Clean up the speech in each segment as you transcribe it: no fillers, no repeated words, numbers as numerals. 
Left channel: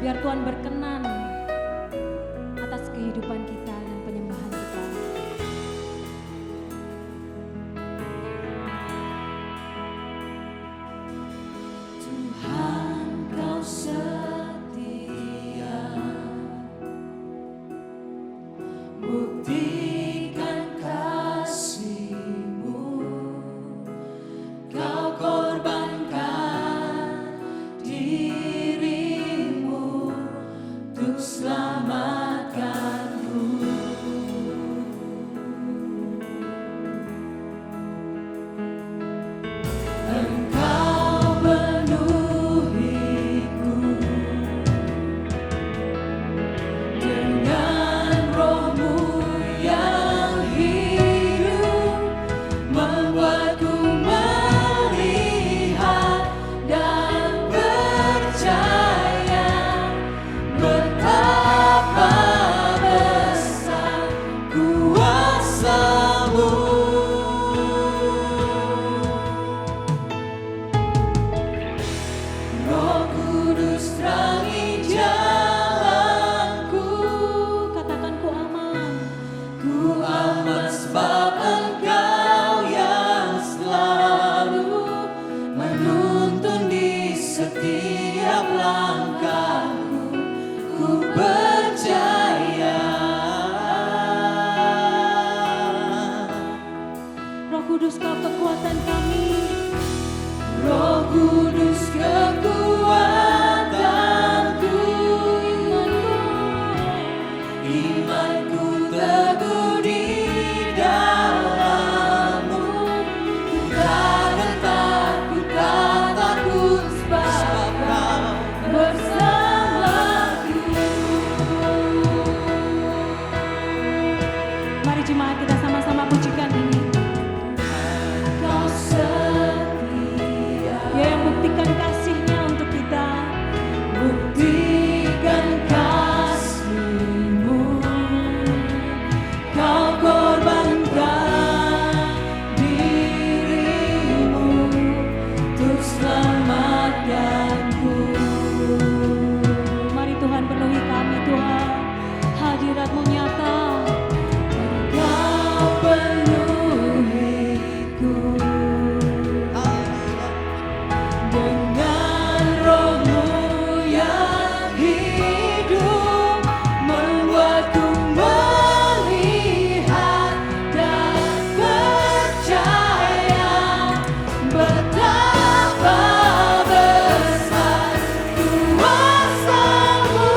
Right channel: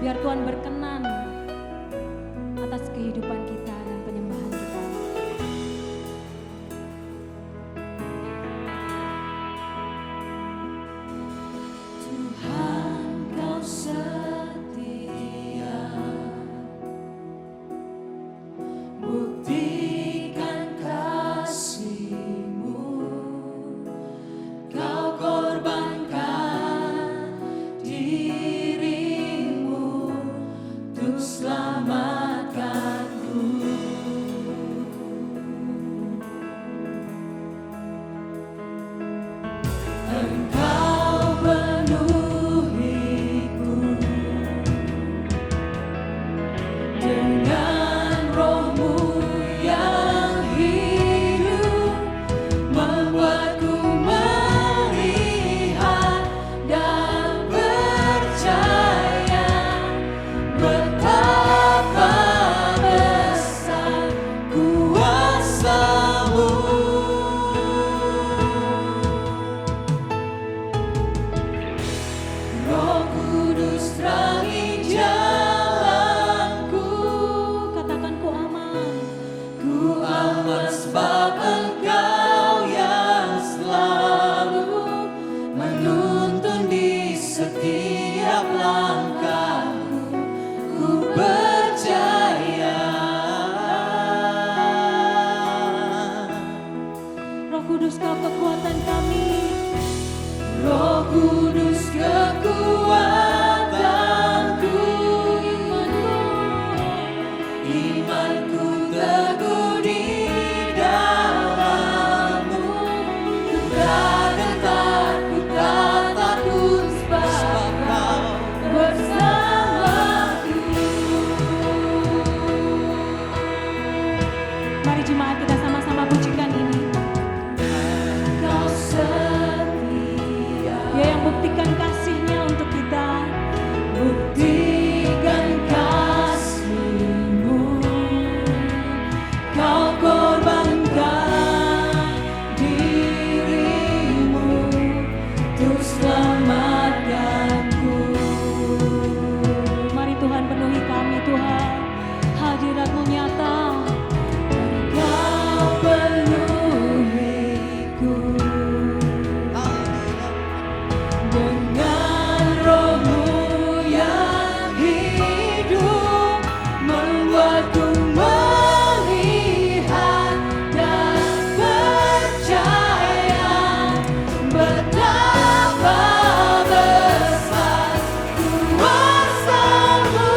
Biar Tuhan berkenan atas kehidupan kita dan penyembahan kita. Tuhan, Kau setia, buktikan kasih-Mu. Kau korbankan diri-Mu untuk selamatkanku. Engkau penuhiku dengan Roh-Mu yang hidup, membuatku melihat dan percaya betapa besar kuasa-Mu. Roh Kudus terangi jalanku, katakan ku aman. Ku aman sebab Engkau yang selalu menuntun di setiap langkahku. Ku percaya. Roh Kudus, Kau kekuatan kami. Roh Kudus kekuatanku, imanku teguh di dalam-Mu. Ku tak gentar, ku tak takut sebab Kau bersamaku. Mari jemaat kita sama-sama pujikan ini. Kau setia, Dia yang buktikan kasih-Nya untuk kita. Buktikan kasih-Mu. Kau korbankan diri-Mu untuk selamatkanku. Mari Tuhan penuhi kami, Tuhan. Hadirat-Mu nyata. Engkau penuhiku dengan Roh-Mu yang hidup, membuatku melihat dan percaya betapa besar kuasa-Mu.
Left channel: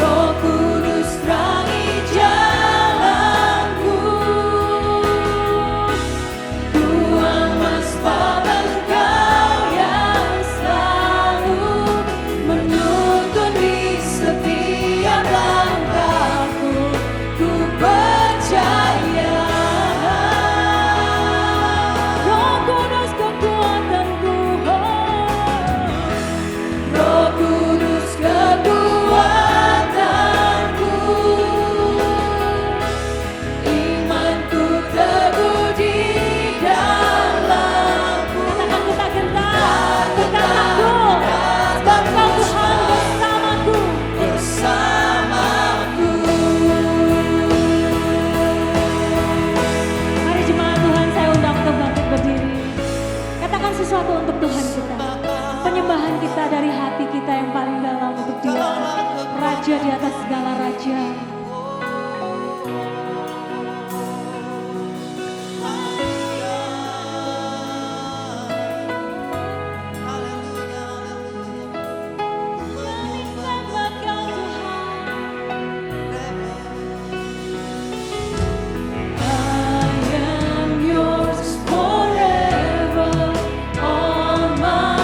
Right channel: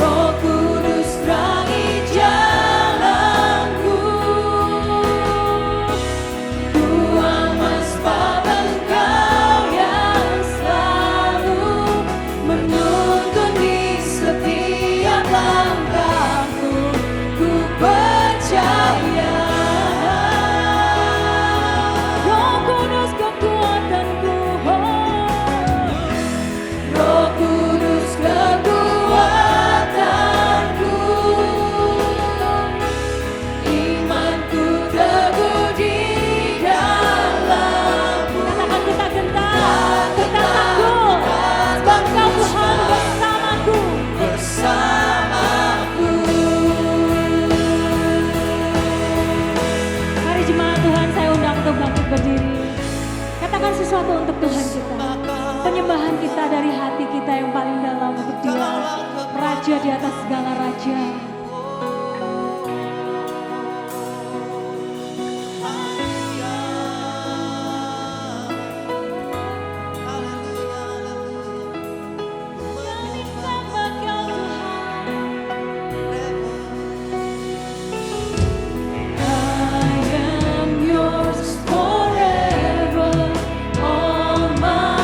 Roh Kudus terangi jalanku, ku aman sebab Engkau yang selalu menuntun di setiap langkahku. Ku percaya. Roh Kudus kekuatanku, Roh Kudus kekuatanku, imanku teguh di dalam-Mu. Katakan kita gentar, kita takut, sebab Kau Tuhan bersamaku. Mari jemaat Tuhan, saya undang untuk bangkit berdiri. Katakan sesuatu untuk Tuhan kita. Penyembahan kita dari hati kita yang paling dalam untuk Dia, Raja di atas segala raja. Sembah Kau Tuhan. I am yours forever, all my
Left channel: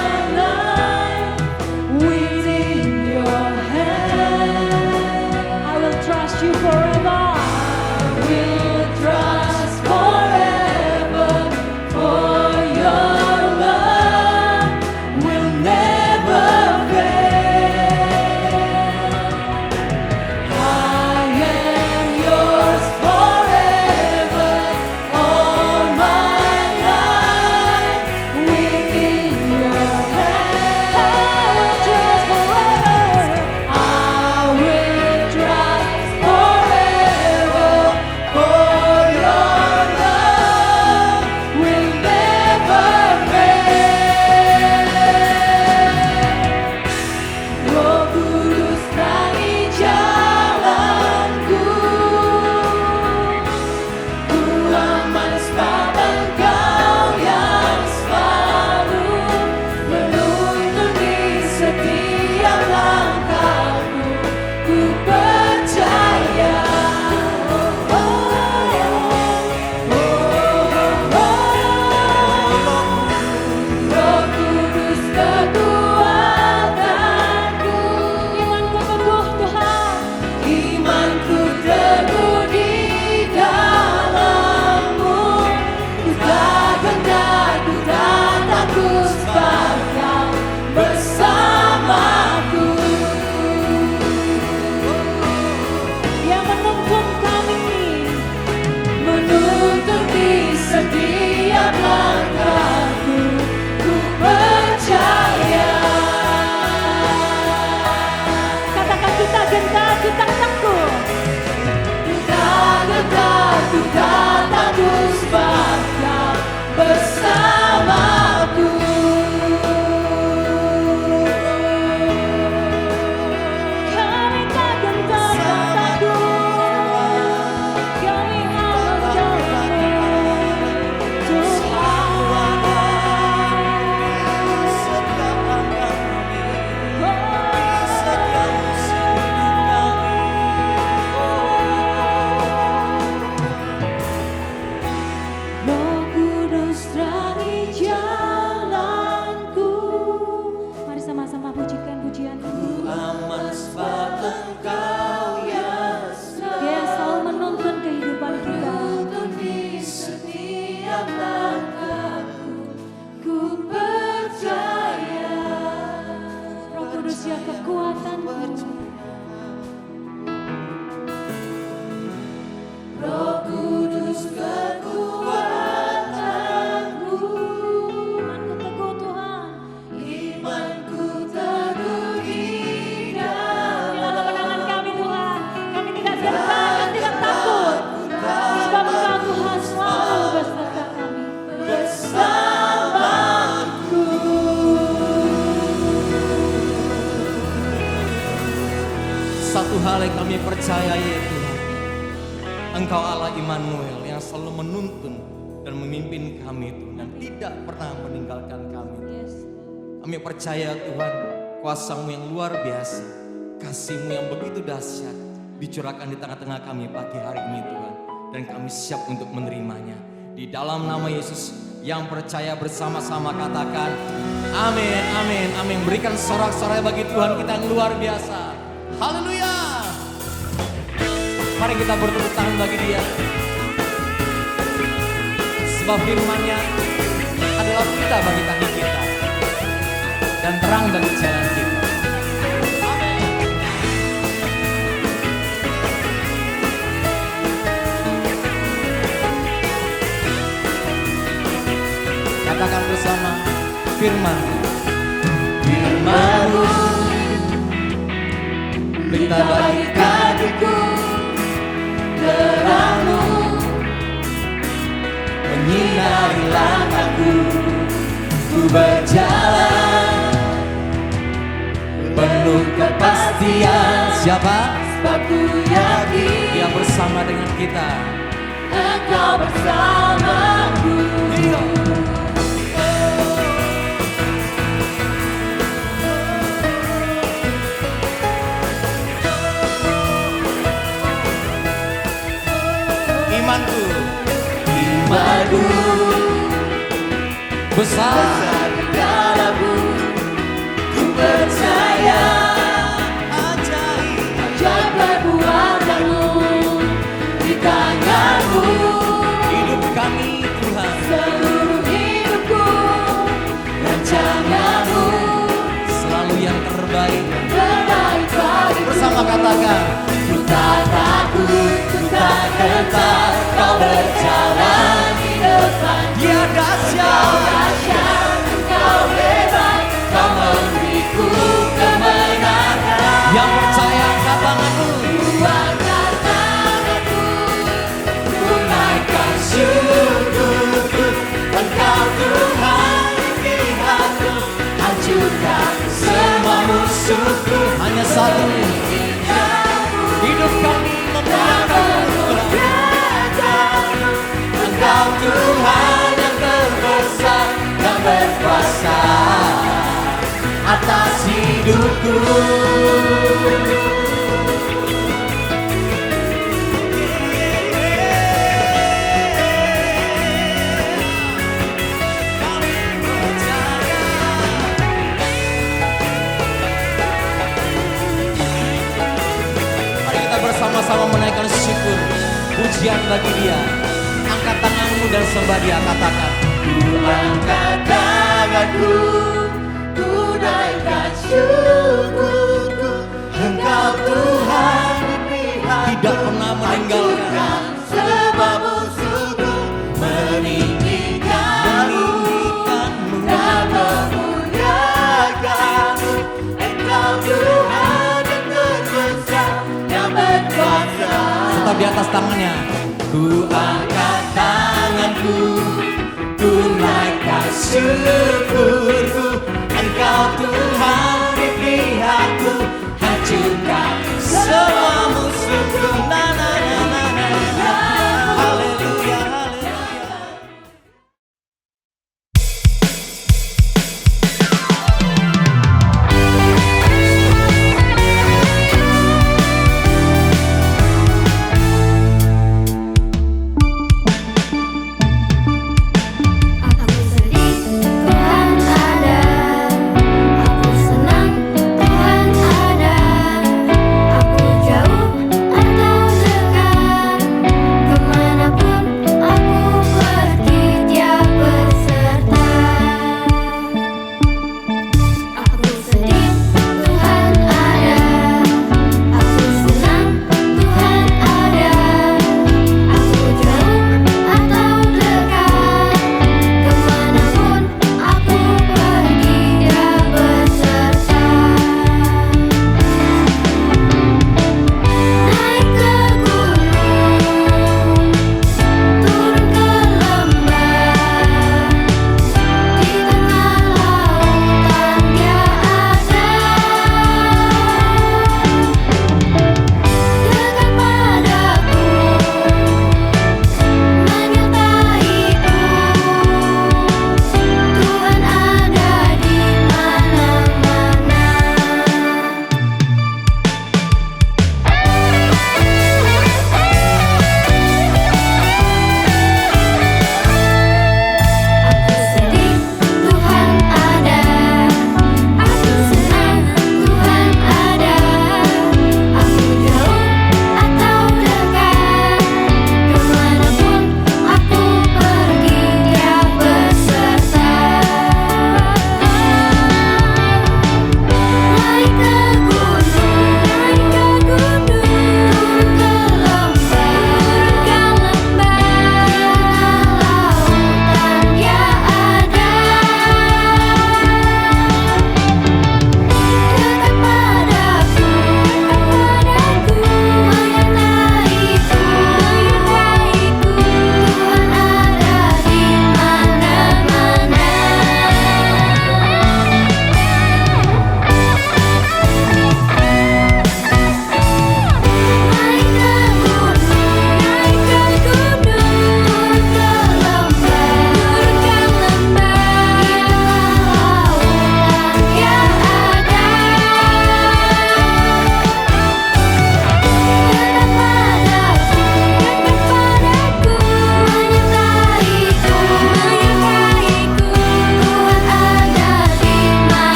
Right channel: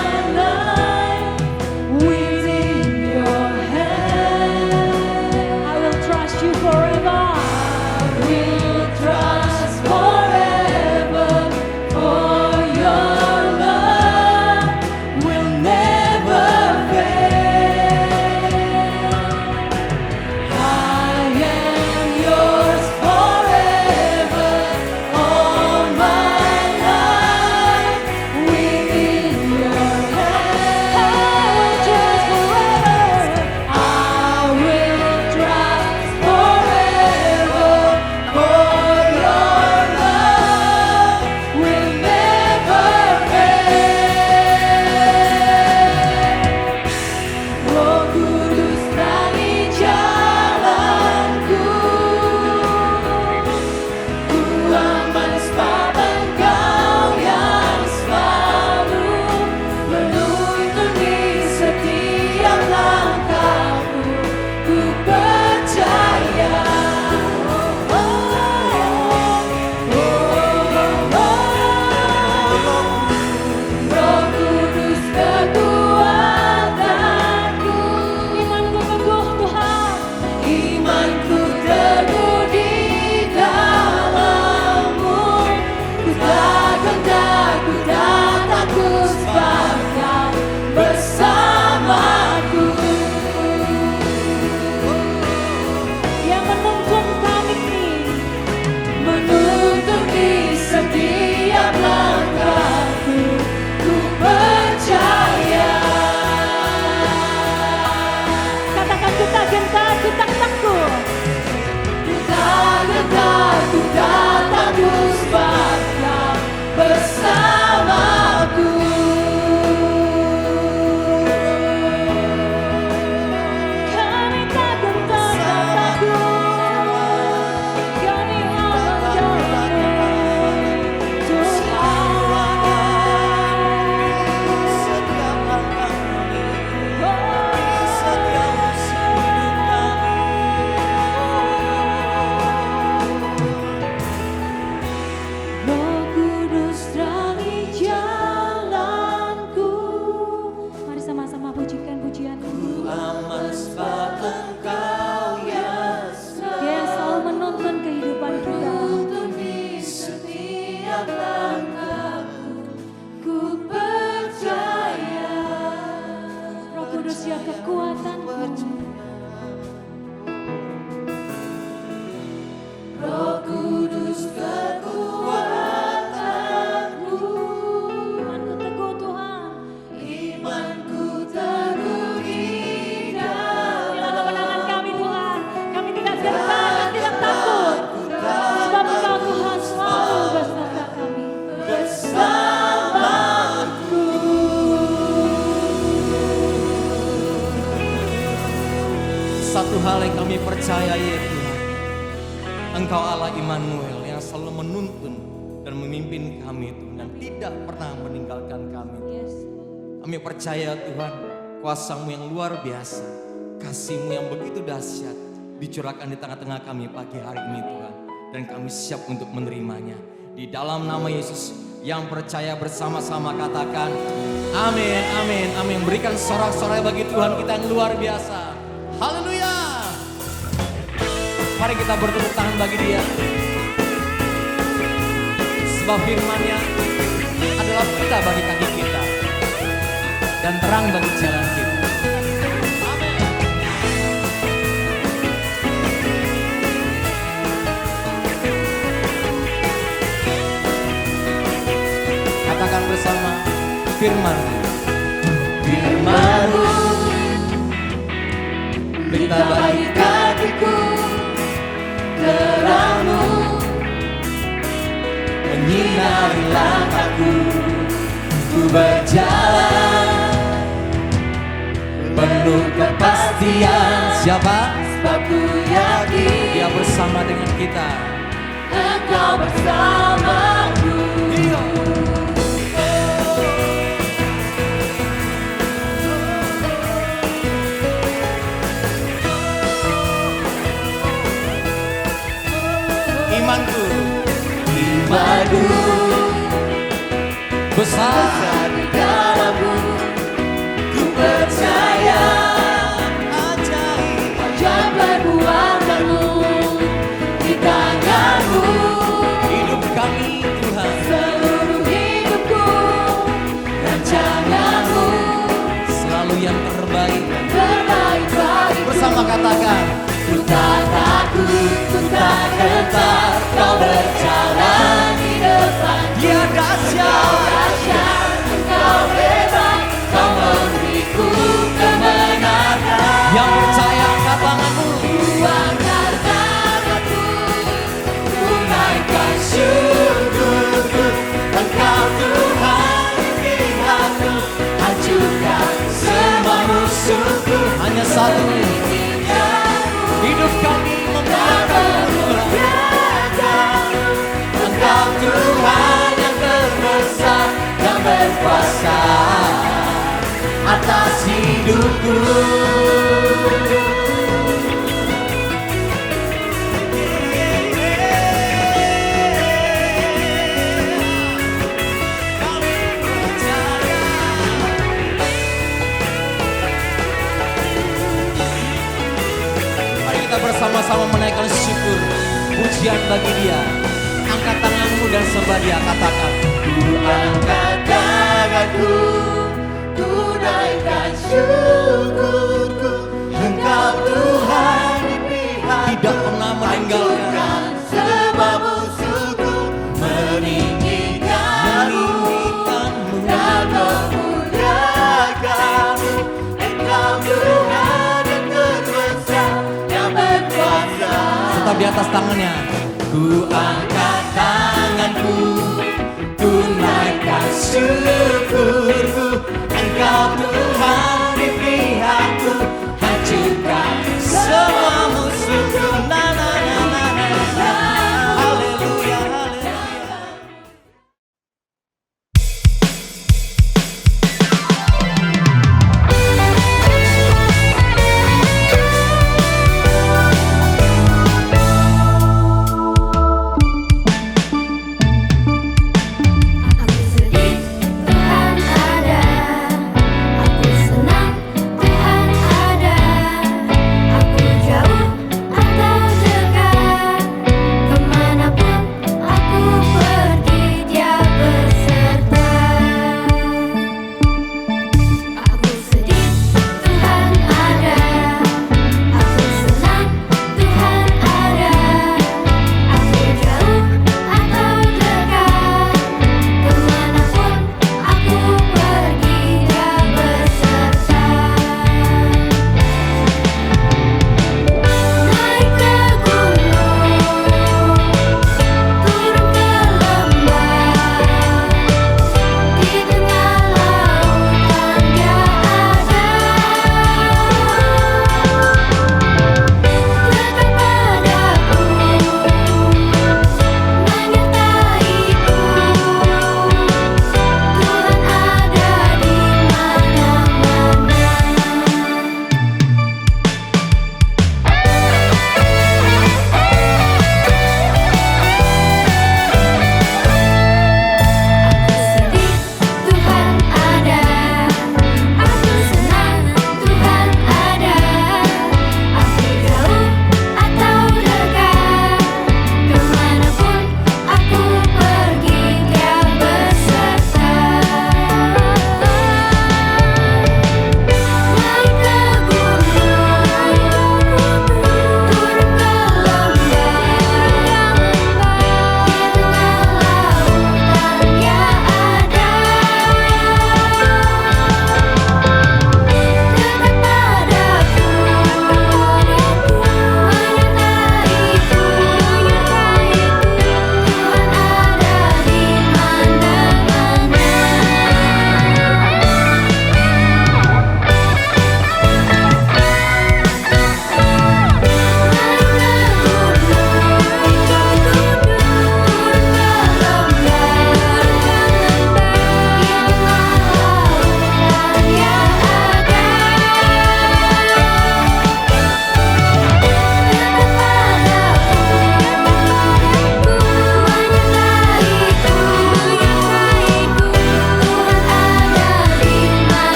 percaya ya Tuhan, Engkau Allah Immanuel yang selalu menuntun dan memimpin kami Tuhan, yang tidak pernah meninggalkan kami. Kami percaya Tuhan, kuasa-Mu yang luar biasa, kasih-Mu yang begitu dahsyat dicurahkan di tengah-tengah kami pagi hari ini Tuhan. Dan kami siap untuk menerimanya. Di dalam nama Yesus, yang percaya bersama-sama katakan amin, amin, amin. Berikan sorak-sorai bagi Tuhan kita yang luar biasa. Haleluya. Mari kita bertepuk tangan bagi Dia. Sebab firman-Nya adalah pita bagi kaki kita dan terang bagi jalan kita. Katakan bersama firman. Firman-Mu berita bagi kakiku, terang-Mu menyinari langkahku. Ku berjalan penuh kepastian. Siapa? Sebab ku yakin Dia bersama dengan kita. Engkau bersamaku. Imanku besar di dalam-Mu, ku percaya ajaib perbuatan-Mu di tangan-Mu. Hidup kami Tuhan, seluruh hidupku, rancangan-Mu selalu yang terbaik. Bersama katakan, ku tak takut, ku tak gentar, Kau berjalan di depan. Dia dahsyat, Engkau hebat, Kau memberiku kemenangan. Yang percaya angkat tanganmu. Ku angkat tanganku, ku naikkan syukurku. Engkau Tuhan pilihanku, hancurkan semua musuhku. Hanya satu, hidup kami mengaku Engkau Tuhan yang terbesar dan berkuasa atas hidupku. Mari kita bersama-sama menaikkan syukur, pujian bagi Dia. Angkat tanganmu dan sembah Dia. Katakan, ku angkat tanganku, ku naikkan syukur.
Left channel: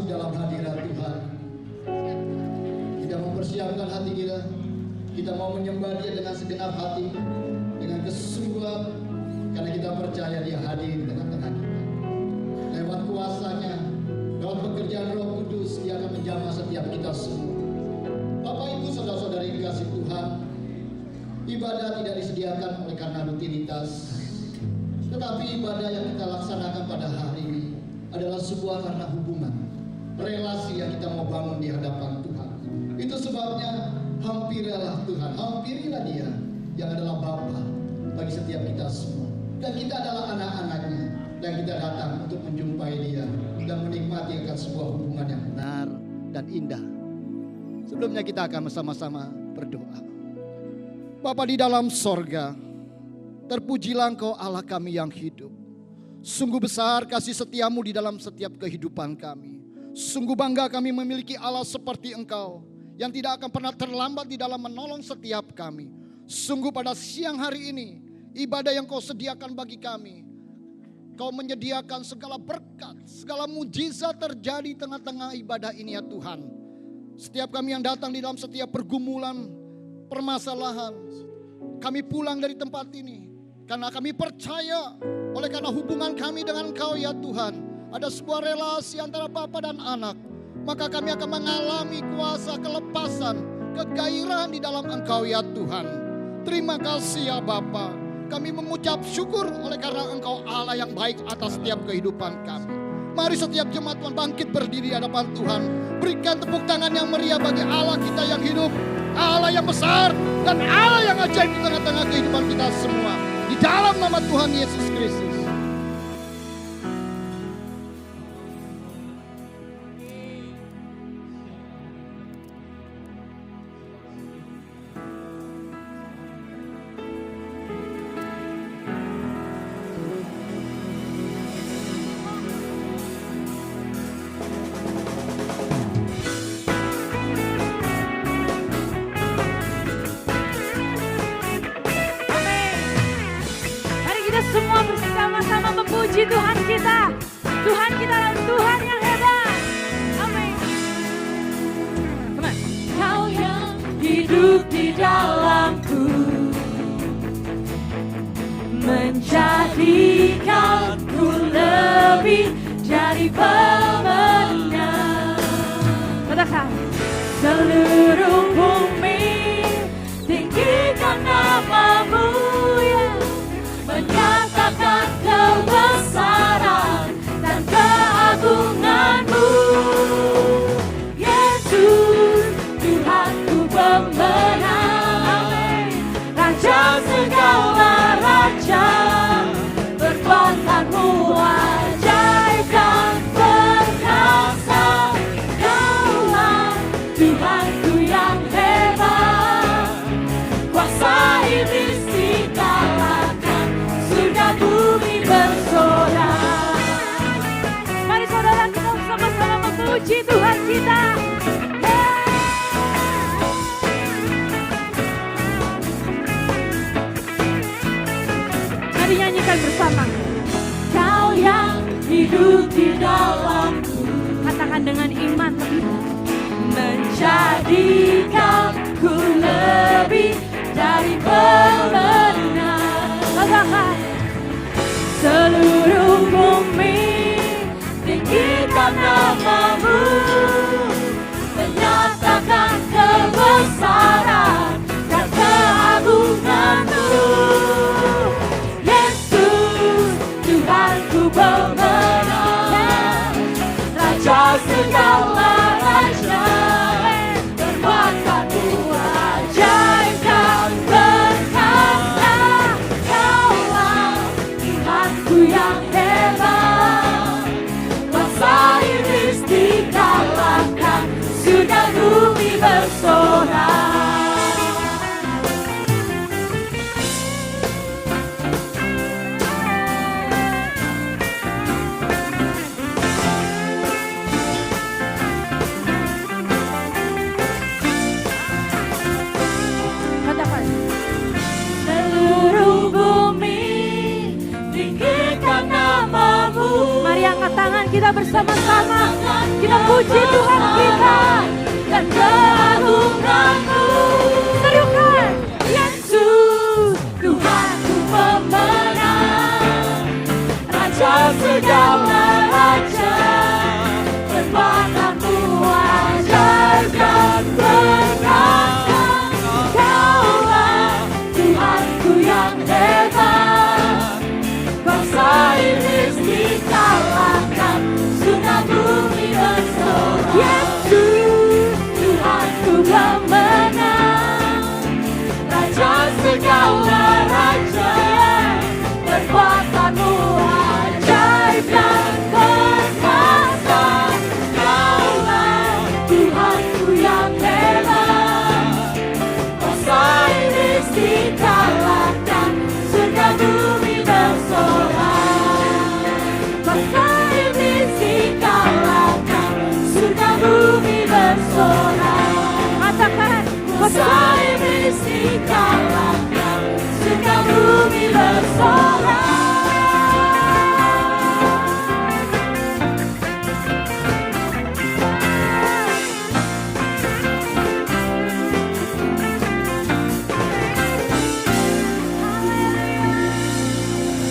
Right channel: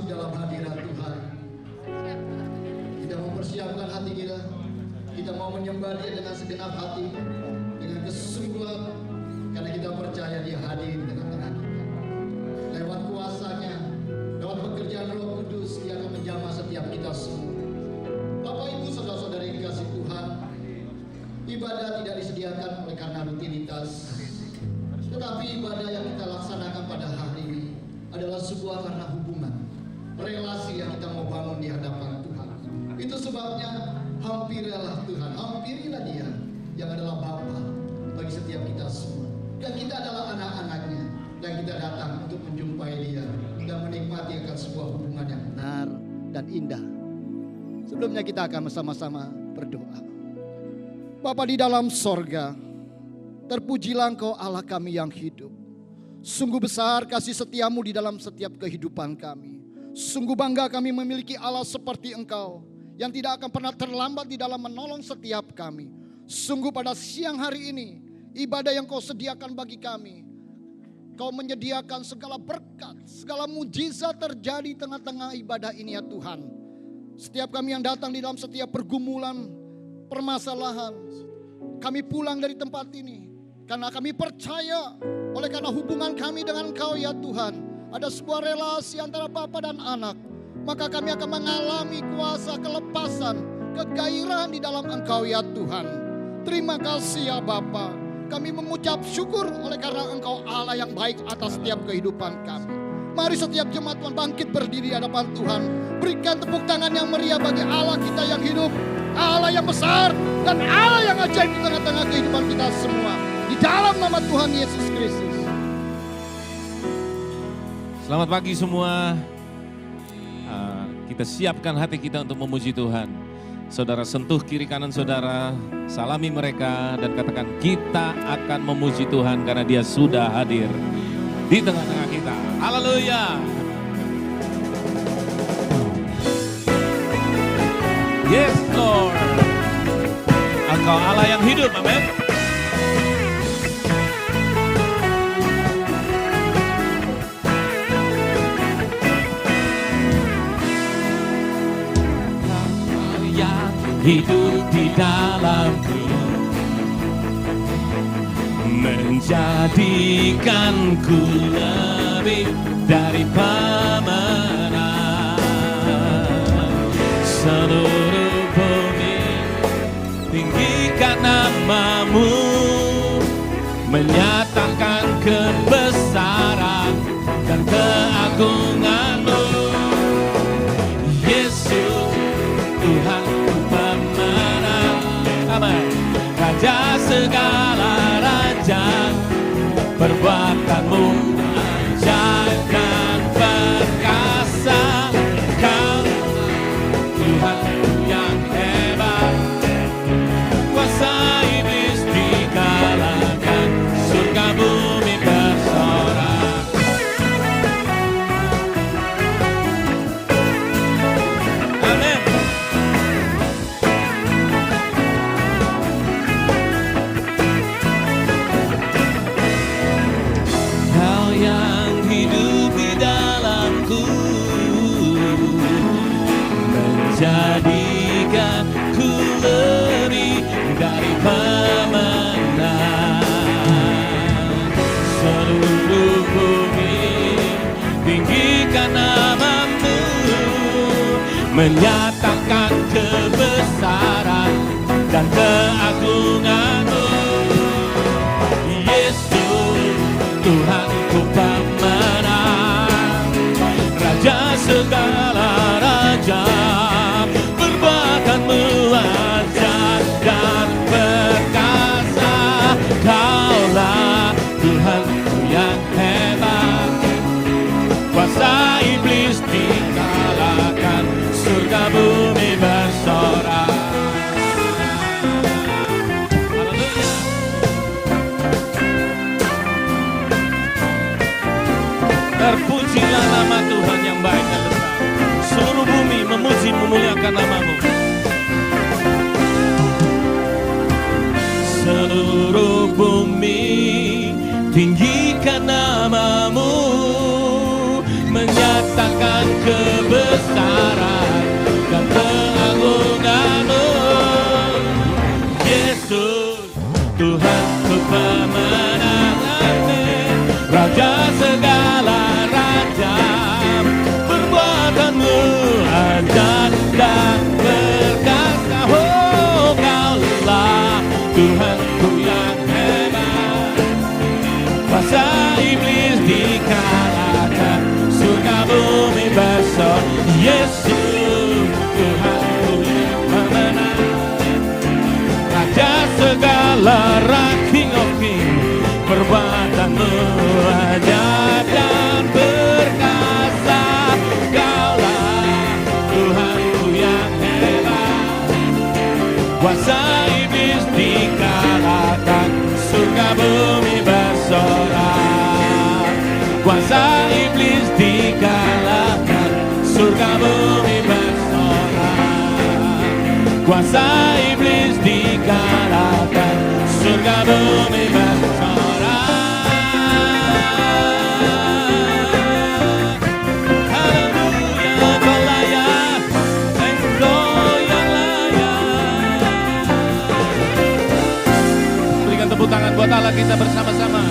masuk dalam hadirat Tuhan. Kita mempersiapkan hati kita. Kita mau menyembah Dia dengan segenap hati, dengan kesungguhan, karena kita percaya Dia hadir di tengah-tengah kita. Lewat kuasa-Nya, lewat pekerjaan Roh Kudus, Dia akan menjamah setiap kita semua. Bapak Ibu saudara-saudari kasih Tuhan, ibadah tidak disediakan oleh karena rutinitas, tetapi ibadah yang kita laksanakan pada hari ini adalah sebuah karena hubungan, relasi yang kita mau bangun di hadapan Tuhan. Itu sebabnya hampirilah Tuhan, hampirilah Dia yang adalah Bapa bagi setiap kita semua. Dan kita adalah anak-anaknya, dan kita datang untuk menjumpai Dia dan menikmati akan sebuah hubungan yang benar dan indah. Sebelumnya kita akan bersama-sama berdoa. Bapa di dalam sorga, terpujilah Engkau Allah kami yang hidup. Sungguh besar kasih setiamu di dalam setiap kehidupan kami. Sungguh bangga kami memiliki Allah seperti Engkau, yang tidak akan pernah terlambat di dalam menolong setiap kami. Sungguh pada siang hari ini, ibadah yang Kau sediakan bagi kami, Kau menyediakan segala berkat, segala mujizat terjadi tengah-tengah ibadah ini ya Tuhan. Setiap kami yang datang di dalam setiap pergumulan, permasalahan, kami pulang dari tempat ini karena kami percaya, oleh karena hubungan kami dengan Engkau ya Tuhan, ada sebuah relasi antara Bapa dan Anak. Maka kami akan mengalami kuasa kelepasan, kegairahan di dalam Engkau ya Tuhan. Terima kasih ya Bapa. Kami mengucap syukur oleh karena Engkau Allah yang baik atas setiap kehidupan kami. Mari setiap jemaat Tuhan bangkit berdiri di hadapan Tuhan. Berikan tepuk tangan yang meriah bagi Allah kita yang hidup, Allah yang besar, dan Allah yang ajaib di tengah-tengah kehidupan kita semua. Di dalam nama Tuhan Yesus Kristus. Selamat pagi semua. Kita siapkan hati kita untuk memuji Tuhan. Saudara sentuh kiri kanan saudara, salami mereka dan katakan kita akan memuji Tuhan karena Dia sudah hadir di tengah-tengah kita. Haleluya. Yes Lord. Engkau Allah yang hidup, amin. Mari kita semua bersama-sama memuji Tuhan kita. Tuhan kita adalah Tuhan yang hebat. Kau yang hidup di dalamku, menjadikanku lebih dari pemenang. Seluruh bumi tinggikan namamu, menyatakan kebesaran dan keagunganmu. Yesus, Tuhanku pemenang, Raja segala raja, perbuatanmu ajaib dan perkasa. Kaulah Tuhanku yang hebat, kuasa iblis dikalahkan, surga bumi bersorak. Mari saudara kita bersama-sama memuji Tuhan kita. Amin. Mari nyanyikan bersama. Kau yang hidup di dalamku, Katakan dengan iman. menjadikanku lebih dari pemenang. Seluruh bumi tinggikan namamu, menyatakan kebesaran dan keagunganmu. Yesus, Tuhanku pemenang, Raja segala raja, perbuatanmu ajaib dan perkasa. Kaulah Tuhanku yang hebat, kuasa iblis dikalahkan, surga bumi bersorak. Terpujilah nama Tuhan yang baik dan besar. Seluruh bumi memuji memuliakan namamu. Katakan. Seluruh bumi tinggikan namamu, Mari angkat tangan kita bersama-sama. menyatakan Kita surga bumi bersorak. Katakan. Kuasa iblis dikalahkan, surga bumi bersorak. Haleluya, Kau layak, Engkau yang layak. Berikan tepuk tangan buat Allah kita bersama-sama.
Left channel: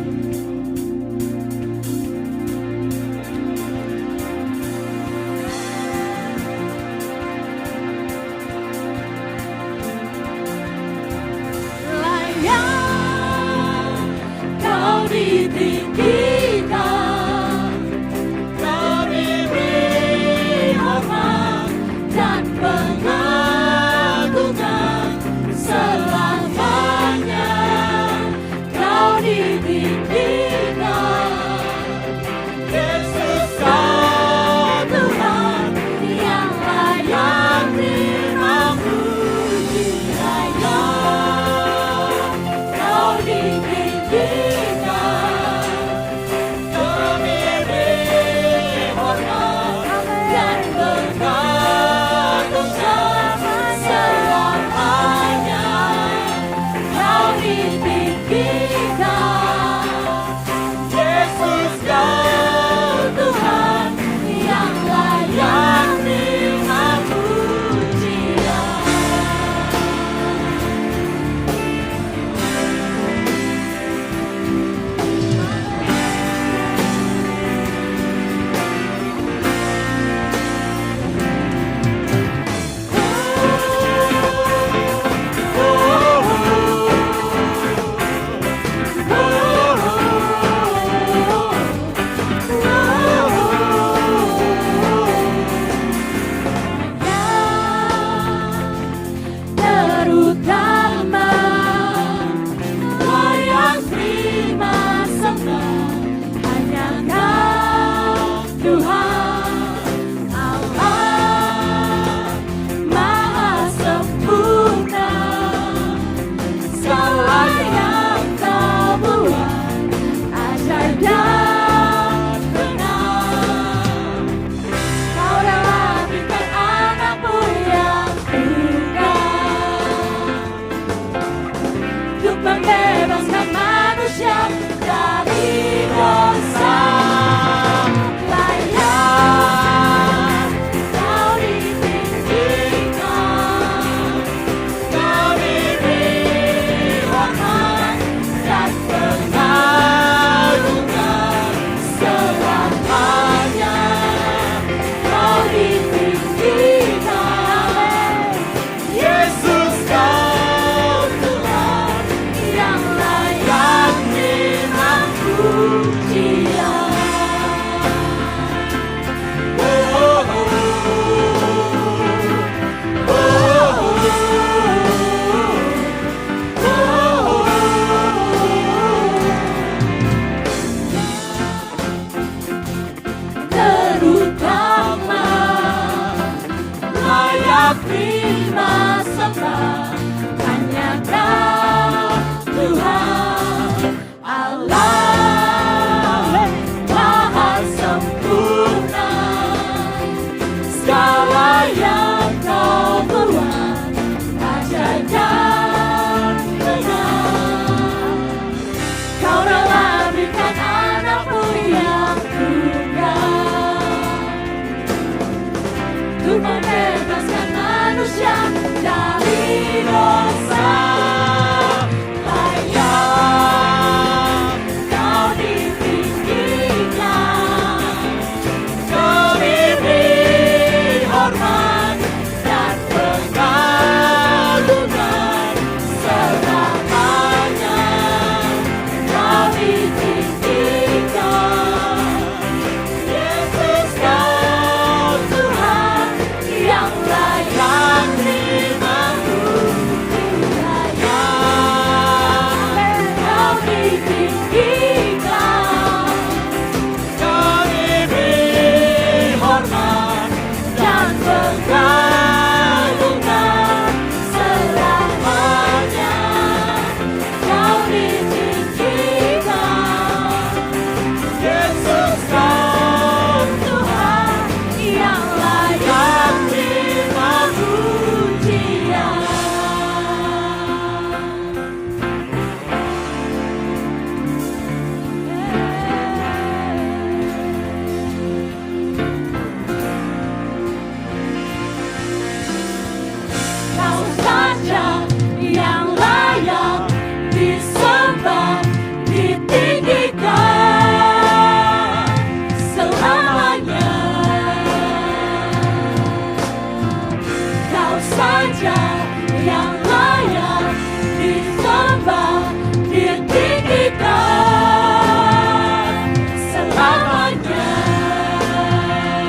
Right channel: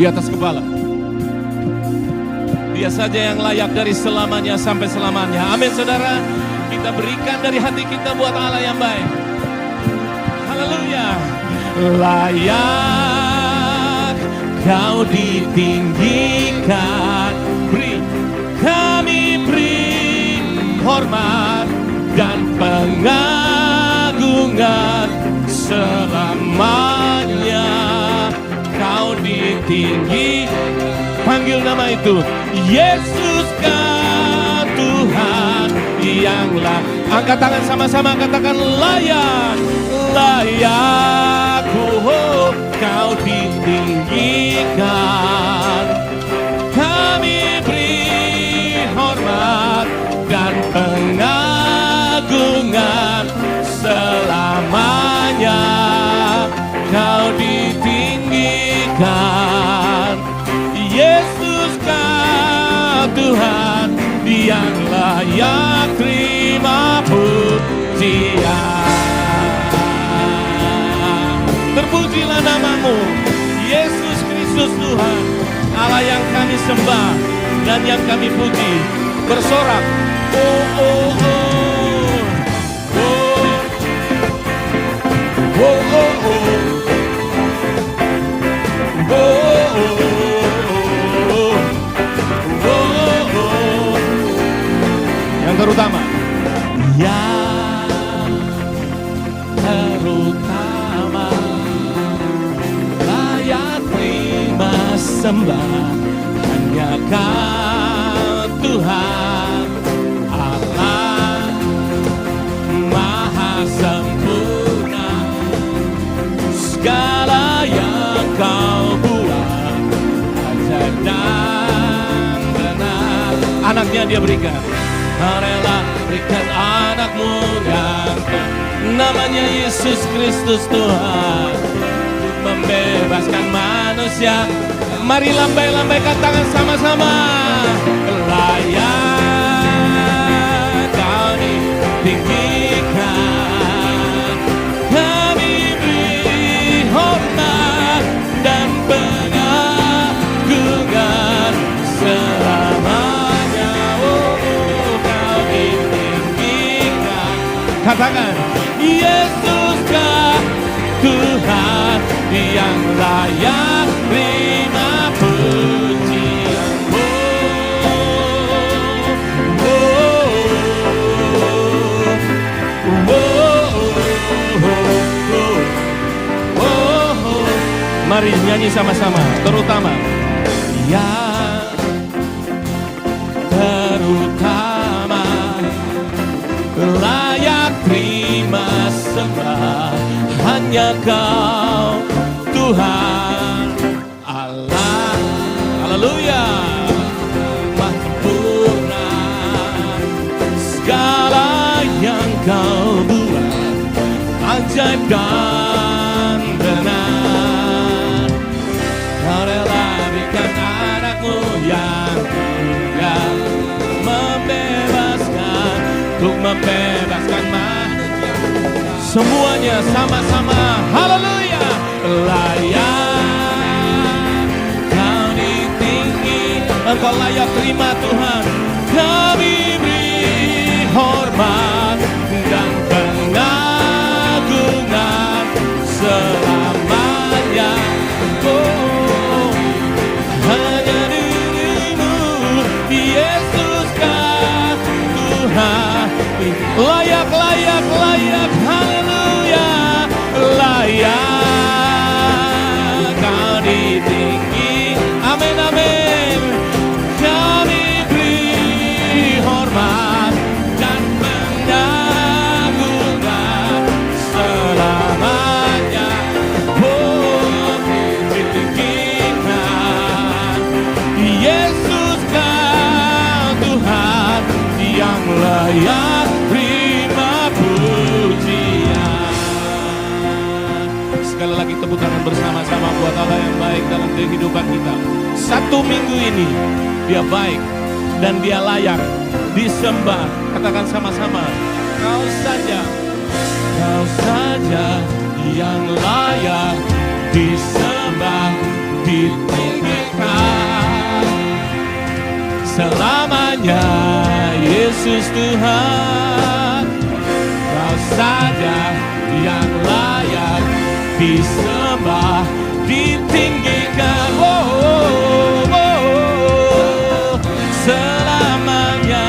Di atas kepala. Dia saja yang layak dari selamanya sampai selamanya. Amin saudara. Kita berikan dari hati kita buat Allah yang baik. Haleluya. Layak Kau ditinggikan. Kami beri hormat dan pengagungan selamanya. Kau ditinggikan. Panggil nama itu. Yesus Kau Tuhan yang layak. Angkat tangan sama-sama, katakan layak. Layak, oh, Kau ditinggikan. Kami beri hormat dan pengagungan selamanya. Kau ditinggikan. Yesus Kau Tuhan yang layak terima pujian. Terpujilah namamu, Yesus Kristus Tuhan, Allah yang kami sembah dan yang kami puji. Bersorak, oh, oh, oh. Terutama layak terima sembah hanya Kau Tuhan Allah Maha sempurna. Segala yang Kau buat ajaib dan benar. Anaknya Dia berikan. Rela berikan anakmu ganti, namanya Yesus Kristus Tuhan, untuk membebaskan manusia. Mari lambai-lambaikan tangan sama-sama. Layak Kau ditinggikan. Kami beri hormat dan pengagungan selamanya. Katakan, Yesus Kau Tuhan yang layak terima pujian. Mari nyanyi sama-sama, terutama terutama layak terima sembah hanya Kau Tuhan Allah. Haleluya. Maha sempurna. Segala yang Kau buat ajaib dan benar. Kau rela berikan anakmu yang tunggal, untuk membebaskan manusia. Semuanya sama-sama. Haleluya. Layak Kau ditinggikan. Engkau layak terima Tuhan. Kami beri hormat dan pengagungan selamanya. Yesus Kau Tuhan layak, layak, layak, haleluya. tepuk tangan bersama-sama buat Allah yang baik dalam kehidupan kita. 1 minggu ini Dia baik dan Dia layak disembah. Katakan sama-sama, Kau saja yang layak disembah, ditinggikan selamanya. Yesus Tuhan, Kau saja yang layak disembah, ditinggikan selamanya.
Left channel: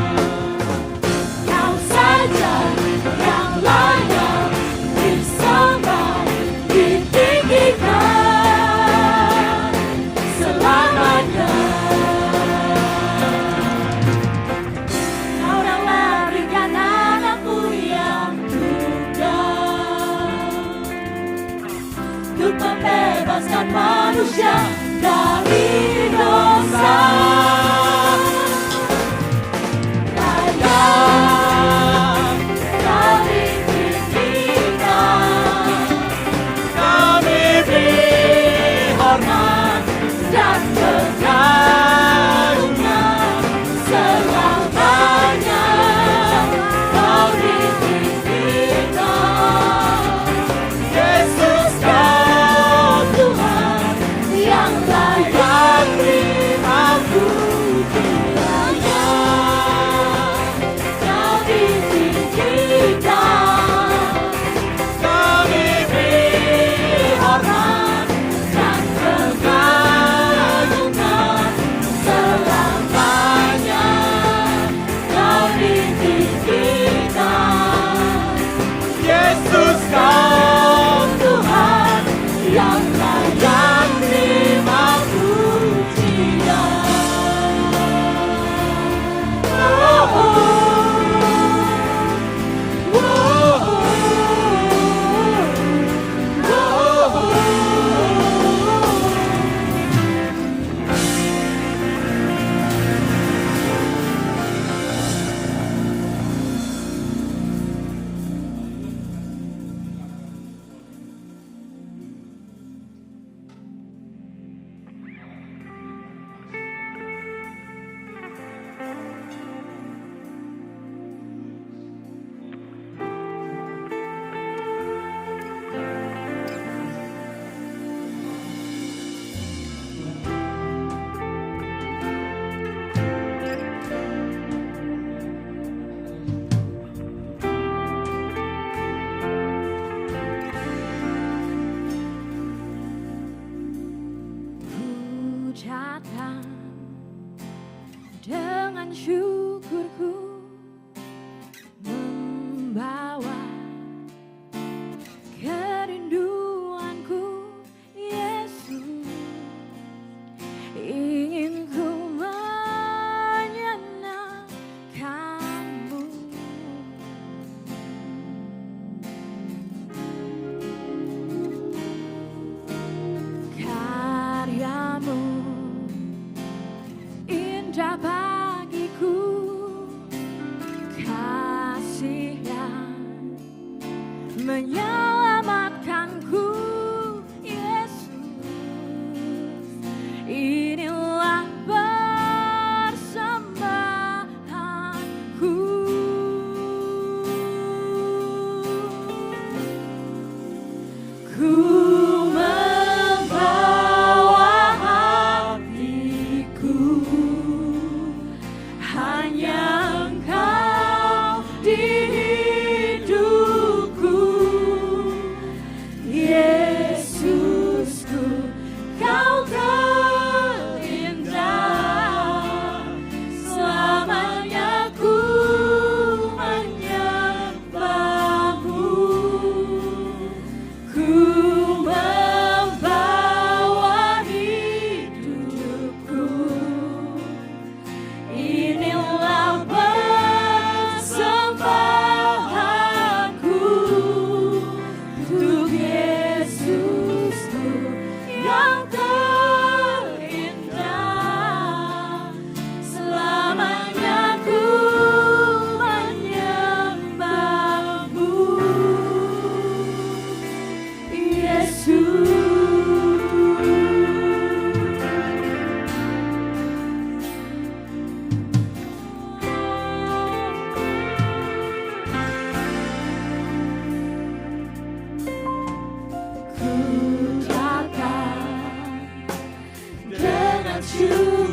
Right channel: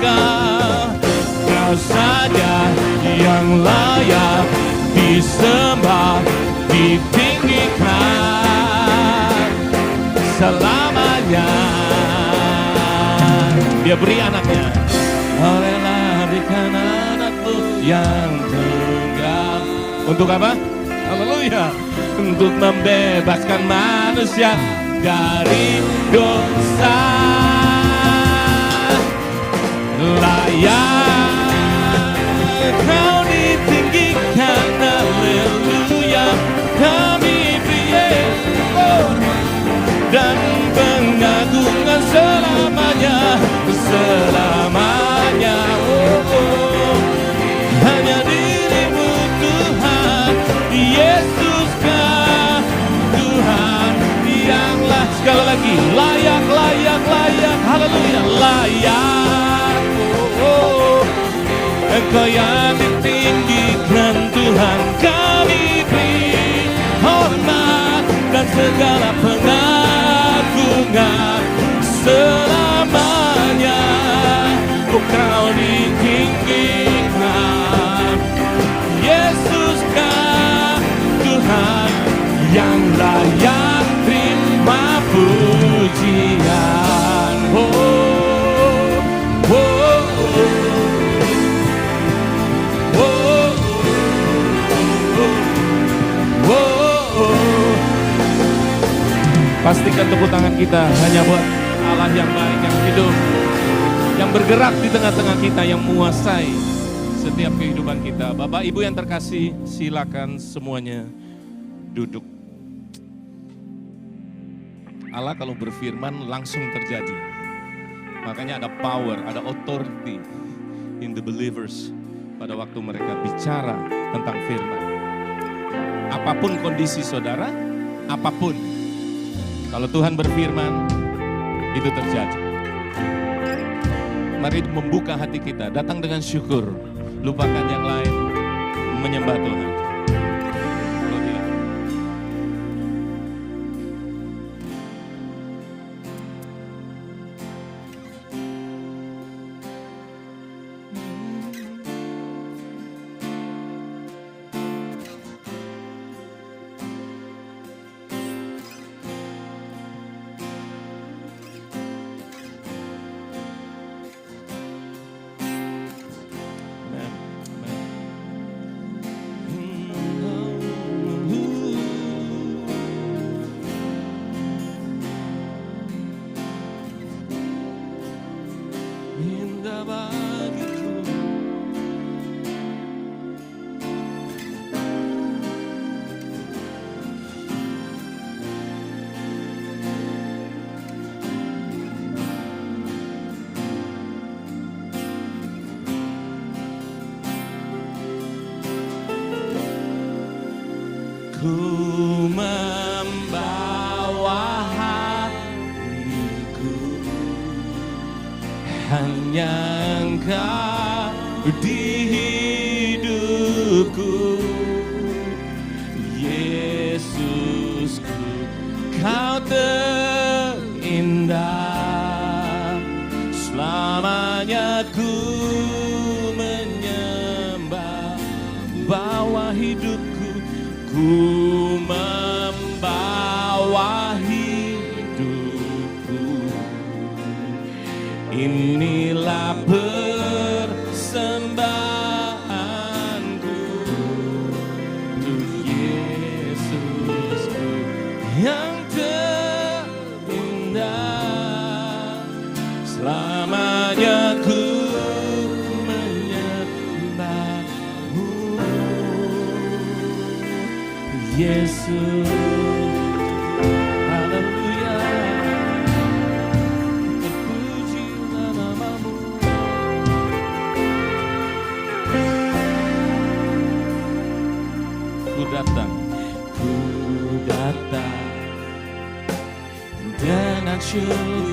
Kau saja yang layak disembah, ditinggikan selamanya. Dia beri anaknya, rela berikan anakmu yang tunggal. Untuk apa? Haleluya. Untuk membebaskan manusia dari dosa. Layak Kau ditinggikan, haleluya. Kami beri hormat dan pengagungan selamanya, selamanya. Hanya dirimu Tuhan, Yesus Kau Tuhan yang layak. Sekali lagi, layak, layak, layak, haleluya, layak. Engkau yang ditinggikan Tuhan, kami beri hormat dan segala pengagungan selamanya. Kau ditinggikan, Yesus Kau Tuhan yang layak terima pujian. Pastikan tepuk tangan kita hanya buat Allah yang baik, yang hidup, yang bergerak di tengah-tengah kita, yang menguasai setiap kehidupan kita. Bapak Ibu yang terkasih, silakan semuanya duduk. Allah kalau berfirman langsung terjadi. Makanya ada power, ada authority in the believers pada waktu mereka bicara tentang firman. Apapun kondisi saudara, apapun, kalau Tuhan berfirman, itu terjadi. Mari membuka hati kita, datang dengan syukur, lupakan yang lain, menyembah Tuhan. Datang dengan syukurku, membawa kerinduanku, Yesus. Ingin ku menyenangkanmu. Karyamu indah bagiku, kasih-Nya menyelamatkanku, Yesus. Inilah persembahanku. Ku membawa hatiku, hanya Engkau di hidupku, Yesusku, Kau terindah. Selamanya ku menyembahmu, bawa hidupku, ku membawa hidupku. Inilah persembahanku untuk Yesusku yang terindah. Selamanya ku menyembahmu, Yesus.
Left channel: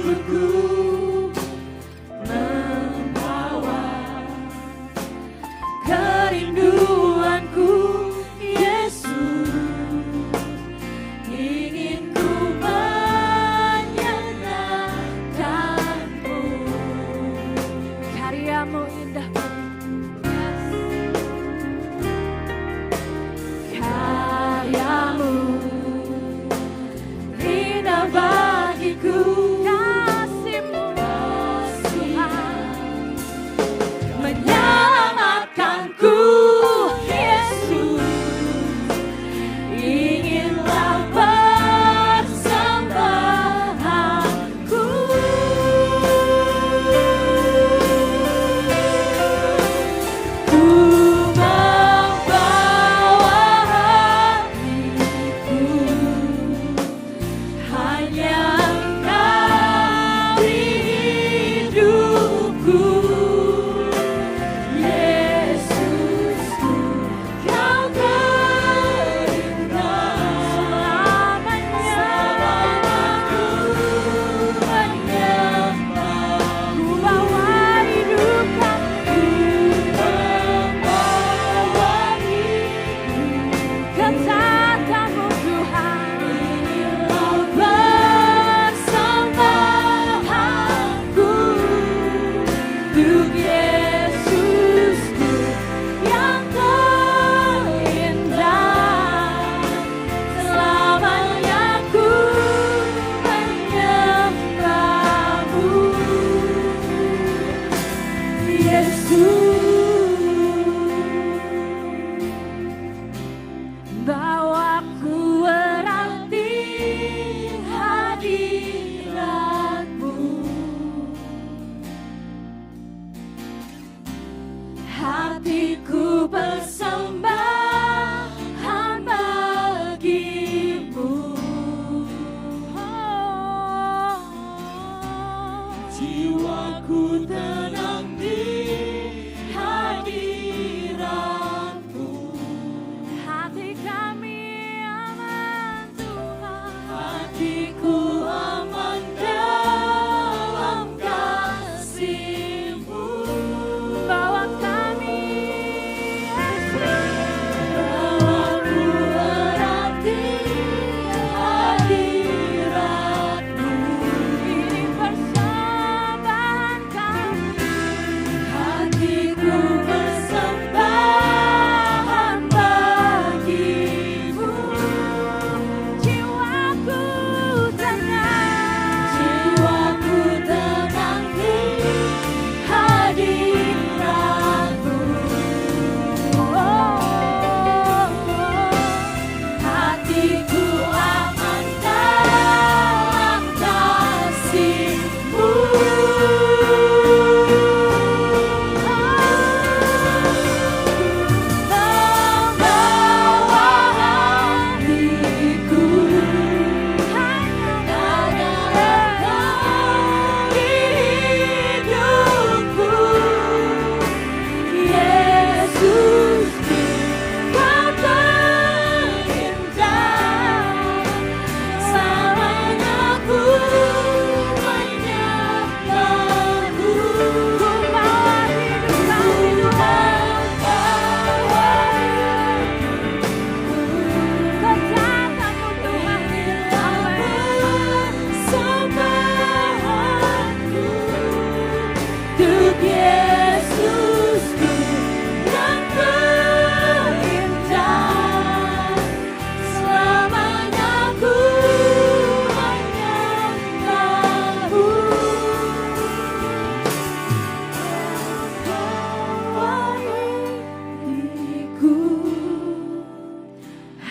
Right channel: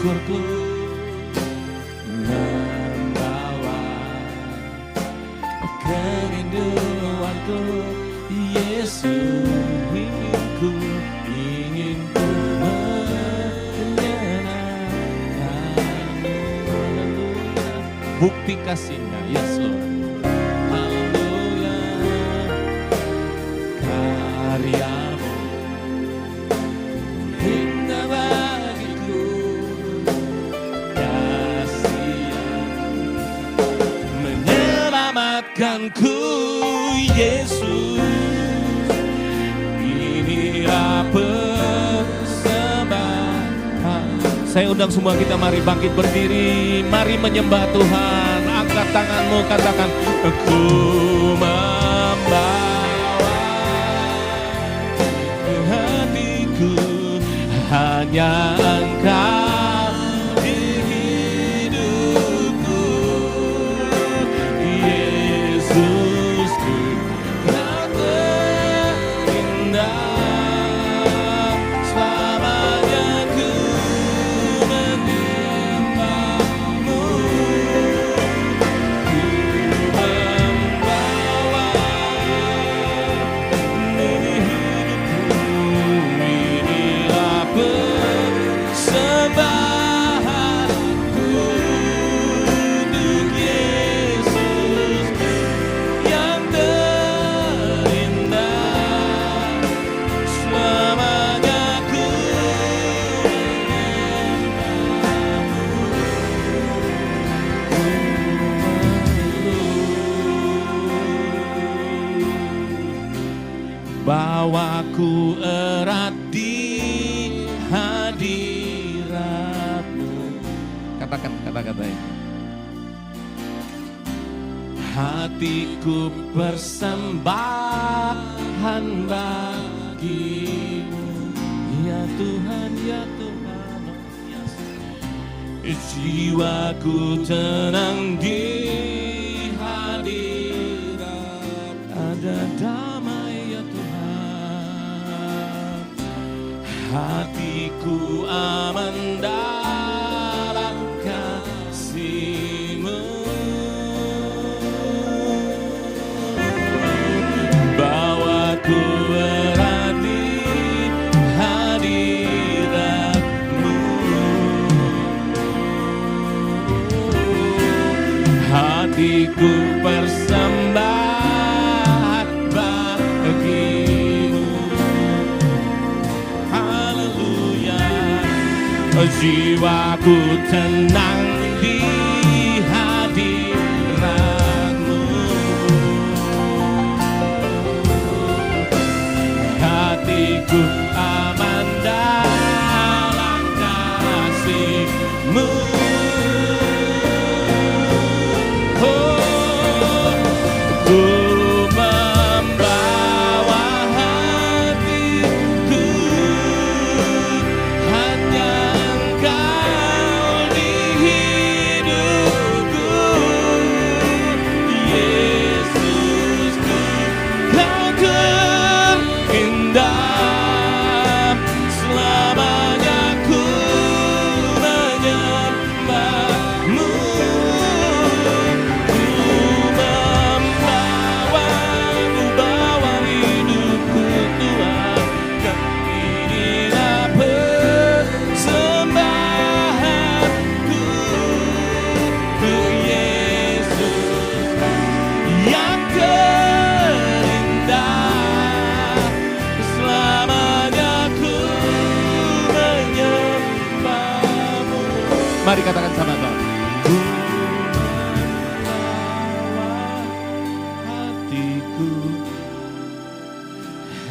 syukurku membawa kerinduanku, Yesus, ingin ku menyenangkanmu. Bukti kasih-Mu, yes Lord. Haleluya. Karyamu indah bagiku, kasih-Mu menyelamatkanku, Yesus. Inilah persembahan. Saya undang semua kita, mari bangkit berdiri, mari menyembah Tuhan. Angkat tanganmu, katakan, ku membawa hatiku hanya Engkau di hidupku, Yesusku yang terindah. Selamanya ku menyembah-Mu, inilah persembahanku untuk Yesusku yang terindah. Selamanya ku menyembah-Mu, bawaku erat di hadirat-Mu. Katakan kata-katanya. Hatiku persembahan bagi-Mu, ya Tuhan, ya Tuhan. Jiwaku tenang di hadirat, ada damai, ya Tuhan. Hatiku aman dalam kasih-Mu. Bawaku erat di hadirat-Mu. Hatiku persembahan bagi-Mu. Haleluya. Jiwaku tenang di hadirat-Mu. Hatiku aman dalam kasih-Mu. Ku membawa hatiku hanya Engkau di hidupku, Yesusku, Kau terindah. Selamanya ku menyembah-Mu. Bawa hidupku Tuhan, inilah persembahanku untuk Yesusku yang terindah. Selamanya ku menyembah-Mu. Mari katakan sama-sama. Hatiku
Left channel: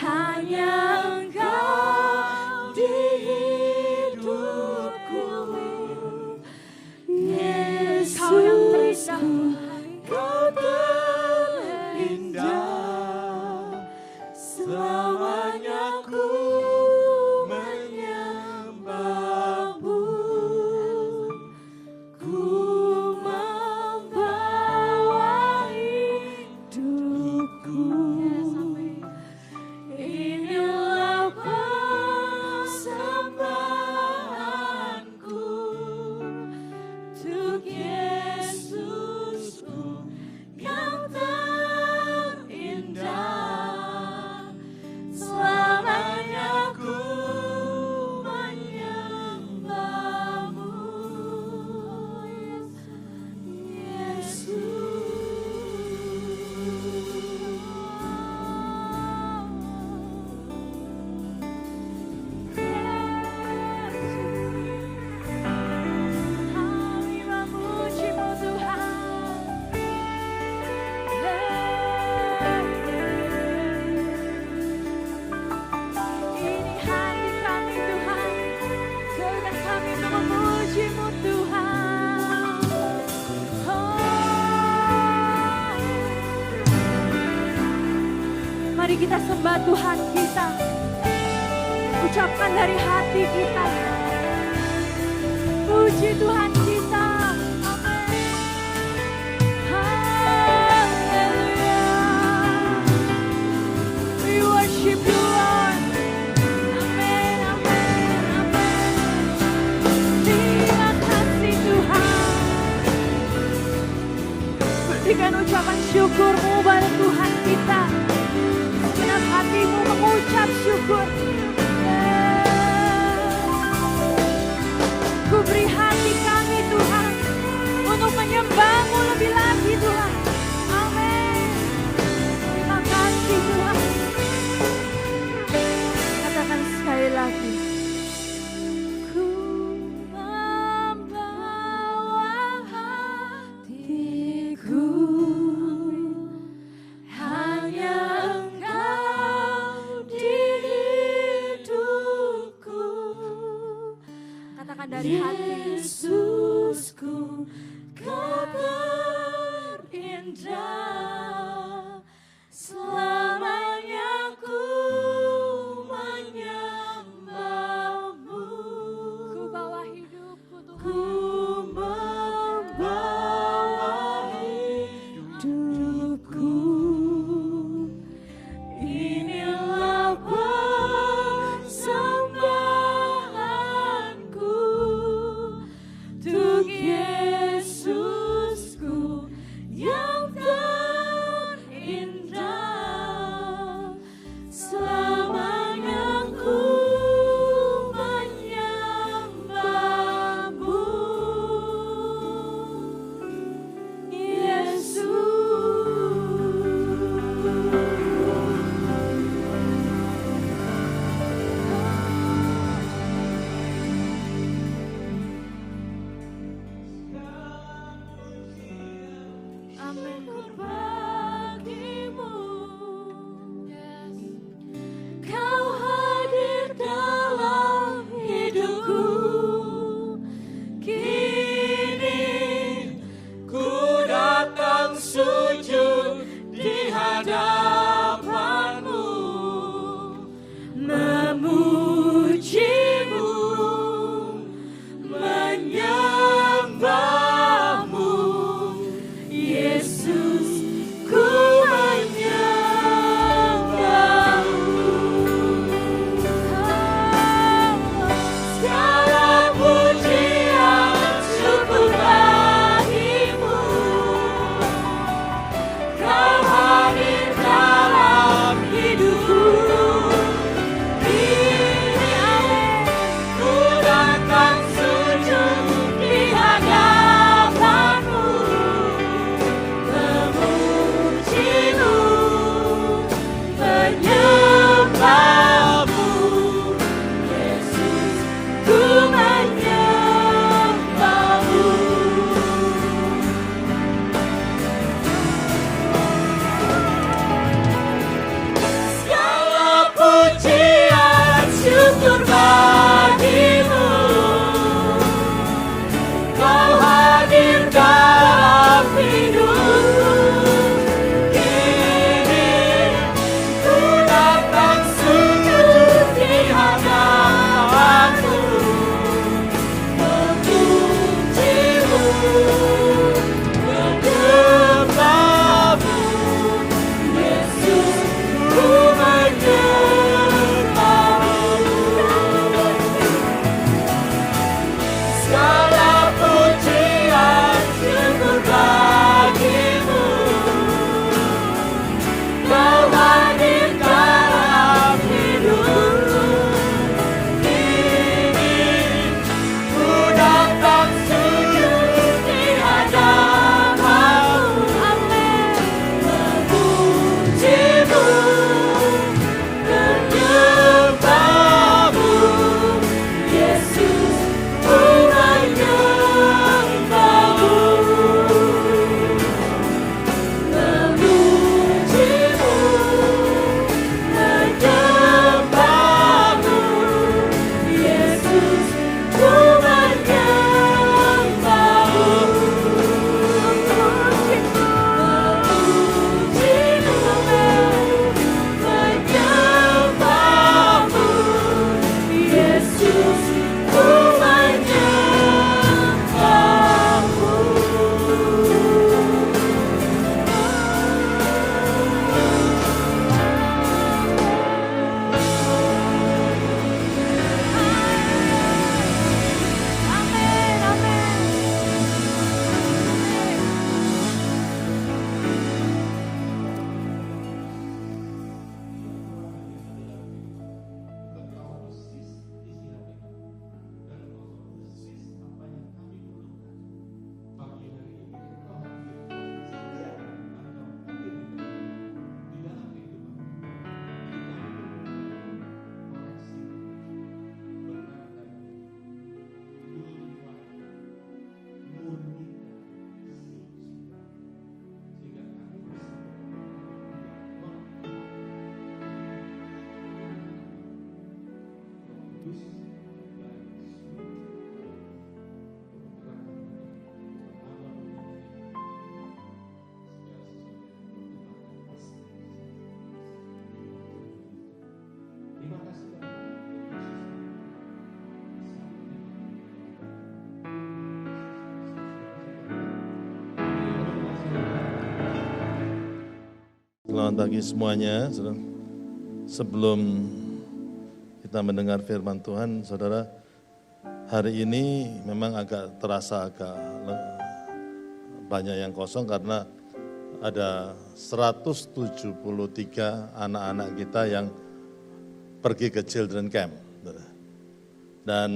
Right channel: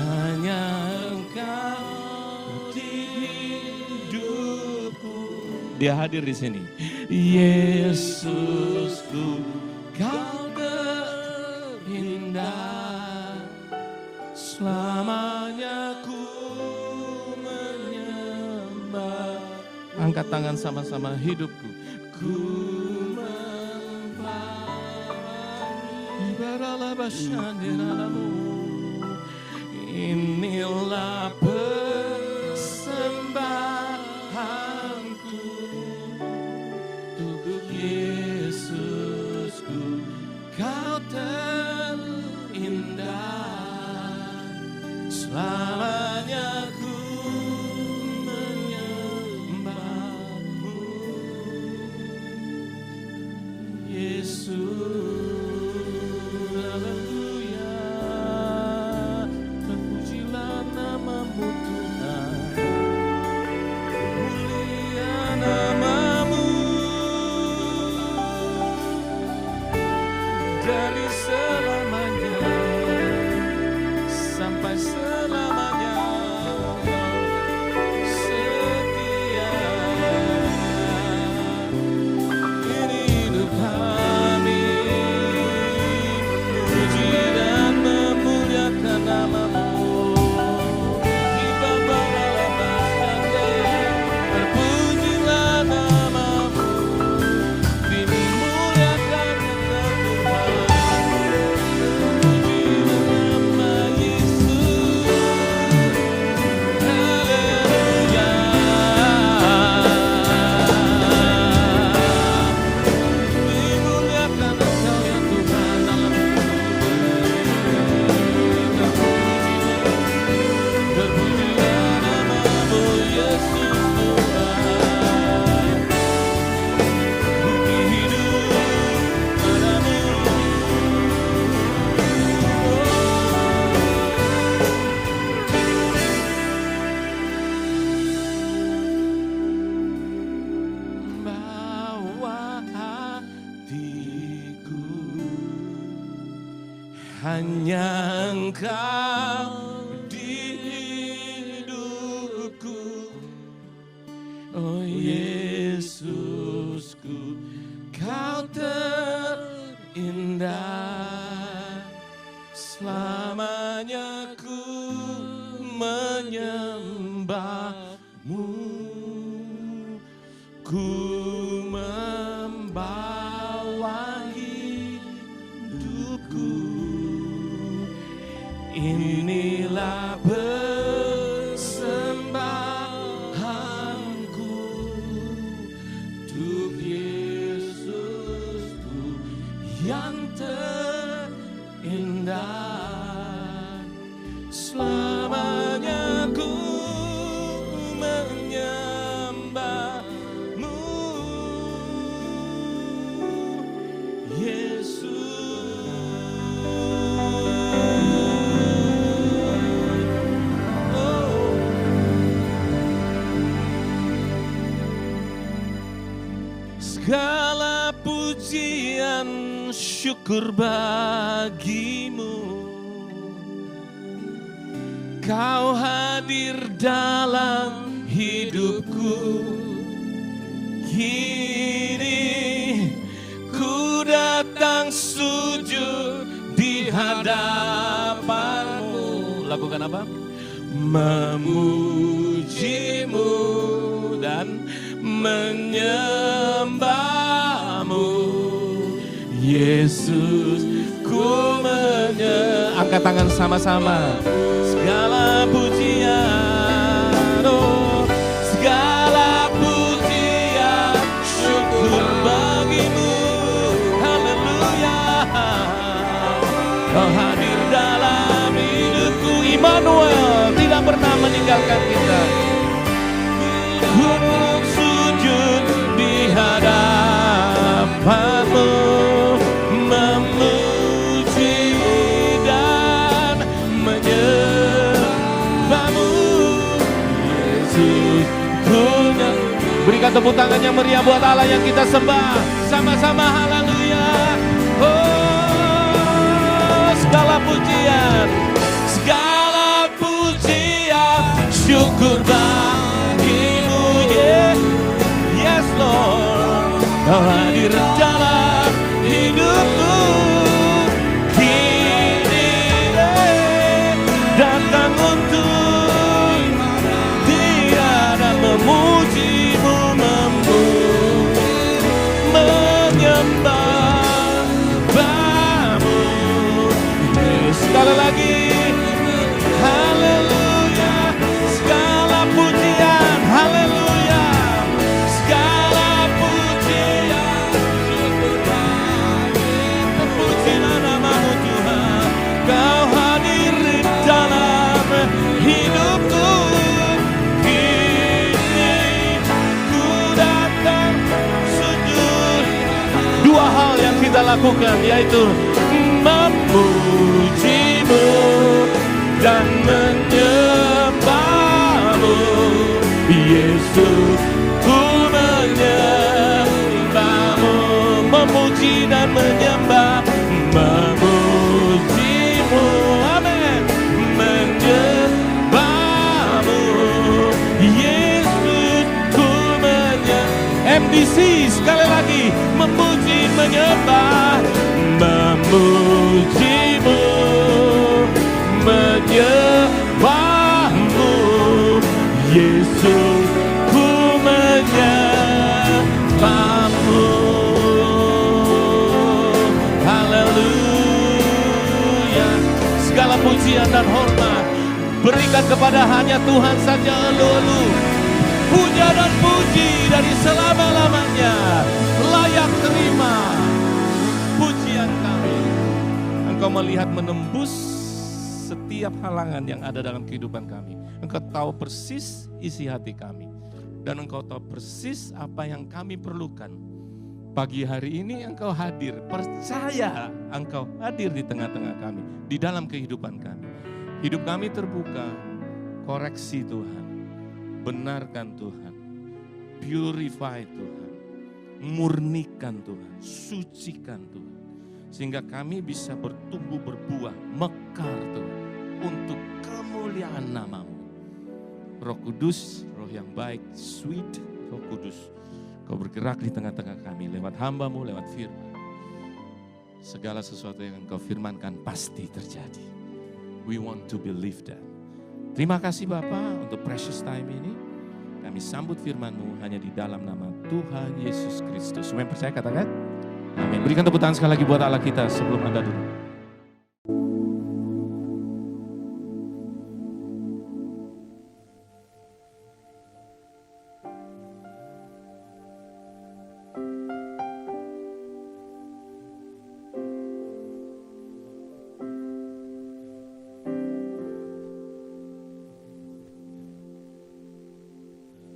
hanya Engkau di hidupku. Dia hadir di sini. Yesusku, Kau terindah. Selamanya ku menyembah-Mu. Angkat tangan sama-sama, hidupku. Ku membawa inilah persembahanku Segala pujian syukur bagimu, Kau hadir dalam hidupku. Kini ku datang sujud di hadapanmu. Lakukan apa? Memujimu dan menyembahmu, Yesus, ku menyembah. Angkat tangan sama-sama. Segala pujian, oh, segala pujian syukur bagimu. Haleluya, Kau hadir dalam hidupku. Immanuel tidak pernah meninggalkan kita. Tepuk tangan yang meriah buat Allah yang kita sembah sama-sama. Haleluya. Oh, segala pujian syukur bagimu. Yes Lord, hadir dalam hidupku. Kini datang untuk tiada memuji, menyembah. lakukan, yaitu memujimu dan menyembahmu, Yesus. Ku menyembahmu, memuji dan menyembah, memujimu, amin, menyembahmu, Yesus. Ku menyembah, MDC sekali lagi, memuji, menyembah, memujimu, menyembahmu, Yesus. Ku menyembahmu. Haleluya. Segala pujian dan hormat berikan kepada hanya Tuhan saja, Lulu. Puja dan puji dari selama-lamanya, layak terima pujian kami. Engkau melihat menembus setiap halangan yang ada dalam kehidupan kami. Engkau tahu persis isi hati kami. Dan Engkau tahu persis apa yang kami perlukan. Pagi hari ini Engkau hadir, percaya Engkau hadir di tengah-tengah kami, di dalam kehidupan kami. Hidup kami terbuka, koreksi Tuhan, benarkan Tuhan, purify Tuhan, murnikan Tuhan, sucikan Tuhan. Sehingga kami bisa bertumbuh berbuah, mekar Tuhan, untuk kemuliaan nama-Mu. Roh Kudus, Roh yang baik, sweet Roh Kudus, Kau bergerak di tengah-tengah kami lewat hamba-Mu, lewat firman. Segala sesuatu yang Engkau firmankan pasti terjadi. We want to believe that. Terima kasih Bapa untuk precious time ini. Kami sambut firman-Mu hanya di dalam nama Tuhan Yesus Kristus. Semua yang percaya katakan, amin. Berikan tepuk tangan sekali lagi buat Allah kita sebelum Anda duduk. Selamat pagi semuanya. Sebelum kita mendengar firman Tuhan, saudara, hari ini memang agak terasa banyak yang kosong karena ada 173 anak-anak kita yang pergi ke children camp. Dan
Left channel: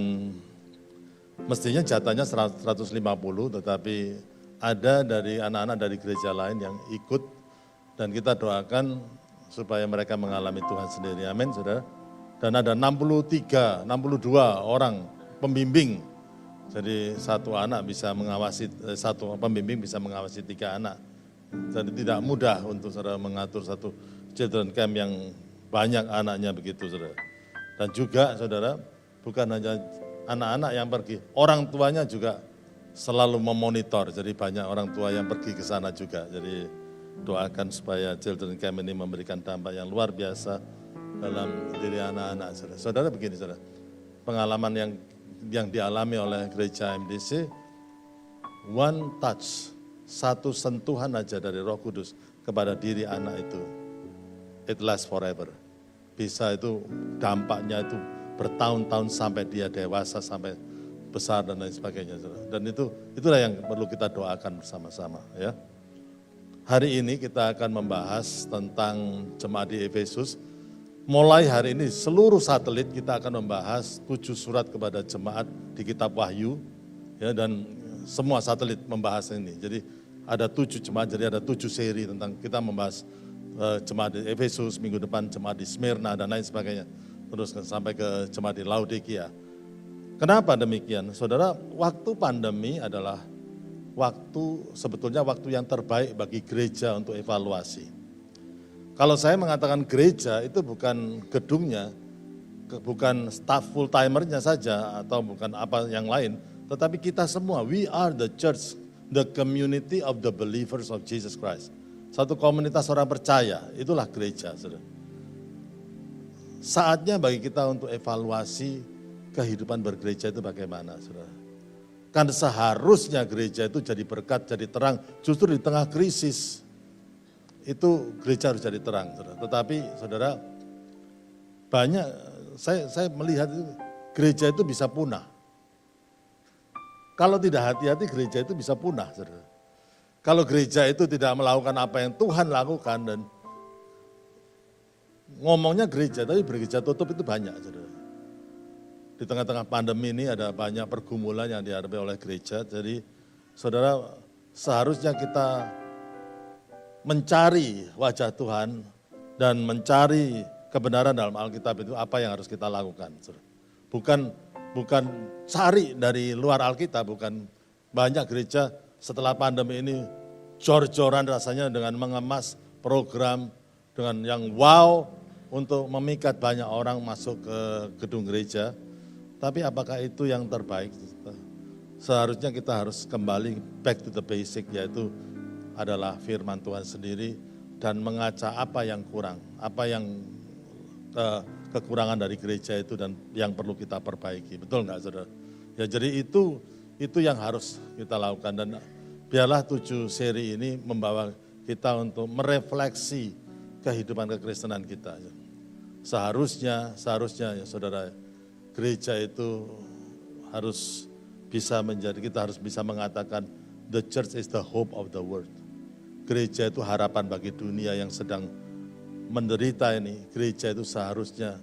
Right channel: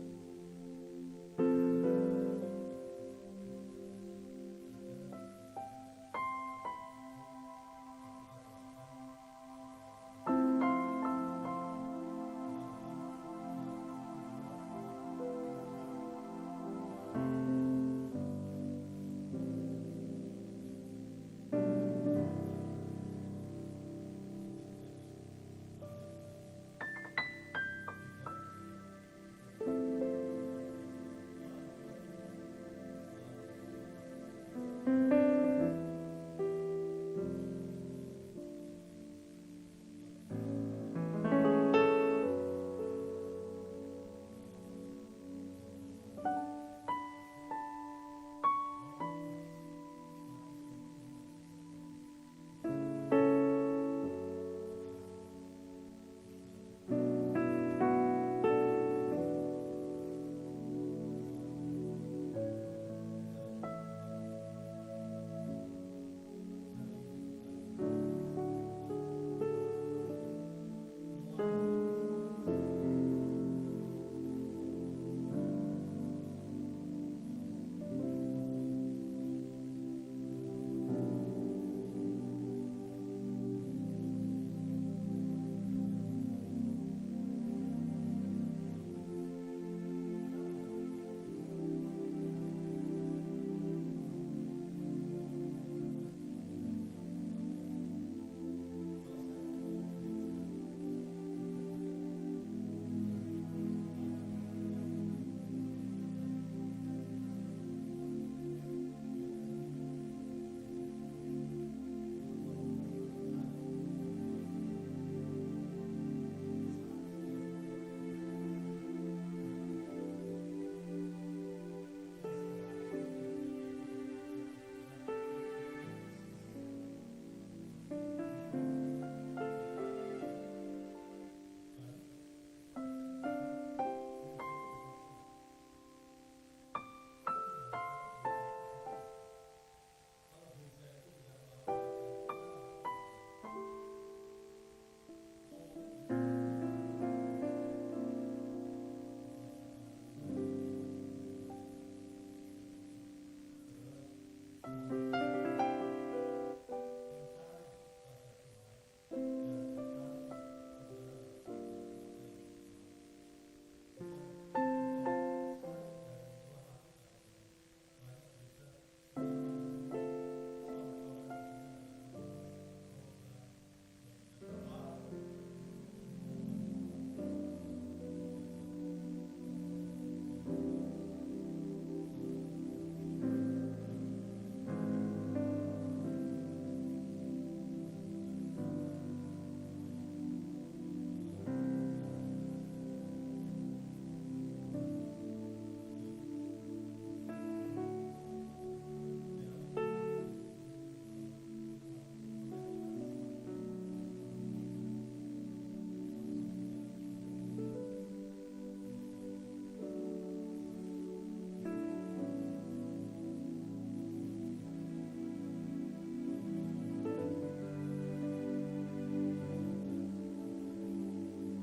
mestinya jatahnya 150, tetapi ada dari anak-anak dari gereja lain yang ikut, dan kita doakan supaya mereka mengalami Tuhan sendiri. Amin, saudara. Dan ada 62 orang pembimbing. Jadi satu pembimbing bisa mengawasi 3 anak. Jadi tidak mudah untuk saudara mengatur satu children camp yang banyak anaknya begitu, saudara. Dan juga saudara, bukan hanya anak-anak yang pergi, orang tuanya juga selalu memonitor. Jadi banyak orang tua yang pergi ke sana juga. Jadi doakan supaya children camp ini memberikan dampak yang luar biasa dalam diri anak-anak. Saudara begini, saudara, pengalaman yang dialami oleh gereja MDC, one touch, satu sentuhan aja dari Roh Kudus kepada diri anak itu, it lasts forever. Bisa itu dampaknya itu bertahun-tahun sampai dia dewasa, sampai besar dan lain sebagainya. Dan itulah yang perlu kita doakan bersama-sama, ya. Hari ini kita akan membahas tentang jemaat di Efesus. Mulai hari ini seluruh satelit kita akan membahas 7 surat kepada jemaat di kitab Wahyu, ya, dan semua satelit membahas ini. Jadi ada 7 jemaat, jadi ada 7 seri tentang kita membahas jemaat di Efesus, minggu depan jemaat di Smyrna dan lain sebagainya. Terus sampai ke jemaat di Laodikia. Kenapa demikian? Saudara, waktu pandemi adalah sebetulnya waktu yang terbaik bagi gereja untuk evaluasi. Kalau saya mengatakan gereja itu bukan gedungnya, bukan staff full timernya saja atau bukan apa yang lain, tetapi kita semua, we are the church, the community of the believers of Jesus Christ. Satu komunitas orang percaya, itulah gereja, saudara. Saatnya bagi kita untuk evaluasi kehidupan bergereja itu bagaimana, saudara. Kan seharusnya gereja itu jadi berkat, jadi terang, justru di tengah krisis. Itu gereja harus jadi terang, saudara. Tetapi saudara, banyak, saya melihat itu, gereja itu bisa punah. Kalau tidak hati-hati gereja itu bisa punah, saudara. Kalau gereja itu tidak melakukan apa yang Tuhan lakukan dan ngomongnya gereja, tapi gereja tutup itu banyak, saudara. Di tengah-tengah pandemi ini ada banyak pergumulan yang dihadapi oleh gereja. Jadi saudara, seharusnya kita mencari wajah Tuhan dan mencari kebenaran dalam Alkitab itu apa yang harus kita lakukan. Bukan cari dari luar Alkitab, bukan banyak gereja setelah pandemi ini jor-joran rasanya dengan mengemas program dengan yang wow untuk memikat banyak orang masuk ke gedung gereja. Tapi apakah itu yang terbaik? Seharusnya kita harus kembali back to the basic, yaitu adalah firman Tuhan sendiri dan mengaca apa yang kurang, apa yang kekurangan dari gereja itu dan yang perlu kita perbaiki. Betul nggak, saudara? Ya, jadi itu yang harus kita lakukan, dan biarlah 7 seri ini membawa kita untuk merefleksi kehidupan kekristenan kita. Seharusnya ya saudara, gereja itu harus bisa kita harus bisa mengatakan the church is the hope of the world. Gereja itu harapan bagi dunia yang sedang menderita ini. Gereja itu seharusnya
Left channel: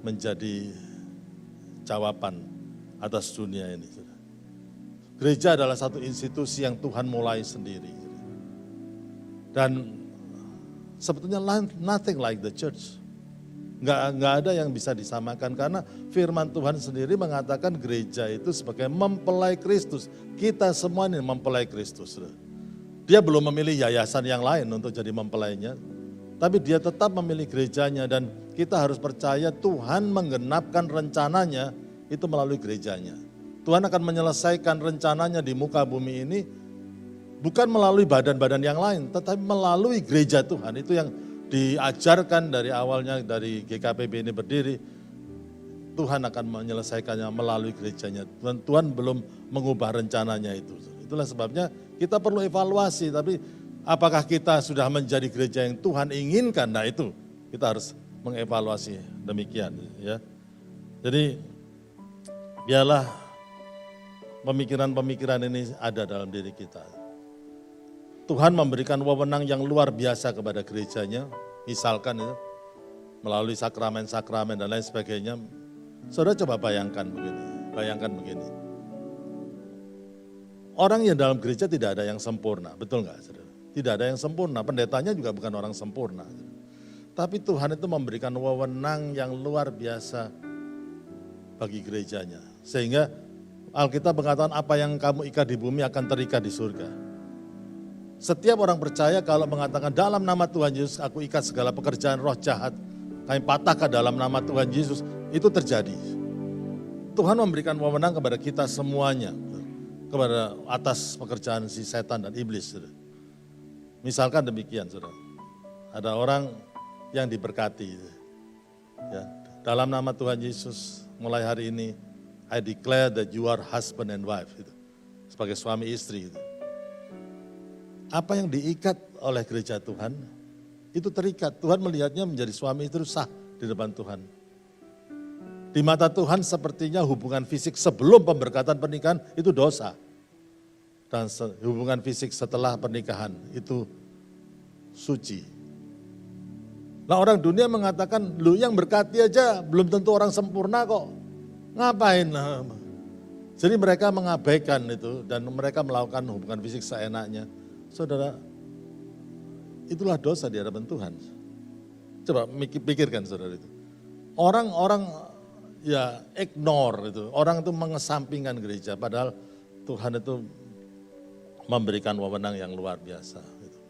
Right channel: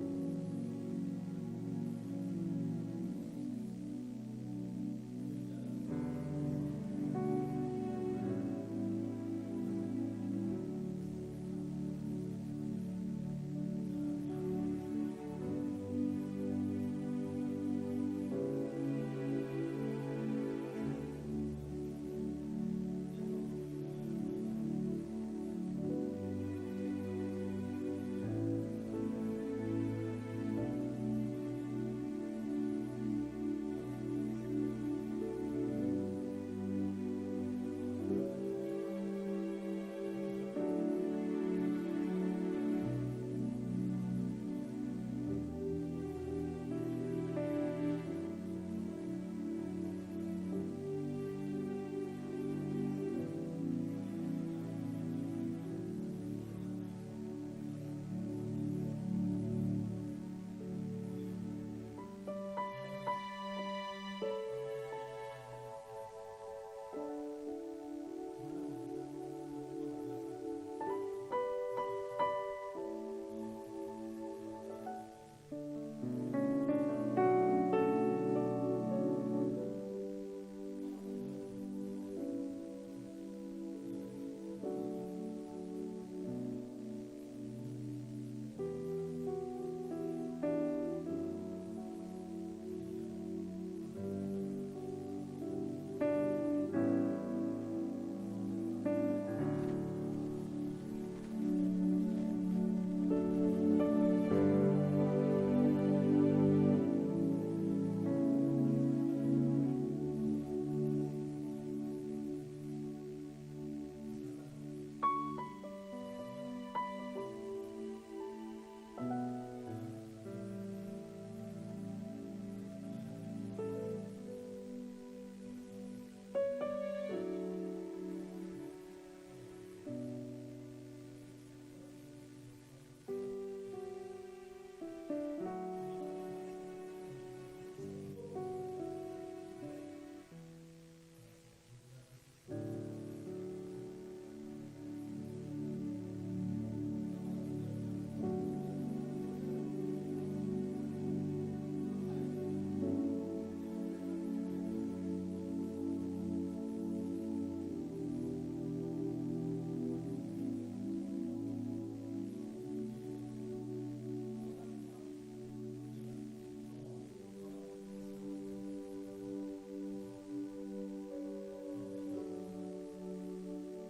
menjadi jawaban atas dunia ini. Gereja adalah satu institusi yang Tuhan mulai sendiri. Dan sebetulnya nothing like the church. Nggak ada yang bisa disamakan, karena firman Tuhan sendiri mengatakan gereja itu sebagai mempelai Kristus. Kita semua ini mempelai Kristus. Dia belum memilih yayasan yang lain untuk jadi mempelainya, tapi dia tetap memilih gerejanya, dan kita harus percaya Tuhan menggenapkan rencananya itu melalui gerejanya. Tuhan akan menyelesaikan rencananya di muka bumi ini bukan melalui badan-badan yang lain, tetapi melalui gereja Tuhan. Itu yang diajarkan dari awalnya, dari GKPB ini berdiri. Tuhan akan menyelesaikannya melalui gerejanya. Tuhan belum mengubah rencananya itu. Itulah sebabnya kita perlu evaluasi, tapi apakah kita sudah menjadi gereja yang Tuhan inginkan? Nah itu kita harus mengevaluasi demikian, ya. Jadi biarlah pemikiran-pemikiran ini ada dalam diri kita. Tuhan memberikan wewenang yang luar biasa kepada gerejanya, misalkan ya, melalui sakramen-sakramen dan lain sebagainya. Saudara coba bayangkan begini. Orang yang dalam gereja tidak ada yang sempurna, betul nggak, saudara? Tidak ada yang sempurna, pendetanya juga bukan orang sempurna. Tapi Tuhan itu memberikan wewenang yang luar biasa bagi gerejanya. Sehingga Alkitab mengatakan apa yang kamu ikat di bumi akan terikat di surga. Setiap orang percaya kalau mengatakan dalam nama Tuhan Yesus aku ikat segala pekerjaan roh jahat, kami patahkan dalam nama Tuhan Yesus, itu terjadi. Tuhan memberikan wewenang kepada kita semuanya, kepada atas pekerjaan si setan dan iblis. Misalkan demikian, saudara. Ada orang yang diberkati. Ya, dalam nama Tuhan Yesus, mulai hari ini, I declare that you are husband and wife. Sebagai suami istri. Apa yang diikat oleh gereja Tuhan, itu terikat. Tuhan melihatnya menjadi suami istri sah di depan Tuhan. Di mata Tuhan sepertinya hubungan fisik sebelum pemberkatan pernikahan itu dosa. Dan hubungan fisik setelah pernikahan itu suci. Nah orang dunia mengatakan, lu yang berkati aja belum tentu orang sempurna kok. Ngapain? Jadi mereka mengabaikan itu dan mereka melakukan hubungan fisik seenaknya. Saudara, itulah dosa di hadapan Tuhan. Coba pikirkan saudara itu. Orang-orang ya ignore itu, orang itu mengesampingkan gereja, padahal Tuhan itu memberikan wewenang yang luar biasa gitu,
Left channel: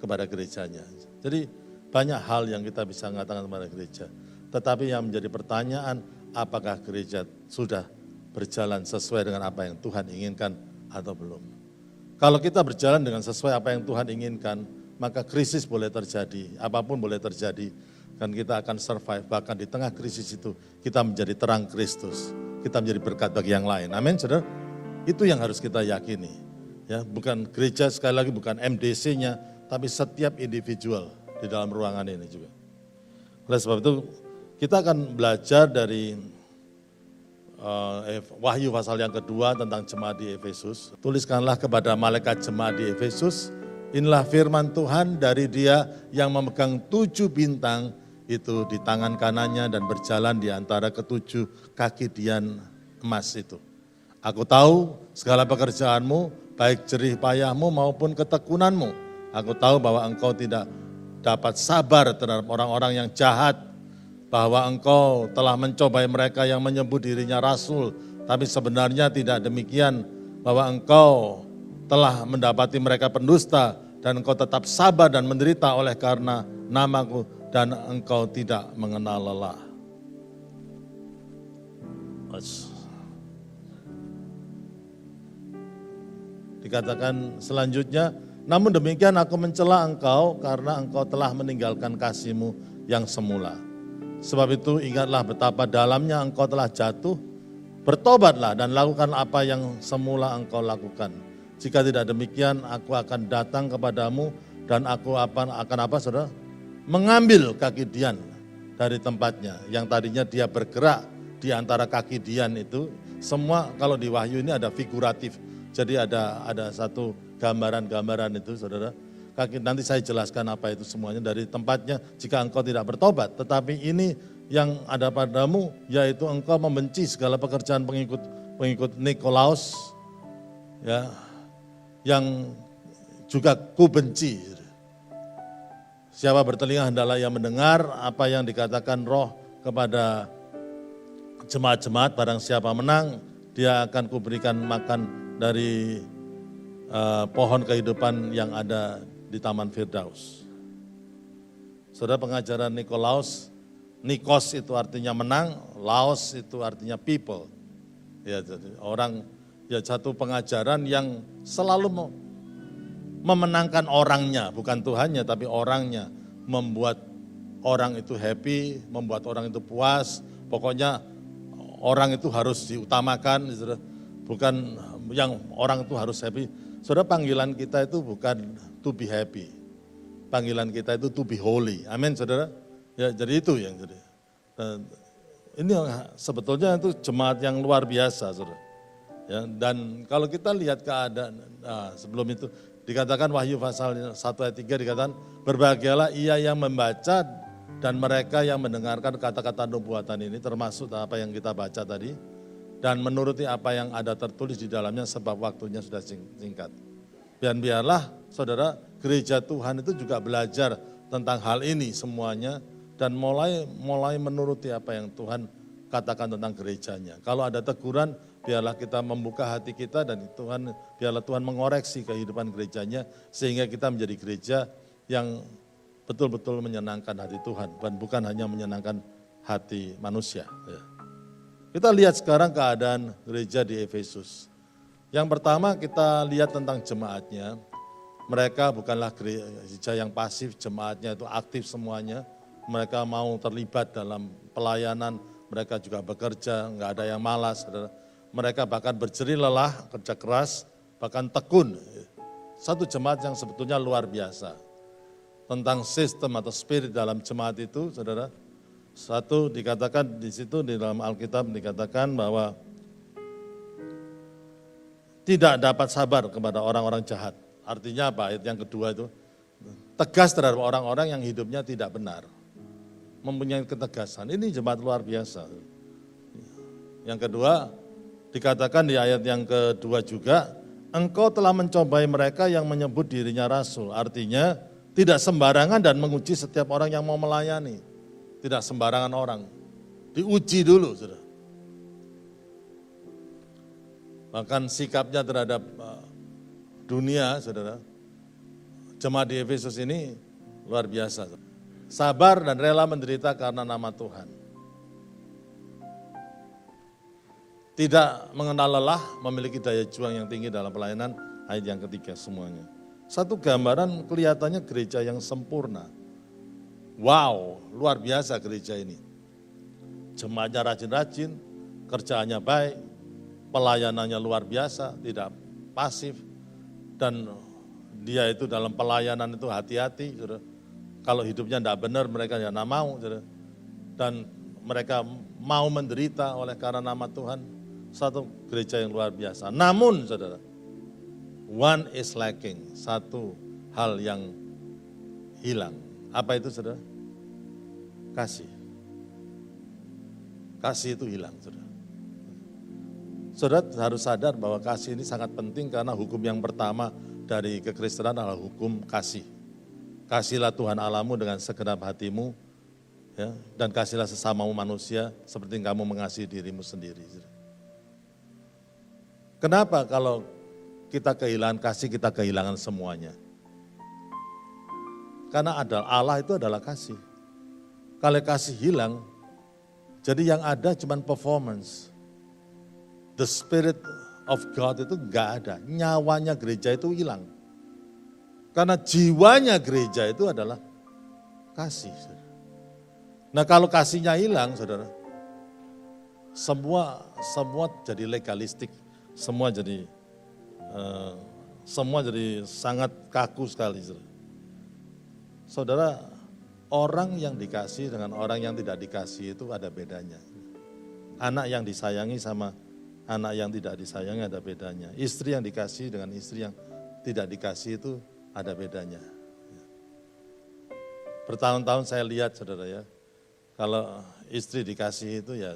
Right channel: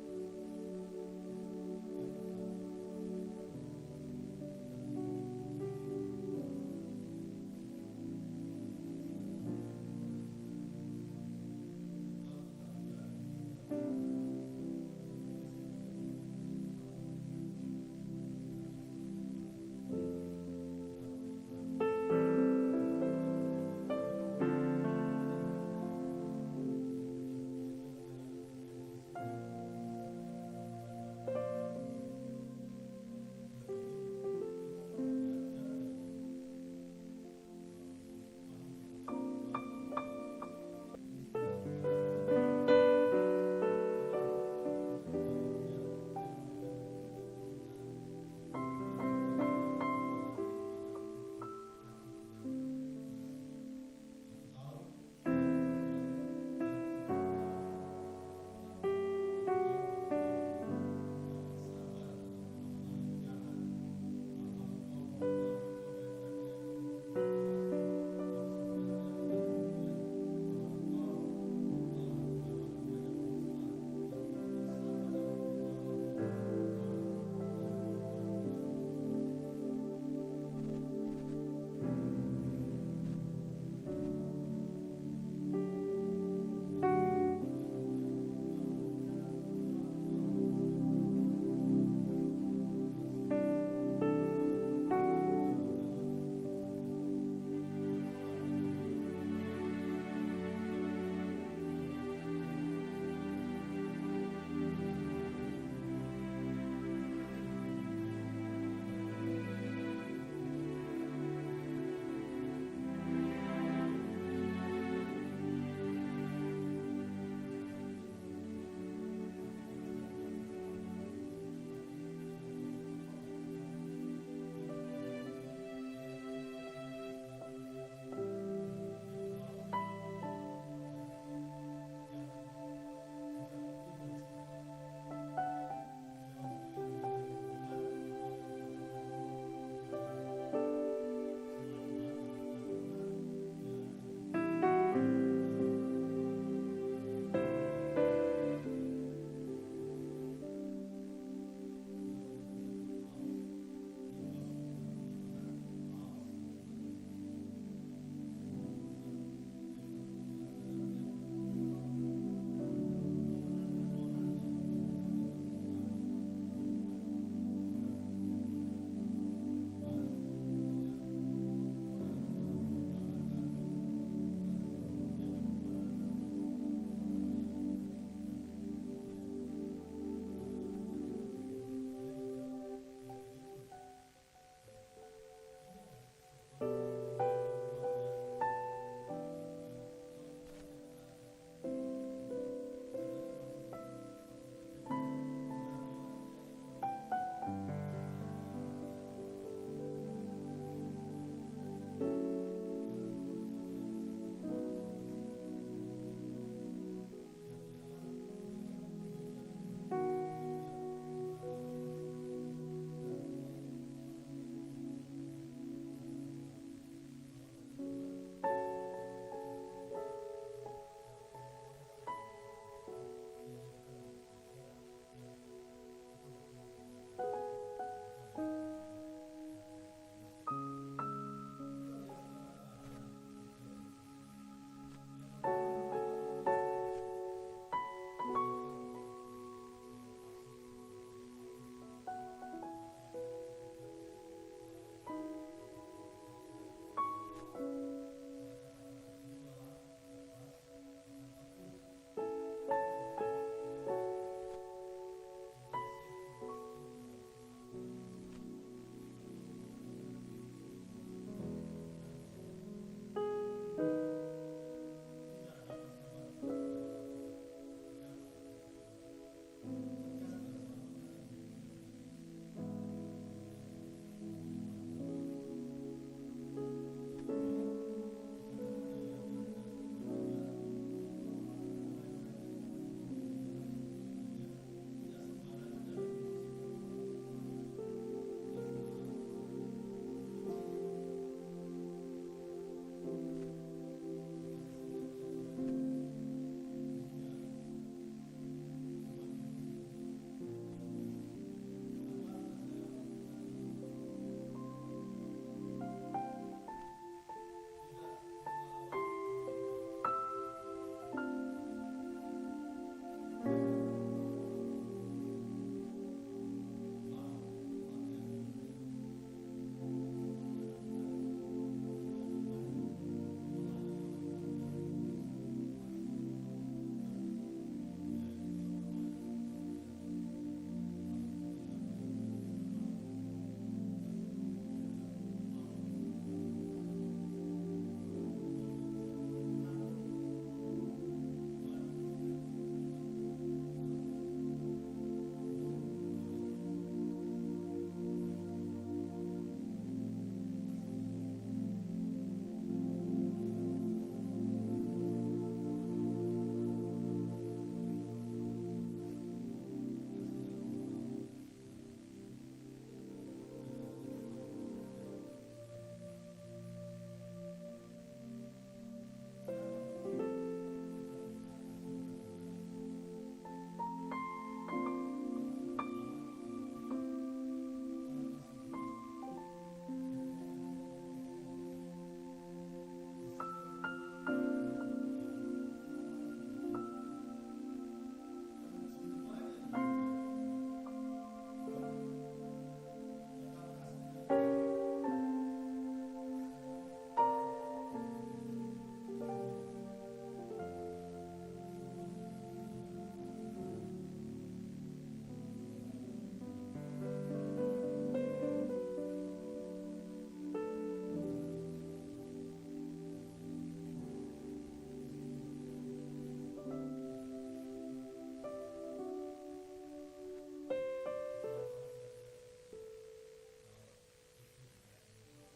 kepada gerejanya. Jadi banyak hal yang kita bisa mengatakan kepada gereja. Tetapi yang menjadi pertanyaan, apakah gereja sudah berjalan sesuai dengan apa yang Tuhan inginkan atau belum? Kalau kita berjalan dengan sesuai apa yang Tuhan inginkan, maka krisis boleh terjadi, apapun boleh terjadi, dan kita akan survive. Bahkan di tengah krisis itu, kita menjadi terang Kristus, kita menjadi berkat bagi yang lain. Amin, saudara? Itu yang harus kita yakini. Ya, bukan gereja, sekali lagi bukan MDC-nya, tapi setiap individual di dalam ruangan ini juga. Oleh sebab itu, kita akan belajar dari Wahyu pasal yang kedua tentang jemaat di Efesus. Tuliskanlah kepada malaikat jemaat di Efesus, inilah firman Tuhan dari Dia yang memegang 7 bintang itu di tangan kanannya dan berjalan di antara ketujuh kaki dian emas itu. Aku tahu segala pekerjaanmu, baik jerih payahmu maupun ketekunanmu. Aku tahu bahwa Engkau tidak dapat sabar terhadap orang-orang yang jahat, bahwa Engkau telah mencobai mereka yang menyebut dirinya rasul, tapi sebenarnya tidak demikian, bahwa Engkau telah mendapati mereka pendusta, dan Engkau tetap sabar dan menderita oleh karena namaku, dan Engkau tidak mengenal lelah. Dikatakan selanjutnya, namun demikian aku mencela engkau karena engkau telah meninggalkan kasih-Mu yang semula. Sebab itu ingatlah betapa dalamnya engkau telah jatuh, bertobatlah dan lakukan apa yang semula engkau lakukan. Jika tidak demikian, aku akan datang kepadamu dan aku akan apa saudara? Mengambil kaki Dian dari tempatnya. Yang tadinya dia bergerak di antara kaki Dian itu, semua kalau di Wahyu ini ada figuratif. Jadi ada satu gambaran-gambaran itu saudara. Nanti saya jelaskan apa itu semuanya dari tempatnya jika engkau tidak bertobat. Tetapi ini yang ada padamu yaitu engkau membenci segala pekerjaan pengikut Nikolaus ya, yang juga ku benci. Siapa bertelinga hendaklah yang mendengar apa yang dikatakan Roh kepada jemaat-jemaat. Barang siapa menang, dia akan kuberikan makan dari pohon kehidupan yang ada di Taman Firdaus. Saudara, pengajaran Nikolaus, Nikos itu artinya menang, Laos itu artinya people. Ya, jadi orang, ya satu pengajaran yang selalu memenangkan orangnya, bukan Tuhannya tapi orangnya, membuat orang itu happy, membuat orang itu puas, pokoknya orang itu harus diutamakan, bukan yang orang itu harus happy. Saudara, panggilan kita itu bukan to be happy, panggilan kita itu to be holy. Amin, saudara. Ya, jadi itu yang jadi. Ini sebetulnya itu jemaat yang luar biasa, saudara. Ya, dan kalau kita lihat keadaan sebelum itu dikatakan Wahyu pasal 1 ayat 3 dikatakan berbahagialah ia yang membaca dan mereka yang mendengarkan kata-kata nubuatan ini, termasuk apa yang kita baca tadi, dan menuruti apa yang ada tertulis di dalamnya sebab waktunya sudah singkat. Dan biarlah saudara, gereja Tuhan itu juga belajar tentang hal ini semuanya dan mulai menuruti apa yang Tuhan katakan tentang gerejanya. Kalau ada teguran, biarlah kita membuka hati kita dan biarlah Tuhan mengoreksi kehidupan gerejanya sehingga kita menjadi gereja yang betul-betul menyenangkan hati Tuhan dan bukan hanya menyenangkan hati manusia. Kita lihat sekarang keadaan gereja di Efesus. Yang pertama kita lihat tentang jemaatnya. Mereka bukanlah gereja yang pasif, jemaatnya itu aktif semuanya. Mereka mau terlibat dalam pelayanan, mereka juga bekerja, nggak ada yang malas. Mereka bahkan berjerih lelah, kerja keras, bahkan tekun. Satu jemaat yang sebetulnya luar biasa. Tentang sistem atau spirit dalam jemaat itu, saudara. Satu dikatakan di situ di dalam Alkitab dikatakan bahwa tidak dapat sabar kepada orang-orang jahat. Artinya apa? Ayat yang kedua itu tegas terhadap orang-orang yang hidupnya tidak benar. Mempunyai ketegasan. Ini jemaat luar biasa. Yang kedua dikatakan di ayat yang kedua juga, engkau telah mencobai mereka yang menyebut dirinya rasul. Artinya tidak sembarangan dan menguji setiap orang yang mau melayani. Tidak sembarangan orang, diuji dulu, saudara. Bahkan sikapnya terhadap dunia, saudara, jemaat di Efesus ini luar biasa. Sabar dan rela menderita karena nama Tuhan. Tidak mengenal lelah, memiliki daya juang yang tinggi dalam pelayanan, ayat yang ketiga semuanya. Satu gambaran kelihatannya gereja yang sempurna. Wow, luar biasa gereja ini. Jemaatnya rajin-rajin, kerjaannya baik, pelayanannya luar biasa, tidak pasif. Dan dia itu dalam pelayanan itu hati-hati. Kalau hidupnya tidak benar, mereka tidak mau. Dan mereka mau menderita oleh karena nama Tuhan. Satu gereja yang luar biasa. Namun, saudara, one is lacking, satu hal yang hilang. Apa itu, saudara? Kasih. Kasih itu hilang, saudara. Saudara harus sadar bahwa kasih ini sangat penting karena hukum yang pertama dari kekristenan adalah hukum kasih. Kasihlah Tuhan Allahmu dengan segenap hatimu, ya, dan kasihlah sesamamu manusia seperti kamu mengasihi dirimu sendiri. Kenapa kalau kita kehilangan kasih, kita kehilangan semuanya? Karena Allah itu adalah kasih. Kalau kasih hilang, jadi yang ada cuma performance. The Spirit of God itu enggak ada, nyawanya gereja itu hilang. Karena jiwanya gereja itu adalah kasih. Nah kalau kasihnya hilang, saudara, semua jadi legalistik, semua jadi sangat kaku sekali. Saudara, orang yang dikasih dengan orang yang tidak dikasih itu ada bedanya. Anak yang disayangi sama anak yang tidak disayangi ada bedanya. Istri yang dikasih dengan istri yang tidak dikasih itu ada bedanya. Bertahun-tahun saya lihat, saudara, ya, kalau istri dikasih itu ya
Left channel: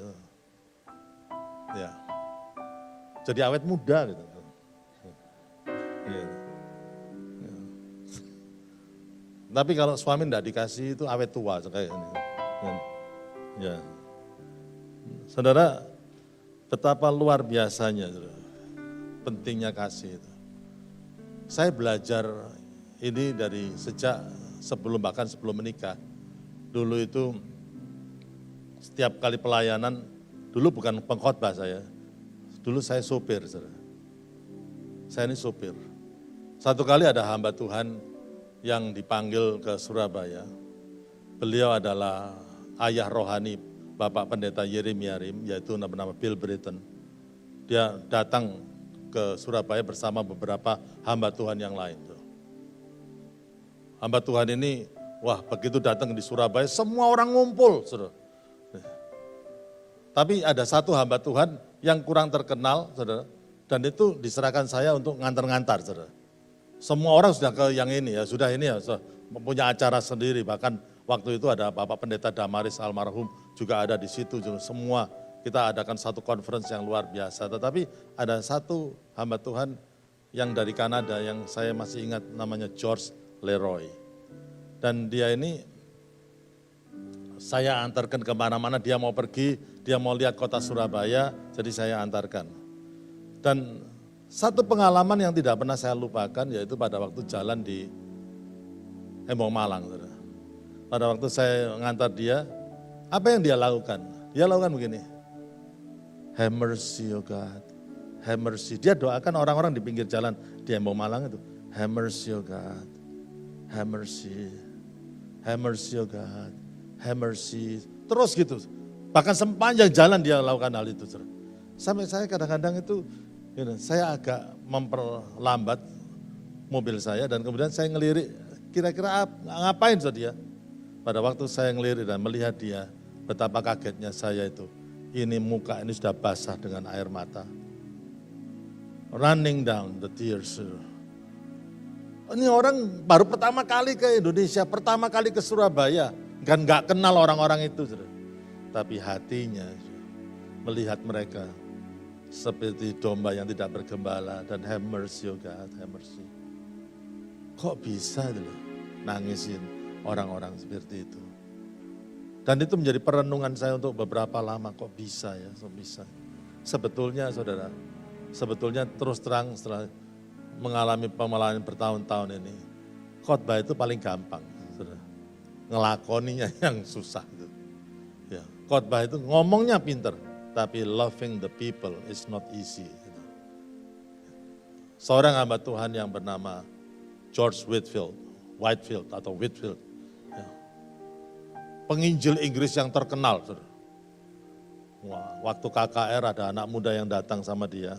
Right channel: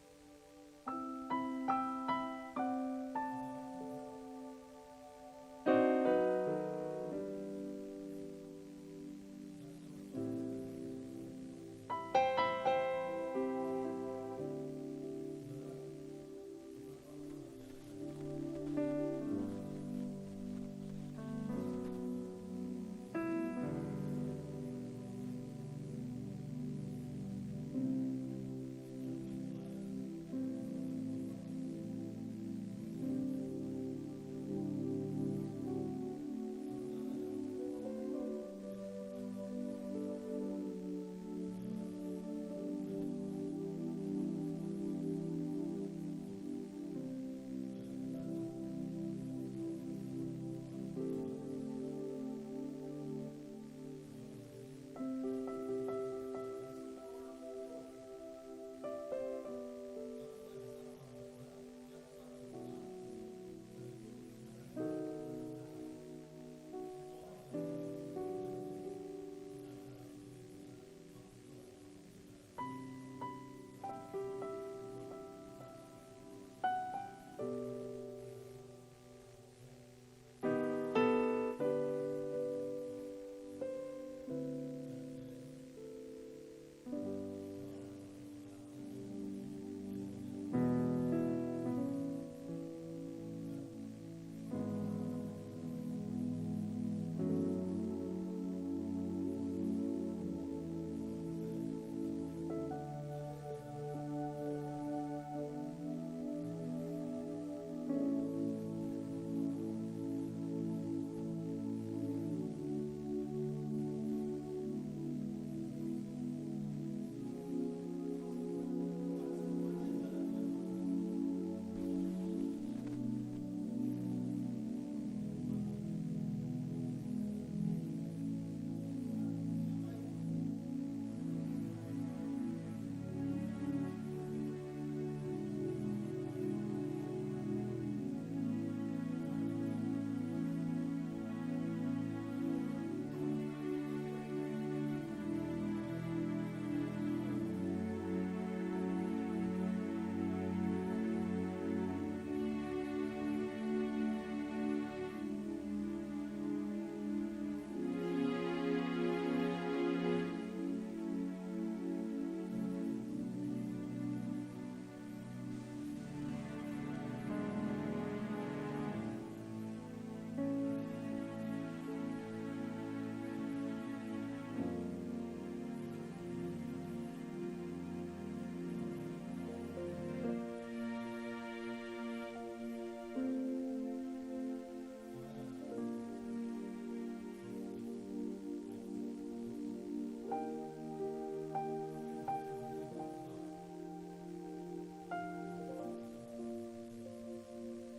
jadi awet muda gitu. Tapi kalau suami tidak dikasih itu awet tua kayak ini. Ya. Saudara, betapa luar biasanya pentingnya kasih itu. Saya belajar ini dari sejak bahkan sebelum menikah. Dulu itu setiap kali pelayanan, dulu bukan pengkhotbah saya, dulu saya sopir. Saya ini sopir. Satu kali ada hamba Tuhan yang dipanggil ke Surabaya. Beliau adalah ayah rohani Bapak Pendeta Yeremia Rim, yaitu bernama Bill Britton. Dia datang ke Surabaya bersama beberapa hamba Tuhan yang lain. Hamba Tuhan ini, wah begitu datang di Surabaya, semua orang ngumpul. Saudara. Tapi ada satu hamba Tuhan yang kurang terkenal, saudara, dan itu diserahkan saya untuk ngantar-ngantar, saudara. Semua orang sudah ke yang ini ya, sudah punya acara sendiri, bahkan waktu itu ada Bapak Pendeta Damaris almarhum juga ada di situ, semua kita adakan satu conference yang luar biasa. Tetapi ada satu hamba Tuhan yang dari Kanada yang saya masih ingat namanya George Leroy. Dan dia ini saya antarkan kemana-mana, dia mau pergi, dia mau lihat kota Surabaya, jadi saya antarkan. Dan satu pengalaman yang tidak pernah saya lupakan yaitu pada waktu jalan di Embong Malang. Pada waktu saya ngantar dia, apa yang dia lakukan? Dia lakukan begini, have mercy, oh God, have mercy. Dia doakan orang-orang di pinggir jalan di Embong Malang itu, have mercy, oh God, have mercy, have mercy, oh God, have mercy. Terus gitu, bahkan sepanjang jalan dia lakukan hal itu. Sampai saya kadang-kadang itu, saya agak memperlambat mobil saya dan kemudian saya ngelirik, kira-kira ngapain dia? Pada waktu saya ngelirik dan melihat dia, betapa kagetnya saya itu. Ini muka ini sudah basah dengan air mata. Running down the tears. Ini orang baru pertama kali ke Indonesia, pertama kali ke Surabaya. Kan gak kenal orang-orang itu. Tapi hatinya melihat mereka seperti domba yang tidak bergembala dan have mercy, oh God, have mercy. Kok bisa nangisin orang-orang seperti itu? Dan itu menjadi perenungan saya untuk beberapa lama, kok bisa ya, kok bisa. Sebetulnya saudara, sebetulnya terus terang setelah mengalami pemelayan bertahun-tahun ini, khotbah itu paling gampang, saudara. Ngelakoninya yang susah. Ya, khotbah itu ngomongnya pinter, tapi loving the people is not easy. Seorang hamba Tuhan yang bernama George Whitefield, ya. Penginjil Inggris yang terkenal. Wah, waktu KKR ada anak muda yang datang sama dia,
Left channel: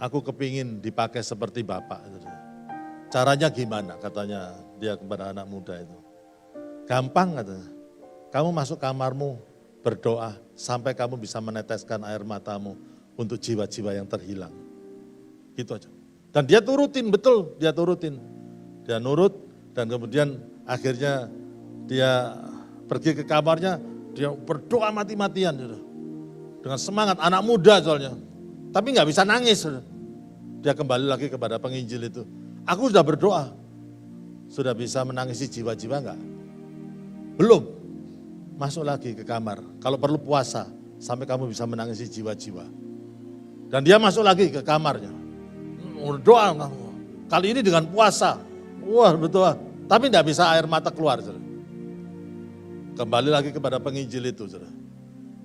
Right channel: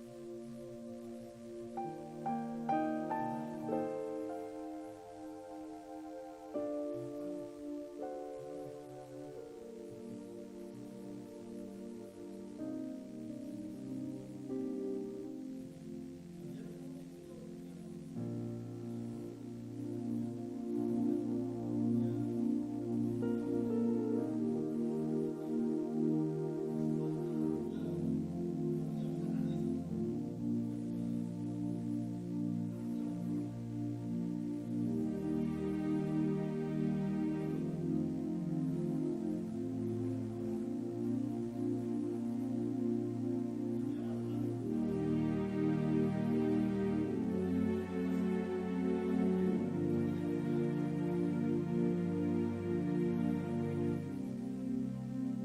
aku kepingin dipakai seperti Bapak. Caranya gimana? Katanya dia kepada anak muda itu. Gampang katanya, kamu masuk kamarmu, berdoa sampai kamu bisa meneteskan air matamu untuk jiwa-jiwa yang terhilang. Gitu aja. Dan dia turutin, betul dia turutin. Dia nurut dan kemudian akhirnya dia pergi ke kamarnya, dia berdoa mati-matian. Dengan semangat, anak muda soalnya. Tapi nggak bisa nangis. Dia kembali lagi kepada penginjil itu. Aku sudah berdoa. Sudah bisa menangisi jiwa-jiwa enggak? Belum. Masuk lagi ke kamar. Kalau perlu puasa, sampai kamu bisa menangisi jiwa-jiwa. Dan dia masuk lagi ke kamarnya. Doa, kali ini dengan puasa. Wah betul. Tapi tidak bisa air mata keluar. Saudara. Kembali lagi kepada penginjil itu. Saudara.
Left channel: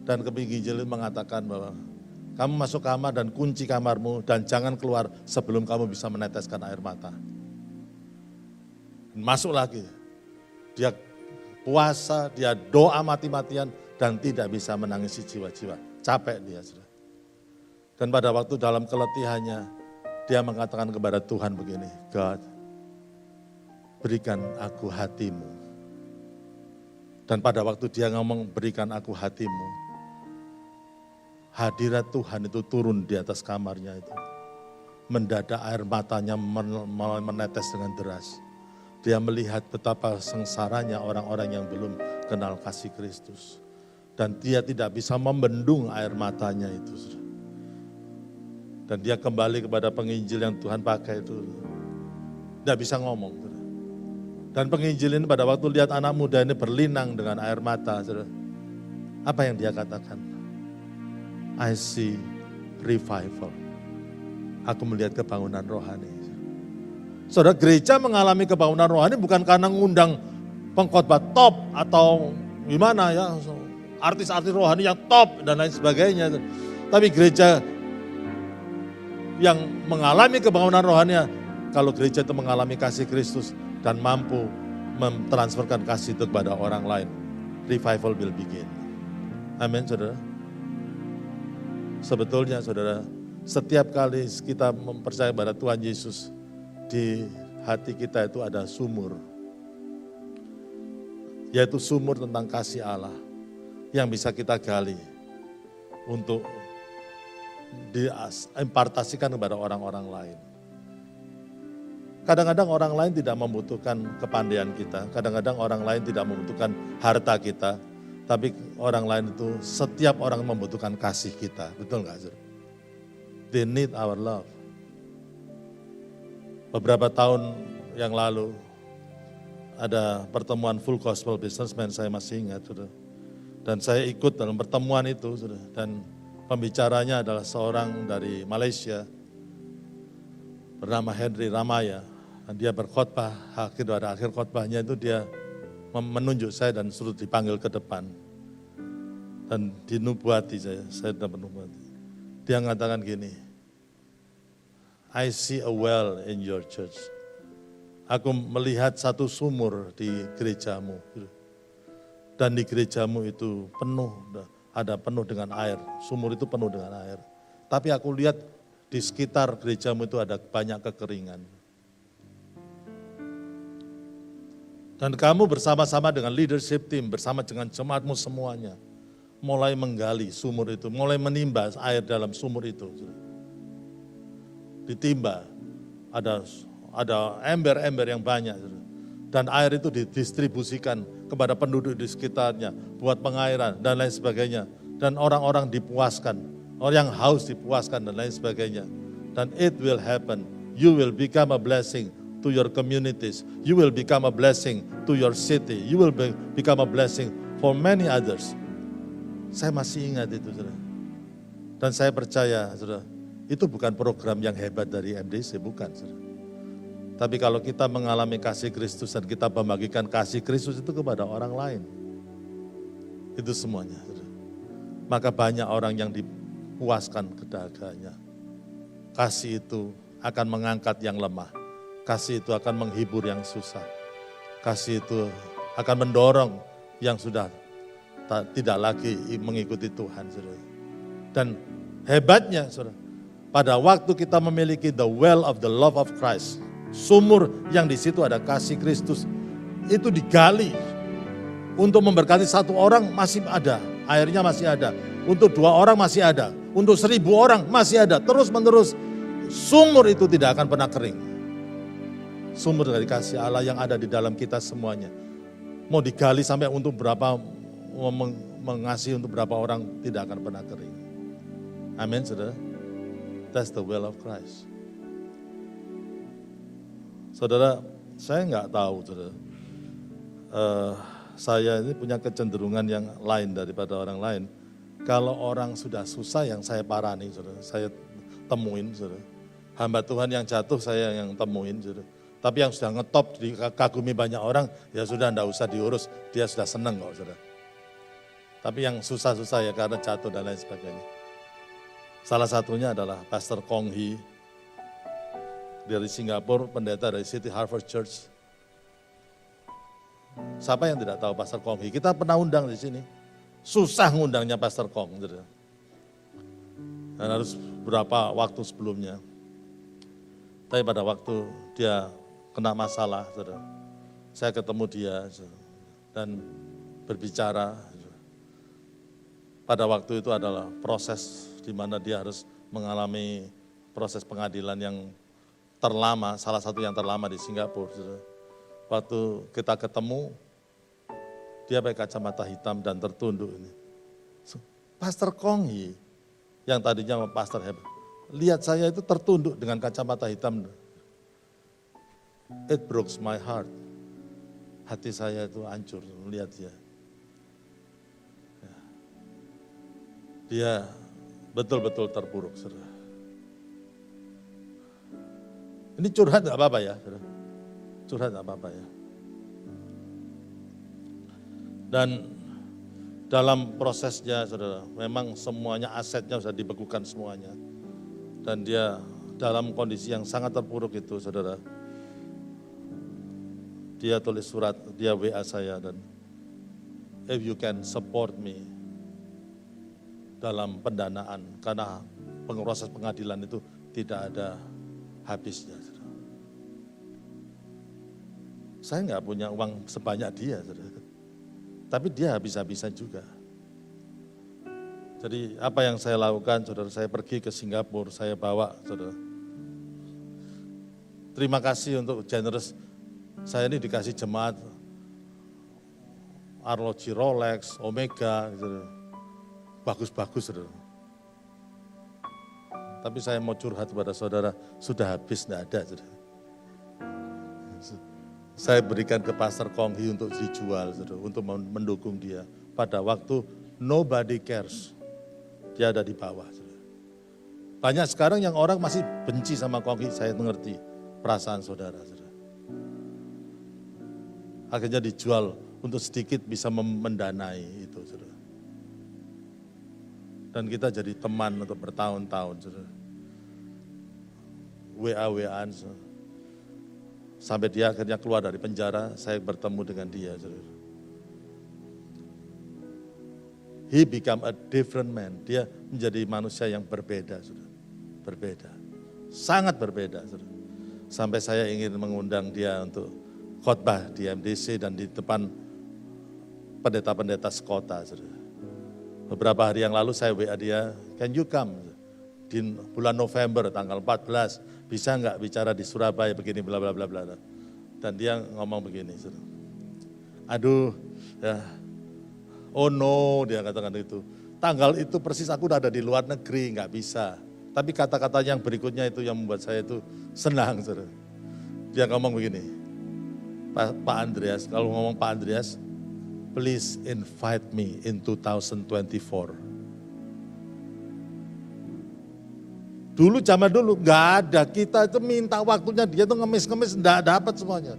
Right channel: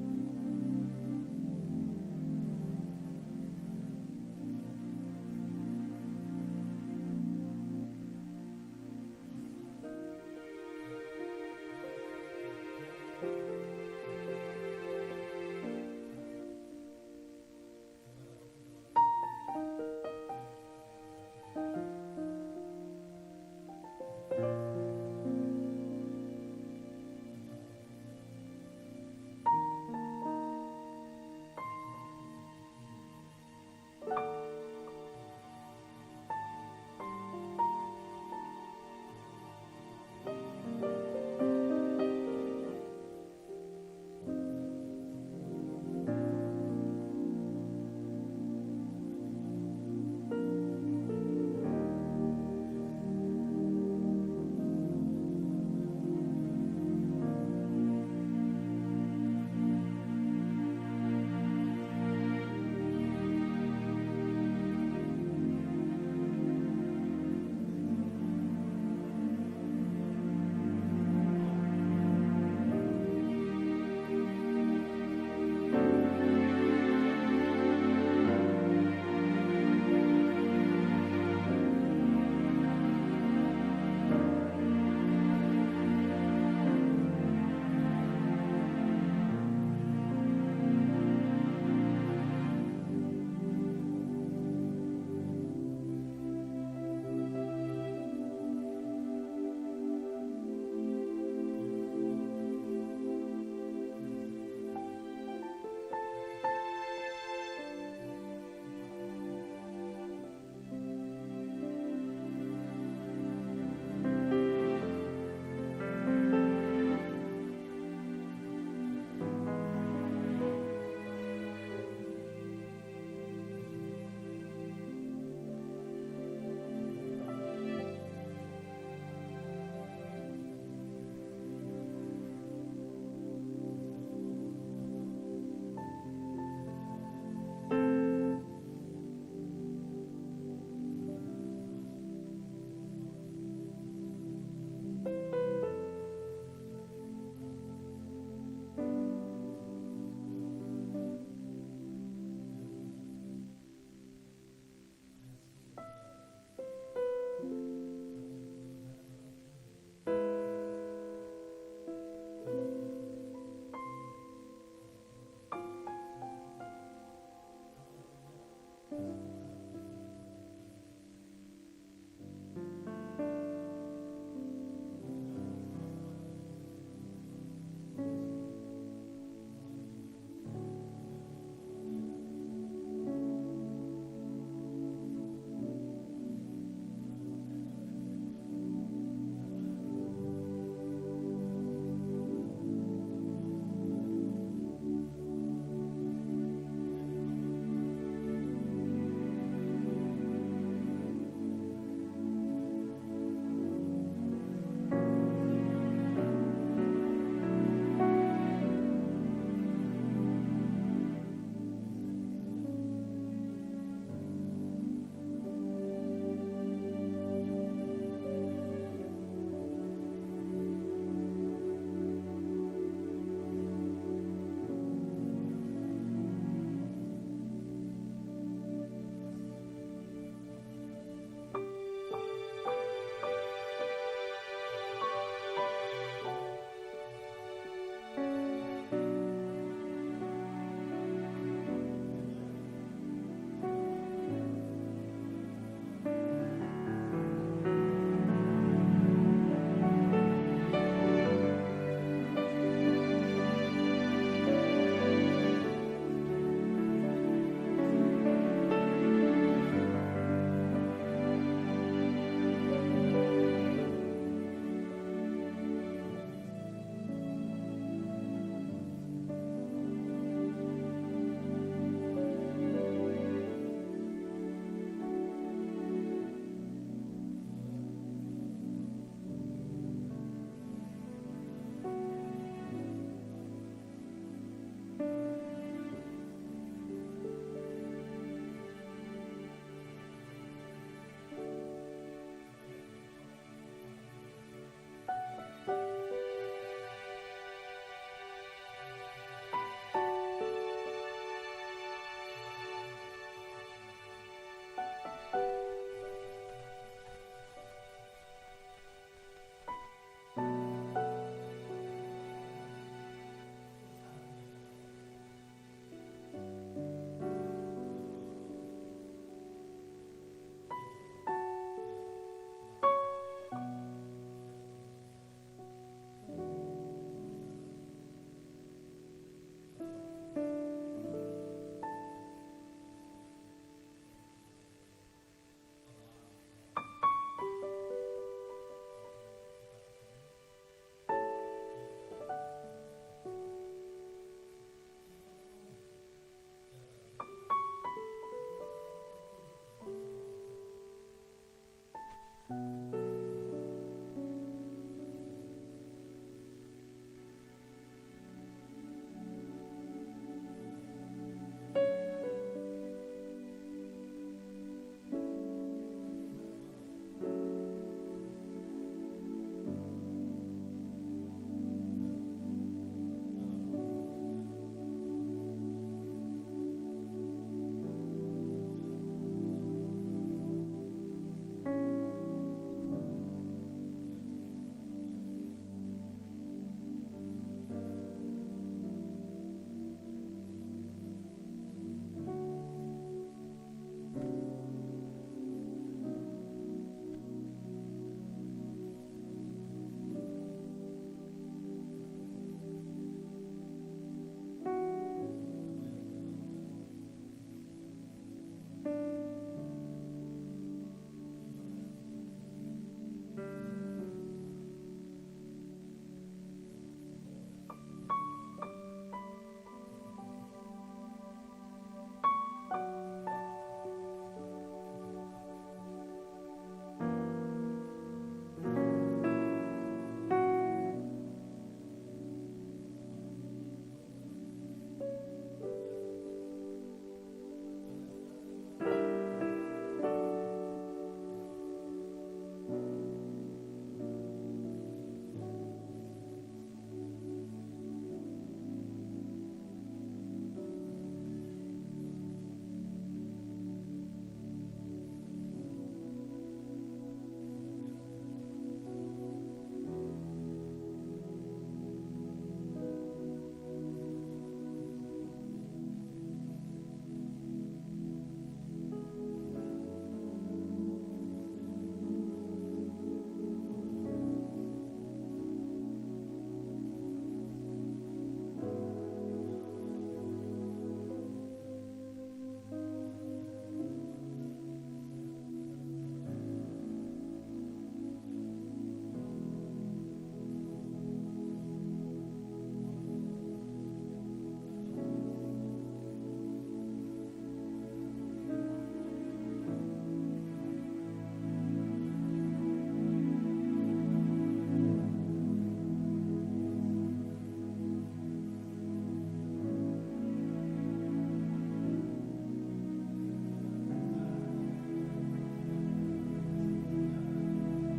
Dan penginjil itu mengatakan bahwa kamu masuk kamar dan kunci kamarmu dan jangan keluar sebelum kamu bisa meneteskan air mata. Masuk lagi. Dia puasa, dia doa mati-matian dan tidak bisa menangisi jiwa-jiwa. Capek dia. Saudara. Dan pada waktu dalam keletihannya, dia mengatakan kepada Tuhan begini, God, berikan aku hatimu. Dan pada waktu dia ngomong berikan aku hatimu, hadirat Tuhan itu turun di atas kamarnya itu. Mendadak air matanya menetes dengan deras. Dia melihat betapa sengsaranya orang-orang yang belum kenal kasih Kristus. Dan dia tidak bisa membendung air matanya itu. Dan dia kembali kepada penginjil yang Tuhan pakai itu. Tidak bisa ngomong. Dan penginjil ini pada waktu lihat anak muda ini berlinang dengan air mata. Apa yang dia katakan? I see revival. Aku melihat kebangunan rohani. Saudara, gereja mengalami kebangunan rohani bukan karena ngundang pengkhotbah top atau gimana ya, artis-artis rohani yang top dan lain sebagainya. Tapi gereja yang mengalami kebangunan rohani, kalau gereja itu mengalami kasih Kristus dan mampu mentransferkan kasih itu kepada orang lain, revival will begin. Amin, saudara. Sebetulnya, saudara, setiap kali kita mempercayai pada Tuhan Yesus, di hati kita itu ada sumur. Yaitu sumur tentang kasih Allah yang bisa kita gali untuk diimpartasikan kepada orang-orang lain. Kadang-kadang orang lain tidak membutuhkan kepandaian kita, kadang-kadang orang lain tidak membutuhkan harta kita, tapi orang lain itu setiap orang membutuhkan kasih kita, betul nggak? They need our love. Beberapa tahun yang lalu ada pertemuan Full Gospel Businessman, saya masih ingat. Dan saya ikut dalam pertemuan itu. Dan pembicaranya adalah seorang dari Malaysia bernama Henry Ramaya. Dan dia berkhotbah, pada akhir khotbahnya itu dia menunjuk saya dan suruh dipanggil ke depan. Dan dinubuati saya dapat nubuati. Dia mengatakan gini, I see a well in your church. Aku melihat satu sumur di gerejamu. Dan di gerejamu itu penuh dengan air. Sumur itu penuh dengan air. Tapi aku lihat di sekitar gerejamu itu ada banyak kekeringan. Dan kamu bersama-sama dengan leadership team, bersama dengan jemaatmu semuanya, mulai menggali sumur itu, mulai menimba air dalam sumur itu. Ditimba, ada ember-ember yang banyak. Dan air itu didistribusikan kepada penduduk di sekitarnya, buat pengairan dan lain sebagainya. Dan orang-orang dipuaskan, orang yang haus dipuaskan dan lain sebagainya. Dan it will happen, you will become a blessing to your communities, you will become a blessing to your city, you will become a blessing for many others. Saya masih ingat itu, saudara. Dan saya percaya, saudara, itu bukan program yang hebat dari MDC, bukan. Saudara. Tapi kalau kita mengalami kasih Kristus dan kita membagikan kasih Kristus itu kepada orang lain, itu semuanya. Saudara. Maka banyak orang yang dipuaskan kedaganya. Kasih itu akan mengangkat yang lemah. Kasih itu akan menghibur yang susah. Kasih itu akan mendorong yang sudah tidak lagi mengikuti Tuhan. Saudara. Dan hebatnya, saudara, pada waktu kita memiliki the well of the love of Christ, sumur yang di situ ada kasih Kristus, itu digali untuk memberkati satu orang masih ada, airnya masih ada, untuk 2 orang masih ada, untuk 1000 orang masih ada, terus menerus. Sumur itu tidak akan pernah kering. Sumur dari kasih Allah yang ada di dalam kita semuanya. Mau digali sampai untuk berapa, mengasihi untuk berapa orang, tidak akan pernah kering. Amin, saudara. That's the will of Christ. Saudara, saya nggak tahu, saudara. Saya ini punya kecenderungan yang lain daripada orang lain. Kalau orang sudah susah yang saya parani, saudara, saya temuin, saudara. Hamba Tuhan yang jatuh saya yang temuin, saudara. Tapi yang sudah ngetop dikagumi banyak orang, ya sudah enggak usah diurus, dia sudah senang kok, saudara. Tapi yang susah-susah ya karena jatuh dan lain sebagainya. Salah satunya adalah Pastor Kong Hee dari Singapura, pendeta dari City Harvest Church. Siapa yang tidak tahu Pastor Kong Hee? Kita pernah undang di sini. Susah ngundangnya Pastor Kong. Saudara. Dan harus berapa waktu sebelumnya. Tapi pada waktu dia kena masalah, saudara, saya ketemu dia saudara, dan berbicara. Pada waktu itu adalah proses di mana dia harus mengalami proses pengadilan yang terlama, salah satu yang terlama di Singapura. Saudara. Waktu kita ketemu, dia pakai kacamata hitam dan tertunduk. Pastor Kong Hee, yang tadinya pastor hebat, lihat saya itu tertunduk dengan kacamata hitam. It breaks my heart. Hati saya itu hancur melihat dia. Dia betul-betul terpuruk, saudara. Ini curhat gak apa-apa ya, saudara. Curhat gak apa-apa ya. Dan dalam prosesnya, saudara, memang semuanya asetnya sudah dibekukan semuanya. Dan dia dalam kondisi yang sangat terpuruk itu, saudara. Dia tulis surat, dia WA saya dan if you can support me dalam pendanaan, karena proses pengadilan itu tidak ada habisnya. Saudara. Saya nggak punya uang sebanyak dia, saudara. Tapi dia habis-habisan juga. Jadi apa yang saya lakukan, saudara, saya pergi ke Singapura, saya bawa, saudara. Terima kasih untuk generous. Saya ini dikasih jemaat arloji Rolex, Omega, saudara. Bagus-bagus, saudara. Tapi saya mau curhat kepada saudara, sudah habis, tidak ada, saudara. Saya berikan ke Pastor Kong Hee untuk dijual, saudara, untuk mendukung dia. Pada waktu nobody cares, dia ada di bawah. Saudara. Banyak sekarang yang orang masih benci sama Kong Hee, saya mengerti perasaan saudara. Saudara. Akhirnya dijual untuk sedikit bisa mendanai itu, saudara. Dan kita jadi teman untuk bertahun-tahun, saudara. WA-WAan, saudara. Sampai dia akhirnya keluar dari penjara, saya bertemu dengan dia, saudara. He become a different man. Dia menjadi manusia yang berbeda, saudara. Berbeda. Sangat berbeda, saudara. Sampai saya ingin mengundang dia untuk khotbah di MDC dan di depan pendeta-pendeta sekota, saudara. Beberapa hari yang lalu saya WA dia, can you come? Di bulan November tanggal 14, bisa nggak bicara di Surabaya begini bla bla bla bla. Dan dia ngomong begini, saudara. Aduh, ya, oh no, dia katakan itu. Tanggal itu persis aku udah ada di luar negeri, nggak bisa. Tapi kata-kata yang berikutnya itu yang membuat saya itu senang, saudara. Dia ngomong begini, Pak Andreas, kalau ngomong Pak Andreas, please invite me in 2024. Dulu zaman dulu nggak ada, kita itu minta waktunya dia tuh ngemis-ngemis nggak dapat semuanya.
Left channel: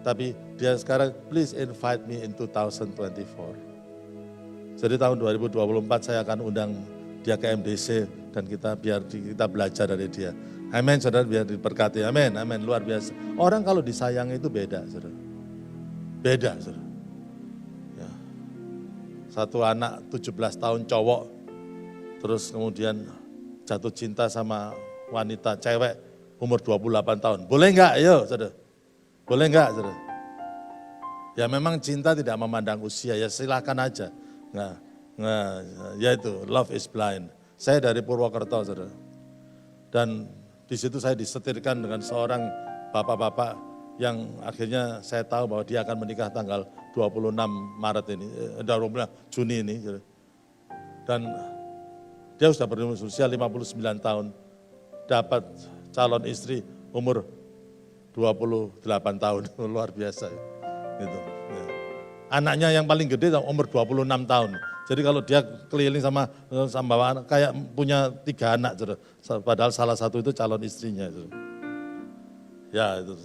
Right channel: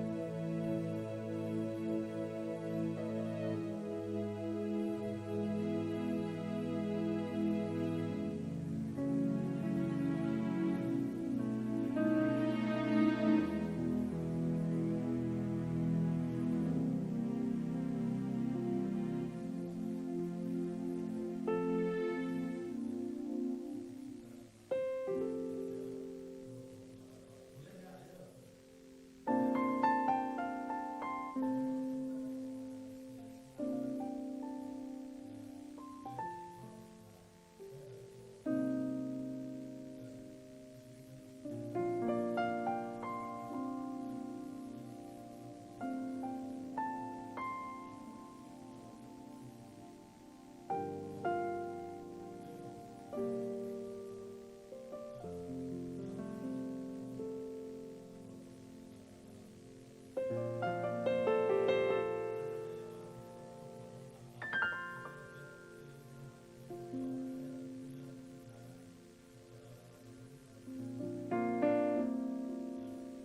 Tapi dia sekarang please invite me in 2024. Jadi tahun 2024 saya akan undang dia ke MDC dan biar kita belajar dari dia. Amin, saudara, biar diberkati. Amin, amin, luar biasa. Orang kalau disayangi itu beda, saudara. Beda, saudara. Ya. Satu anak 17 tahun cowok, terus kemudian jatuh cinta sama wanita cewek umur 28 tahun. Boleh enggak? Ayo, saudara. Boleh enggak, saudara? Ya memang cinta tidak memandang usia, ya silakan aja. Ya itu, love is blind. Saya dari Purwokerto, saudara. Dan di situ saya disetirkan dengan seorang bapak-bapak yang akhirnya saya tahu bahwa dia akan menikah tanggal 26 Maret ini, 26 Juni ini. Dan dia sudah berusia 59 tahun, dapat calon istri umur 28 tahun, luar biasa. Gitu. Ya. Anaknya yang paling gede umur 26 tahun. Jadi kalau dia keliling sama anak, kayak punya 3 anak, padahal salah satu itu calon istrinya. Ya itu.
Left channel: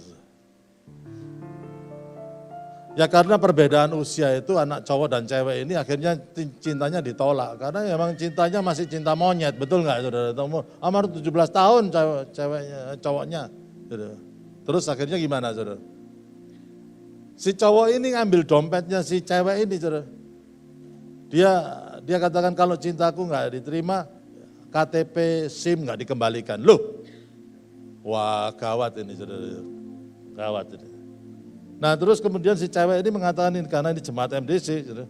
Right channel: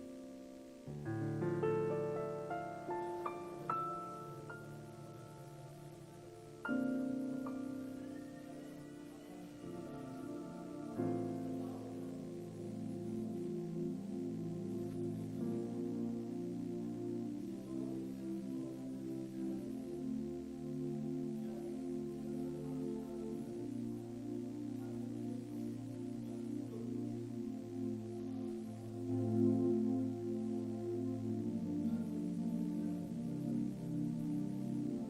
Ya karena perbedaan usia itu anak cowok dan cewek ini akhirnya cintanya ditolak. Karena memang cintanya masih cinta monyet, betul nggak saudara? Umur 17 tahun cowoknya. Terus akhirnya gimana saudara? Si cowok ini ngambil dompetnya si cewek ini saudara. Dia katakan kalau cintaku nggak diterima, KTP, SIM nggak dikembalikan. Loh, wah gawat ini saudara, gawat ini. Nah terus kemudian si cewek ini mengatakan ini, karena ini jemaat MDC, saudara.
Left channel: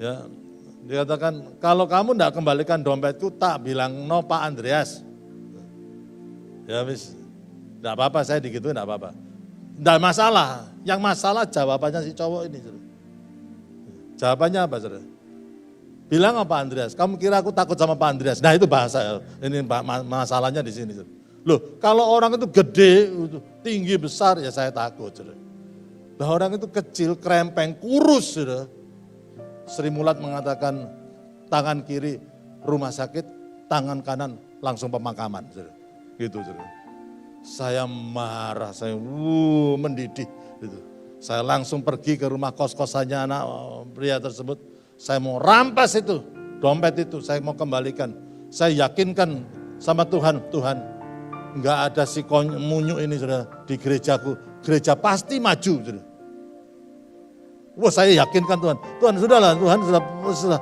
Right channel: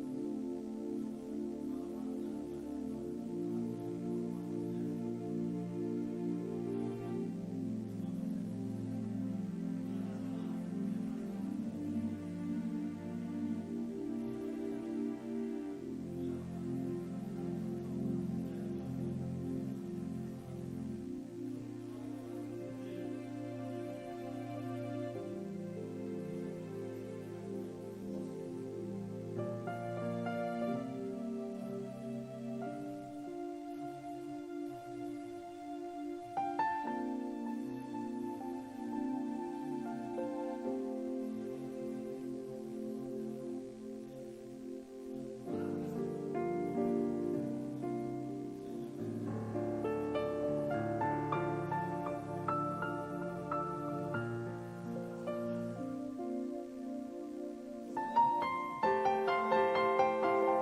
Ya, dia katakan kalau kamu nggak kembalikan dompetku, tak bilang no Pak Andreas. Ya wis, nggak apa-apa saya digituin nggak apa-apa. Nggak masalah, yang masalah jawabannya si cowok ini. Saudara. Jawabannya apa saudara? Bilang apa Andreas, kamu kira aku takut sama Pak Andreas? Nah itu bahasa, ini masalahnya di sini. Loh kalau orang itu gede, tinggi, besar ya saya takut. Saudara. Nah orang itu kecil, krempeng, kurus. Saudara. Sri Mulat mengatakan tangan kiri rumah sakit, tangan kanan langsung pemakaman. Saudara. Gitu saudara. Saya marah, saya mendidih. Gitu. Saya langsung pergi ke rumah kos-kosannya anak pria tersebut. Saya mau rampas itu, dompet itu, saya mau kembalikan. Saya yakinkan sama Tuhan, Tuhan enggak ada si munyu ini saudara di gerejaku. Gereja pasti maju. Saudara. Wah saya yakinkan Tuhan, Tuhan sudahlah, Tuhan sudah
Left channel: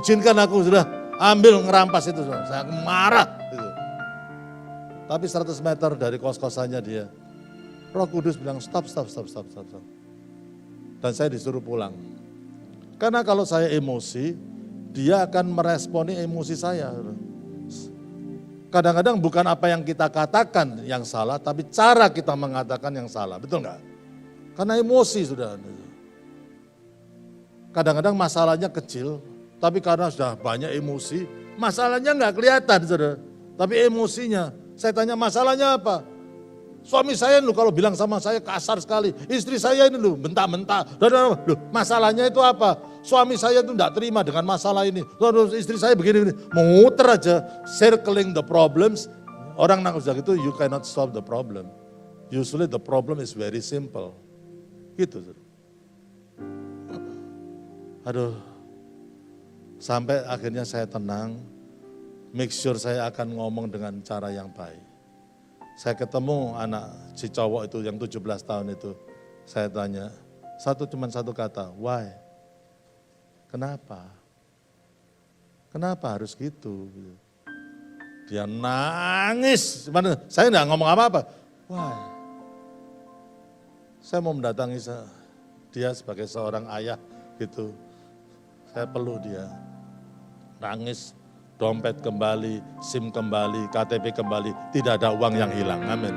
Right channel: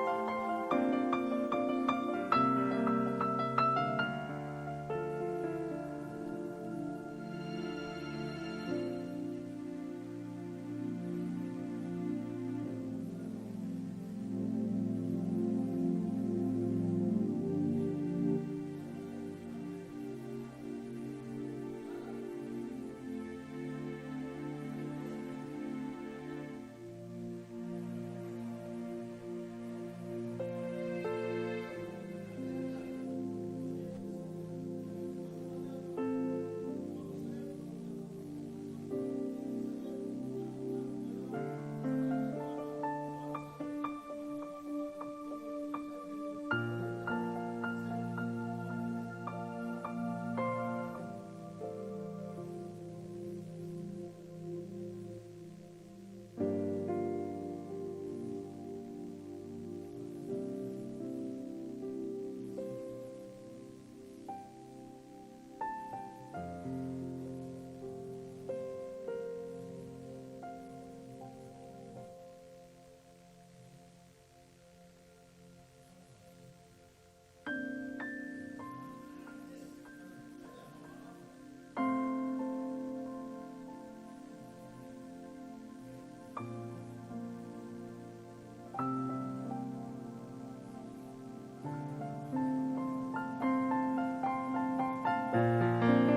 izinkan aku sudah ambil ngerampas itu. Saudara. Saya marah. Gitu. Tapi 100 meter dari kos-kosannya dia, Roh Kudus bilang stop. Dan saya disuruh pulang. Karena kalau saya emosi, dia akan meresponi emosi saya. Kadang-kadang bukan apa yang kita katakan yang salah, tapi cara kita mengatakan yang salah. Betul nggak? Karena emosi sudah. Kadang-kadang masalahnya kecil, tapi karena sudah banyak emosi, masalahnya nggak kelihatan, saudara. Tapi emosinya, saya tanya masalahnya apa? Suami saya lu kalau bilang sama saya kasar sekali. Istri saya ini lu bentak-bentak. Loh, masalahnya itu apa? Suami saya itu enggak terima dengan masalah ini. Terus istri saya begini. Muter aja, circling the problems. Orang nak udah gitu, you cannot solve the problem. Usually the problem is very simple. Gitu. Aduh, sampai akhirnya saya tenang. Make sure saya akan ngomong dengan cara yang baik. Saya ketemu anak si cowok itu yang 17 tahun itu. Saya tanya, cuma satu kata, why? Kenapa? Kenapa harus gitu? Dia nangis. Saya enggak ngomong apa-apa. Why? Saya mau mendatangi dia sebagai seorang ayah gitu. Saya peluk dia. Nangis. Dompet kembali, SIM kembali, KTP kembali, tidak ada uang yang hilang. Amin.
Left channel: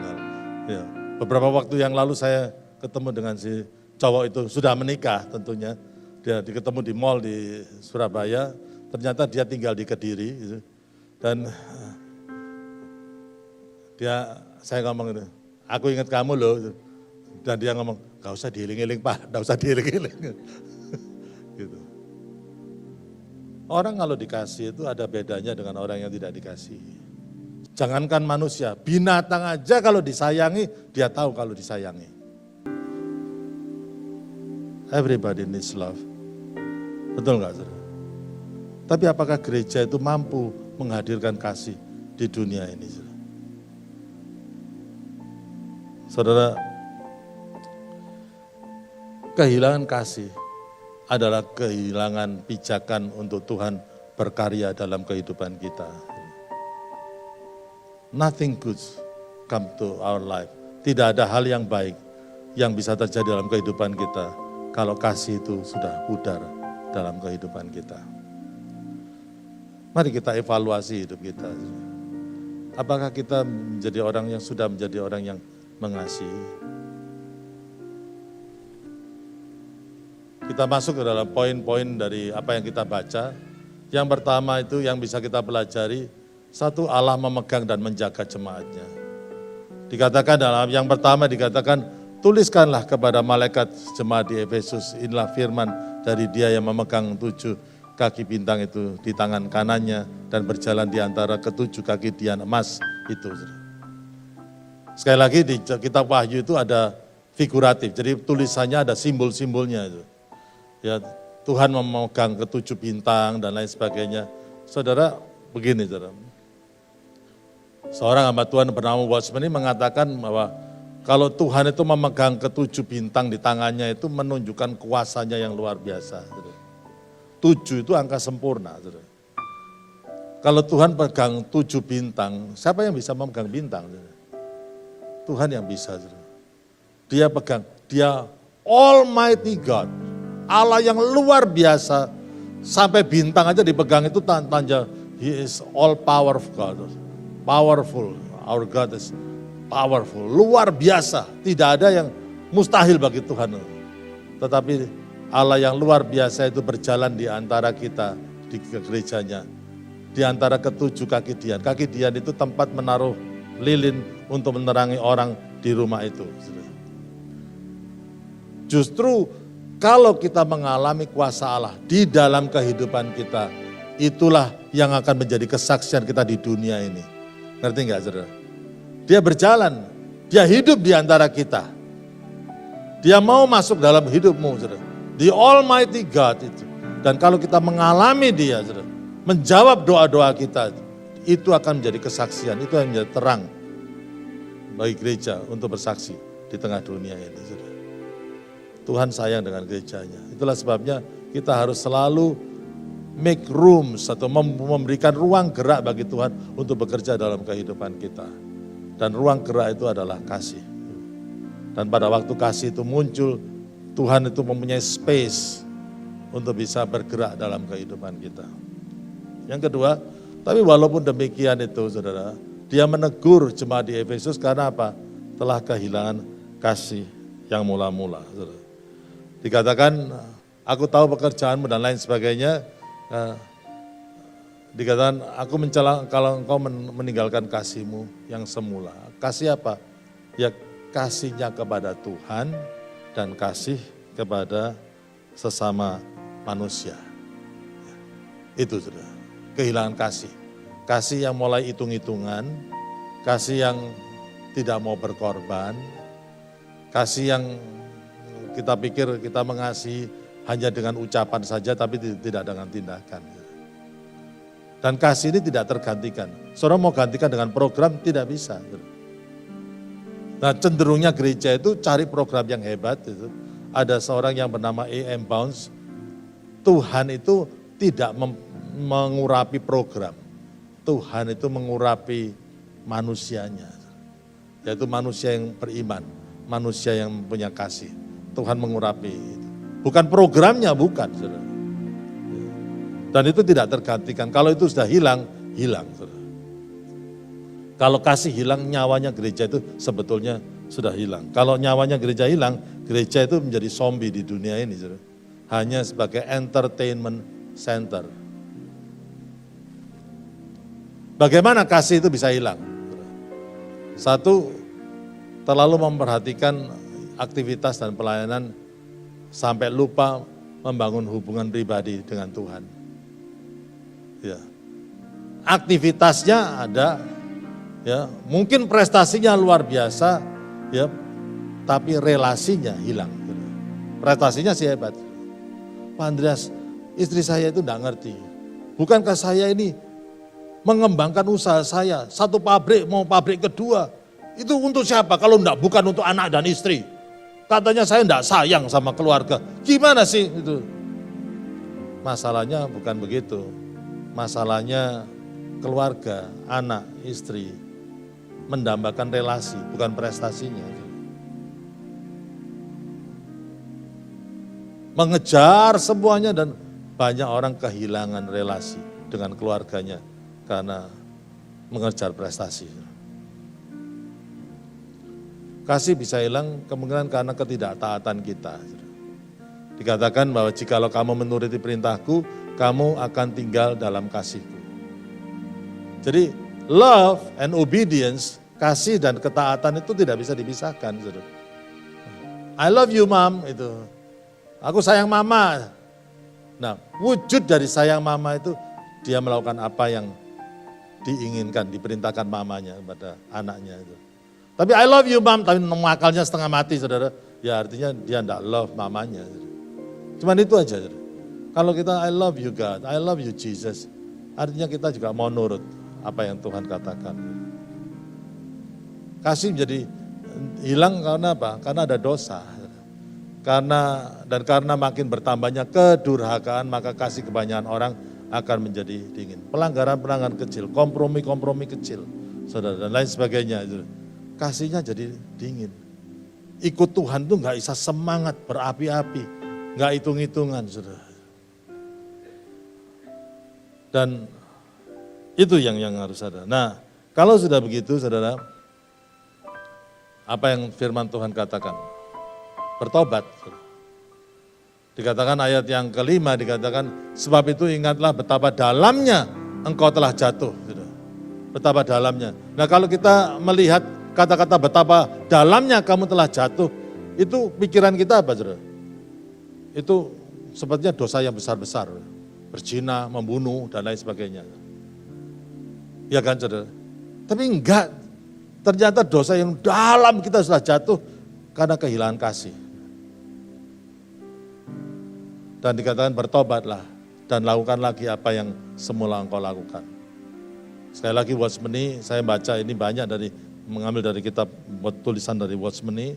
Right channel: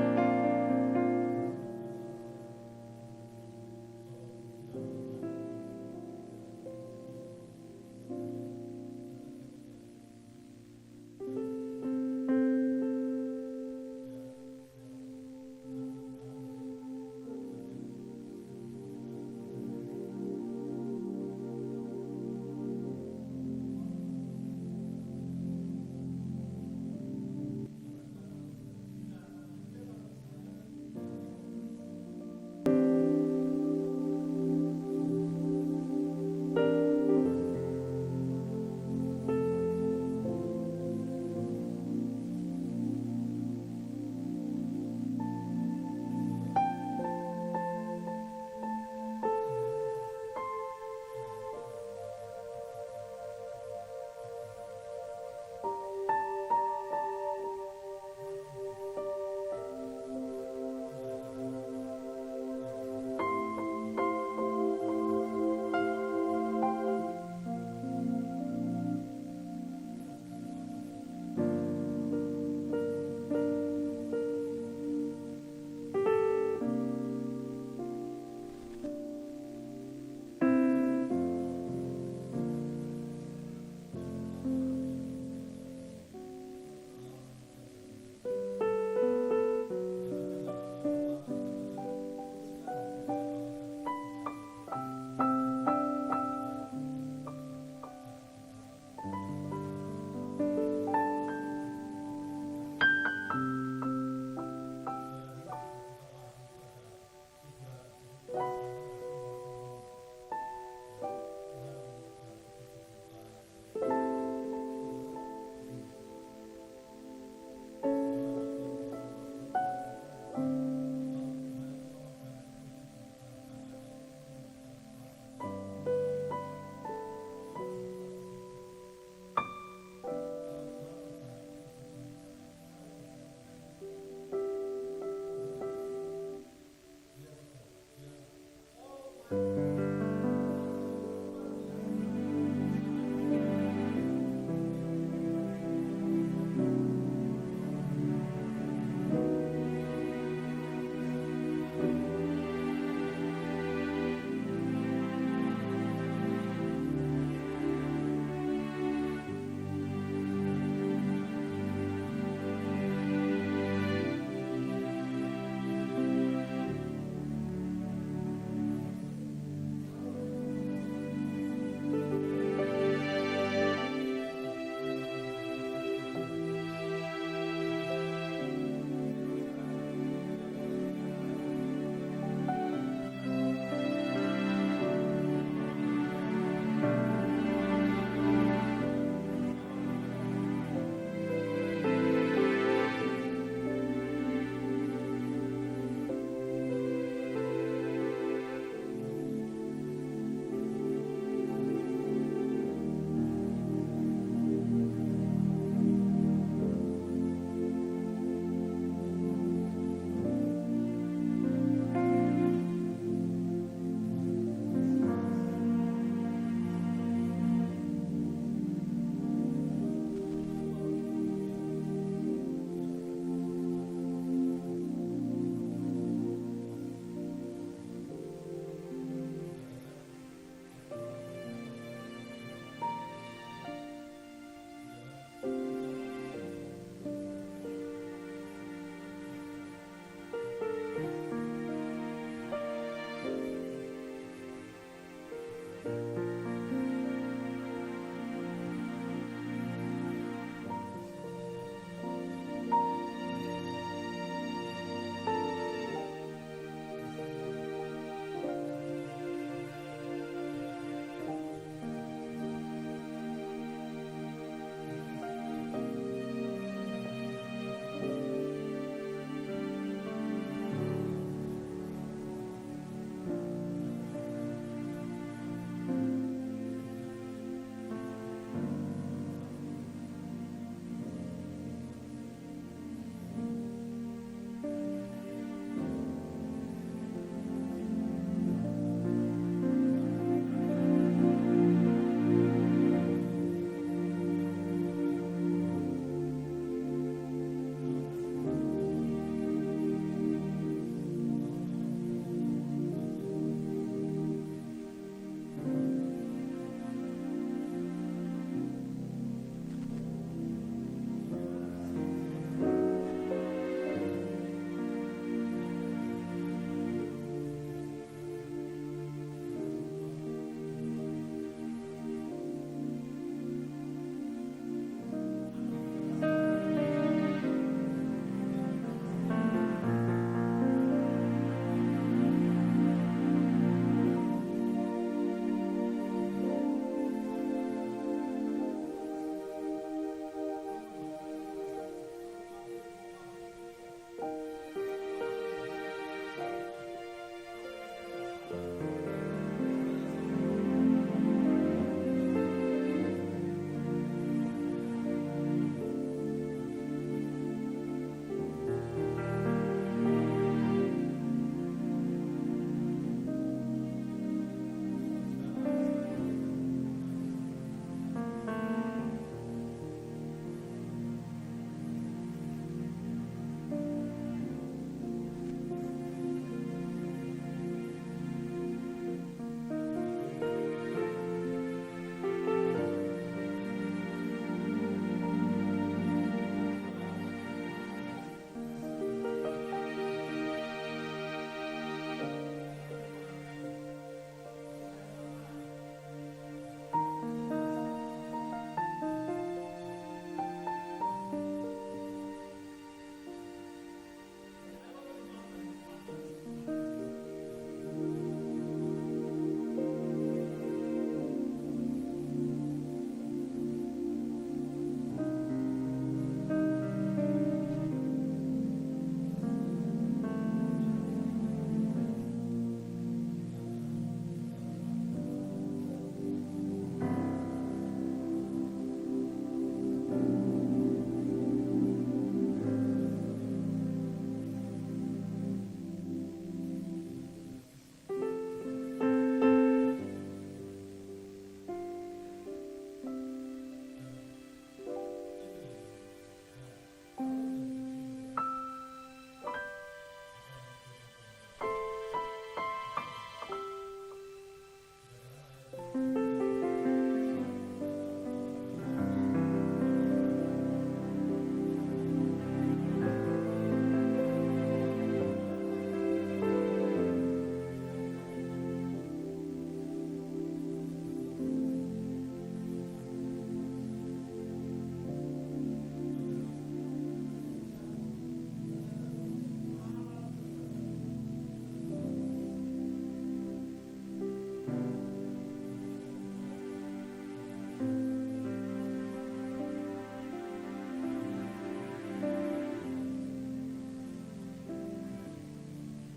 Ya. Beberapa waktu yang lalu saya ketemu dengan si cowok itu, sudah menikah tentunya. Dia ketemu di mall di Surabaya, ternyata dia tinggal di Kediri. Gitu. Dan saya ngomong itu, aku ingat kamu loh. Dan dia ngomong, gak usah diiling-iling Pak, gak usah diiling-iling. Gitu. Orang kalau dikasih itu ada bedanya dengan orang yang tidak dikasih. Jangankan manusia, binatang aja kalau disayangi, dia tahu kalau disayangi. Everybody needs love. Betul nggak saudara? Tapi apakah gereja itu mampu menghadirkan kasih di dunia ini? Saudara, kehilangan kasih adalah kehilangan pijakan untuk Tuhan berkarya dalam kehidupan kita. Nothing good come to our life. Tidak ada hal yang baik yang bisa terjadi dalam kehidupan kita kalau kasih itu sudah pudar dalam kehidupan kita. Mari kita evaluasi hidup kita. Apakah kita menjadi orang yang sudah menjadi orang yang mengasihi? Kita masuk ke dalam poin-poin dari apa yang kita baca. Yang pertama itu yang bisa kita pelajari, satu, Allah memegang dan menjaga jemaatnya. Dikatakan dalam yang pertama dikatakan, tuliskanlah kepada malaikat jemaat di Efesus, inilah firman dari dia yang memegang 7 kaki bintang itu di tangan kanannya dan berjalan di antara ketujuh kaki dian emas itu. Sekali lagi di kitab Wahyu itu ada figuratif, jadi tulisannya ada simbol-simbolnya itu. Ya, Tuhan memegang ketujuh bintang dan lain sebagainya. Saudara, begini saudara. Seorang hamba Tuhan bernama Watchman ini mengatakan bahwa kalau Tuhan itu memegang ketujuh bintang di tangannya itu menunjukkan kuasanya yang luar biasa. 7 itu angka sempurna. Kalau Tuhan pegang 7 bintang, siapa yang bisa memegang bintang? Tuhan yang bisa. Dia pegang, dia Almighty God, Allah yang luar biasa, sampai bintang aja dipegang itu tanda He is all powerful God. Powerful, our God is powerful, luar biasa. Tidak ada yang mustahil bagi Tuhan. Tetapi Allah yang luar biasa itu berjalan di antara kita di gerejanya. Di antara ketujuh kaki dian. Kaki dian itu tempat menaruh lilin untuk menerangi orang di rumah itu. Justru kalau kita mengalami kuasa Allah di dalam kehidupan kita, itulah yang akan menjadi kesaksian kita di dunia ini. Ngerti enggak saudara? Dia berjalan, dia hidup di antara kita. Dia mau masuk dalam hidupmu saudara. The Almighty God itu. Dan kalau kita mengalami dia saudara, menjawab doa-doa kita, itu akan menjadi kesaksian, itu akan menjadi terang bagi gereja untuk bersaksi di tengah dunia ini. Saudara. Tuhan sayang dengan gerejanya. Itulah sebabnya kita harus selalu make rooms atau memberikan ruang gerak bagi Tuhan untuk bekerja dalam kehidupan kita. Dan ruang gerak itu adalah kasih. Dan pada waktu kasih itu muncul, Tuhan itu mempunyai space untuk bisa bergerak dalam kehidupan kita. Yang kedua, tapi walaupun demikian itu saudara, dia menegur jemaat di Efesus karena apa? Telah kehilangan kasih yang mula-mula. Saudara. Dikatakan, aku tahu pekerjaanmu dan lain sebagainya. Dikatakan, aku mencela kalau engkau meninggalkan kasihmu yang semula. Kasih apa? Ya kasihnya kepada Tuhan dan kasih kepada sesama manusia. Itu sudah, kehilangan kasih. Kasih yang mulai hitung-hitungan, kasih yang tidak mau berkorban, kasih yang kita pikir kita mengasihi hanya dengan ucapan saja tapi tidak dengan tindakan. Dan kasih ini tidak tergantikan. Saudara mau gantikan dengan program tidak bisa. Nah cenderungnya gereja itu cari program yang hebat. Itu. Ada seorang yang bernama A.M. Bounds. Tuhan itu tidak mengurapi program. Tuhan itu mengurapi manusianya. Yaitu manusia yang beriman. Manusia yang punya kasih. Tuhan mengurapi itu. Bukan programnya, bukan. Saudara. Dan itu tidak tergantikan. Kalau itu sudah hilang, hilang. Saudara. Kalau kasih hilang, nyawanya gereja itu sebetulnya sudah hilang. Kalau nyawanya gereja hilang, gereja itu menjadi zombie di dunia ini. Saudara. Hanya sebagai entertainment center. Bagaimana kasih itu bisa hilang? Satu, terlalu memperhatikan aktivitas dan pelayanan sampai lupa membangun hubungan pribadi dengan Tuhan. Ya. Aktivitasnya ada, ya, mungkin prestasinya luar biasa, ya, tapi relasinya hilang. Prestasinya sih hebat. Pak Andreas, istri saya itu enggak ngerti. Bukankah saya ini mengembangkan usaha saya, satu pabrik mau pabrik kedua, itu untuk siapa kalau enggak bukan untuk anak dan istri? Katanya saya enggak sayang sama keluarga. Gimana sih itu? Masalahnya bukan begitu. Masalahnya keluarga, anak, istri mendambakan relasi, bukan prestasinya. Mengejar semuanya dan banyak orang kehilangan relasi dengan keluarganya karena mengejar prestasi. Kasih bisa hilang kemungkinan karena ketidaktaatan kita. Dikatakan bahwa jikalau kamu menuruti perintahku, kamu akan tinggal dalam kasihku. Jadi love and obedience kasih dan ketaatan itu tidak bisa dipisahkan. Saudara. I love you mom, itu. Aku sayang mama. Nah, wujud dari sayang mama itu dia melakukan apa yang diinginkan, diperintahkan mamanya kepada anaknya itu. Tapi I love you mom, tapi akalnya setengah mati saudara. Ya artinya dia tidak love mamanya. Cuman itu aja. Saudara. Kalau kita I love you God, I love you Jesus. Artinya kita juga mau nurut apa yang Tuhan katakan. Kasih menjadi hilang karena apa? Karena ada dosa. Karena makin bertambahnya kedurhakaan, maka kasih kebanyakan orang akan menjadi dingin. Pelanggaran-pelanggaran kecil, kompromi-kompromi kecil, saudara, dan lain sebagainya. Kasihnya jadi dingin. Ikut Tuhan tuh nggak bisa semangat, berapi-api, nggak hitung-hitungan, saudara. Dan itu yang harus ada. Nah, kalau sudah begitu, saudara, apa yang firman Tuhan katakan? Bertobat. Dikatakan ayat yang kelima, dikatakan sebab itu ingatlah betapa dalamnya engkau telah jatuh. Betapa dalamnya. Nah kalau kita melihat kata-kata betapa dalamnya kamu telah jatuh, itu pikiran kita apa saudara? Itu sepertinya dosa yang besar-besar. Berzina, membunuh, dan lain sebagainya. Ya kan saudara? Tapi enggak, ternyata dosa yang dalam kita sudah jatuh karena kehilangan kasih. Dan dikatakan bertobatlah dan lakukan lagi apa yang semula engkau lakukan. Sekali lagi Watchmeni, saya baca ini banyak mengambil dari kitab tulisan dari Watchmeni.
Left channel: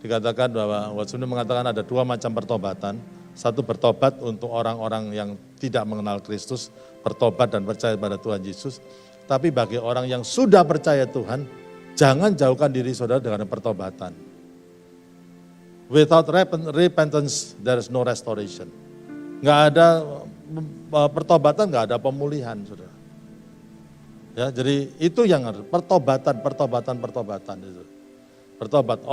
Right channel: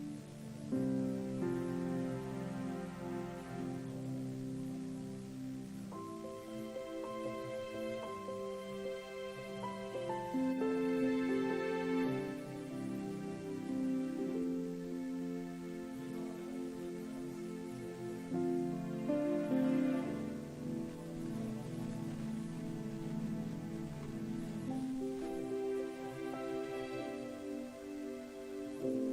Dikatakan bahwa Watchmeni mengatakan ada dua macam pertobatan. Satu bertobat untuk orang-orang yang tidak mengenal Kristus, bertobat dan percaya pada Tuhan Yesus. Tapi bagi orang yang sudah percaya Tuhan, jangan jauhkan diri saudara dengan pertobatan. Without repentance, there is no restoration. Nggak ada pertobatan, nggak ada pemulihan, saudara. Ya, jadi itu yang harus pertobatan itu. Bertobat.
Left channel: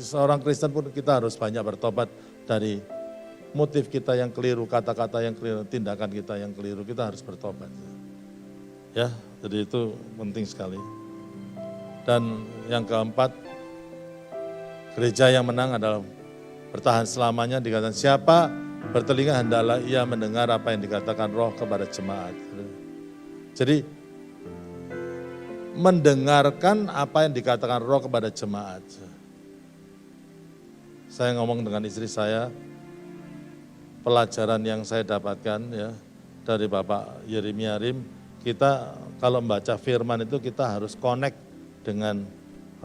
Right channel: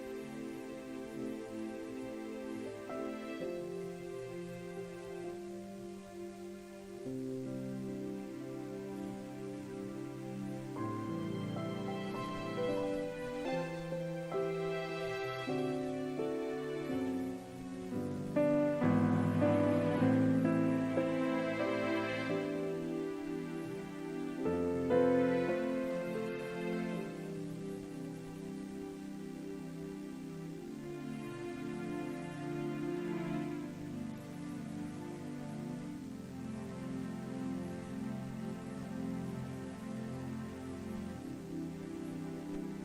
Seorang Kristen pun kita harus banyak bertobat dari motif kita yang keliru, kata-kata yang keliru, tindakan kita yang keliru. Kita harus bertobat. Ya, jadi itu penting sekali. Dan yang keempat, gereja yang menang adalah bertahan selamanya. Dikatakan siapa bertelinga hendaklah ia mendengar apa yang dikatakan Roh kepada jemaat. Jadi mendengarkan apa yang dikatakan Roh kepada jemaat. Saya ngomong dengan istri saya, pelajaran yang saya dapatkan ya dari Bapak Yeremia Rim, kita kalau membaca firman itu kita harus connect dengan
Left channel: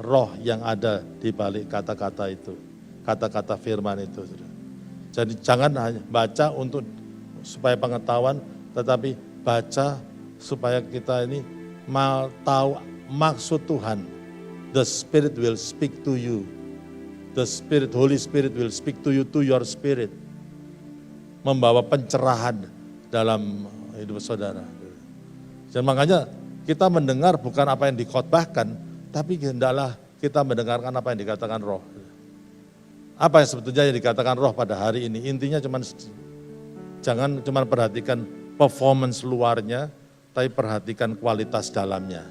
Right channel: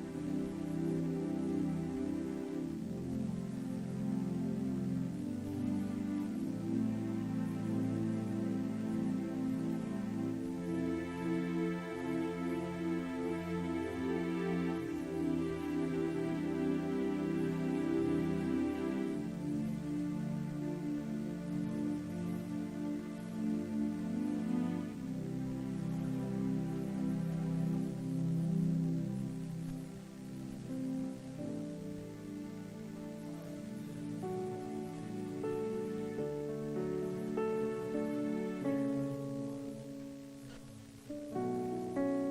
roh yang ada di balik kata-kata itu, kata-kata firman itu. Jadi jangan hanya baca untuk supaya pengetahuan, tetapi baca supaya kita ini mau tahu maksud Tuhan. The Spirit will speak to you. The Spirit, Holy Spirit will speak to you, to your spirit. Membawa pencerahan dalam hidup saudara. Dan makanya kita mendengar bukan apa yang dikhotbahkan, tapi hendaklah kita mendengarkan apa yang dikatakan Roh. Apa yang sebetulnya yang dikatakan Roh pada hari ini, intinya jangan cuma perhatikan performance luarnya, tapi perhatikan kualitas dalamnya.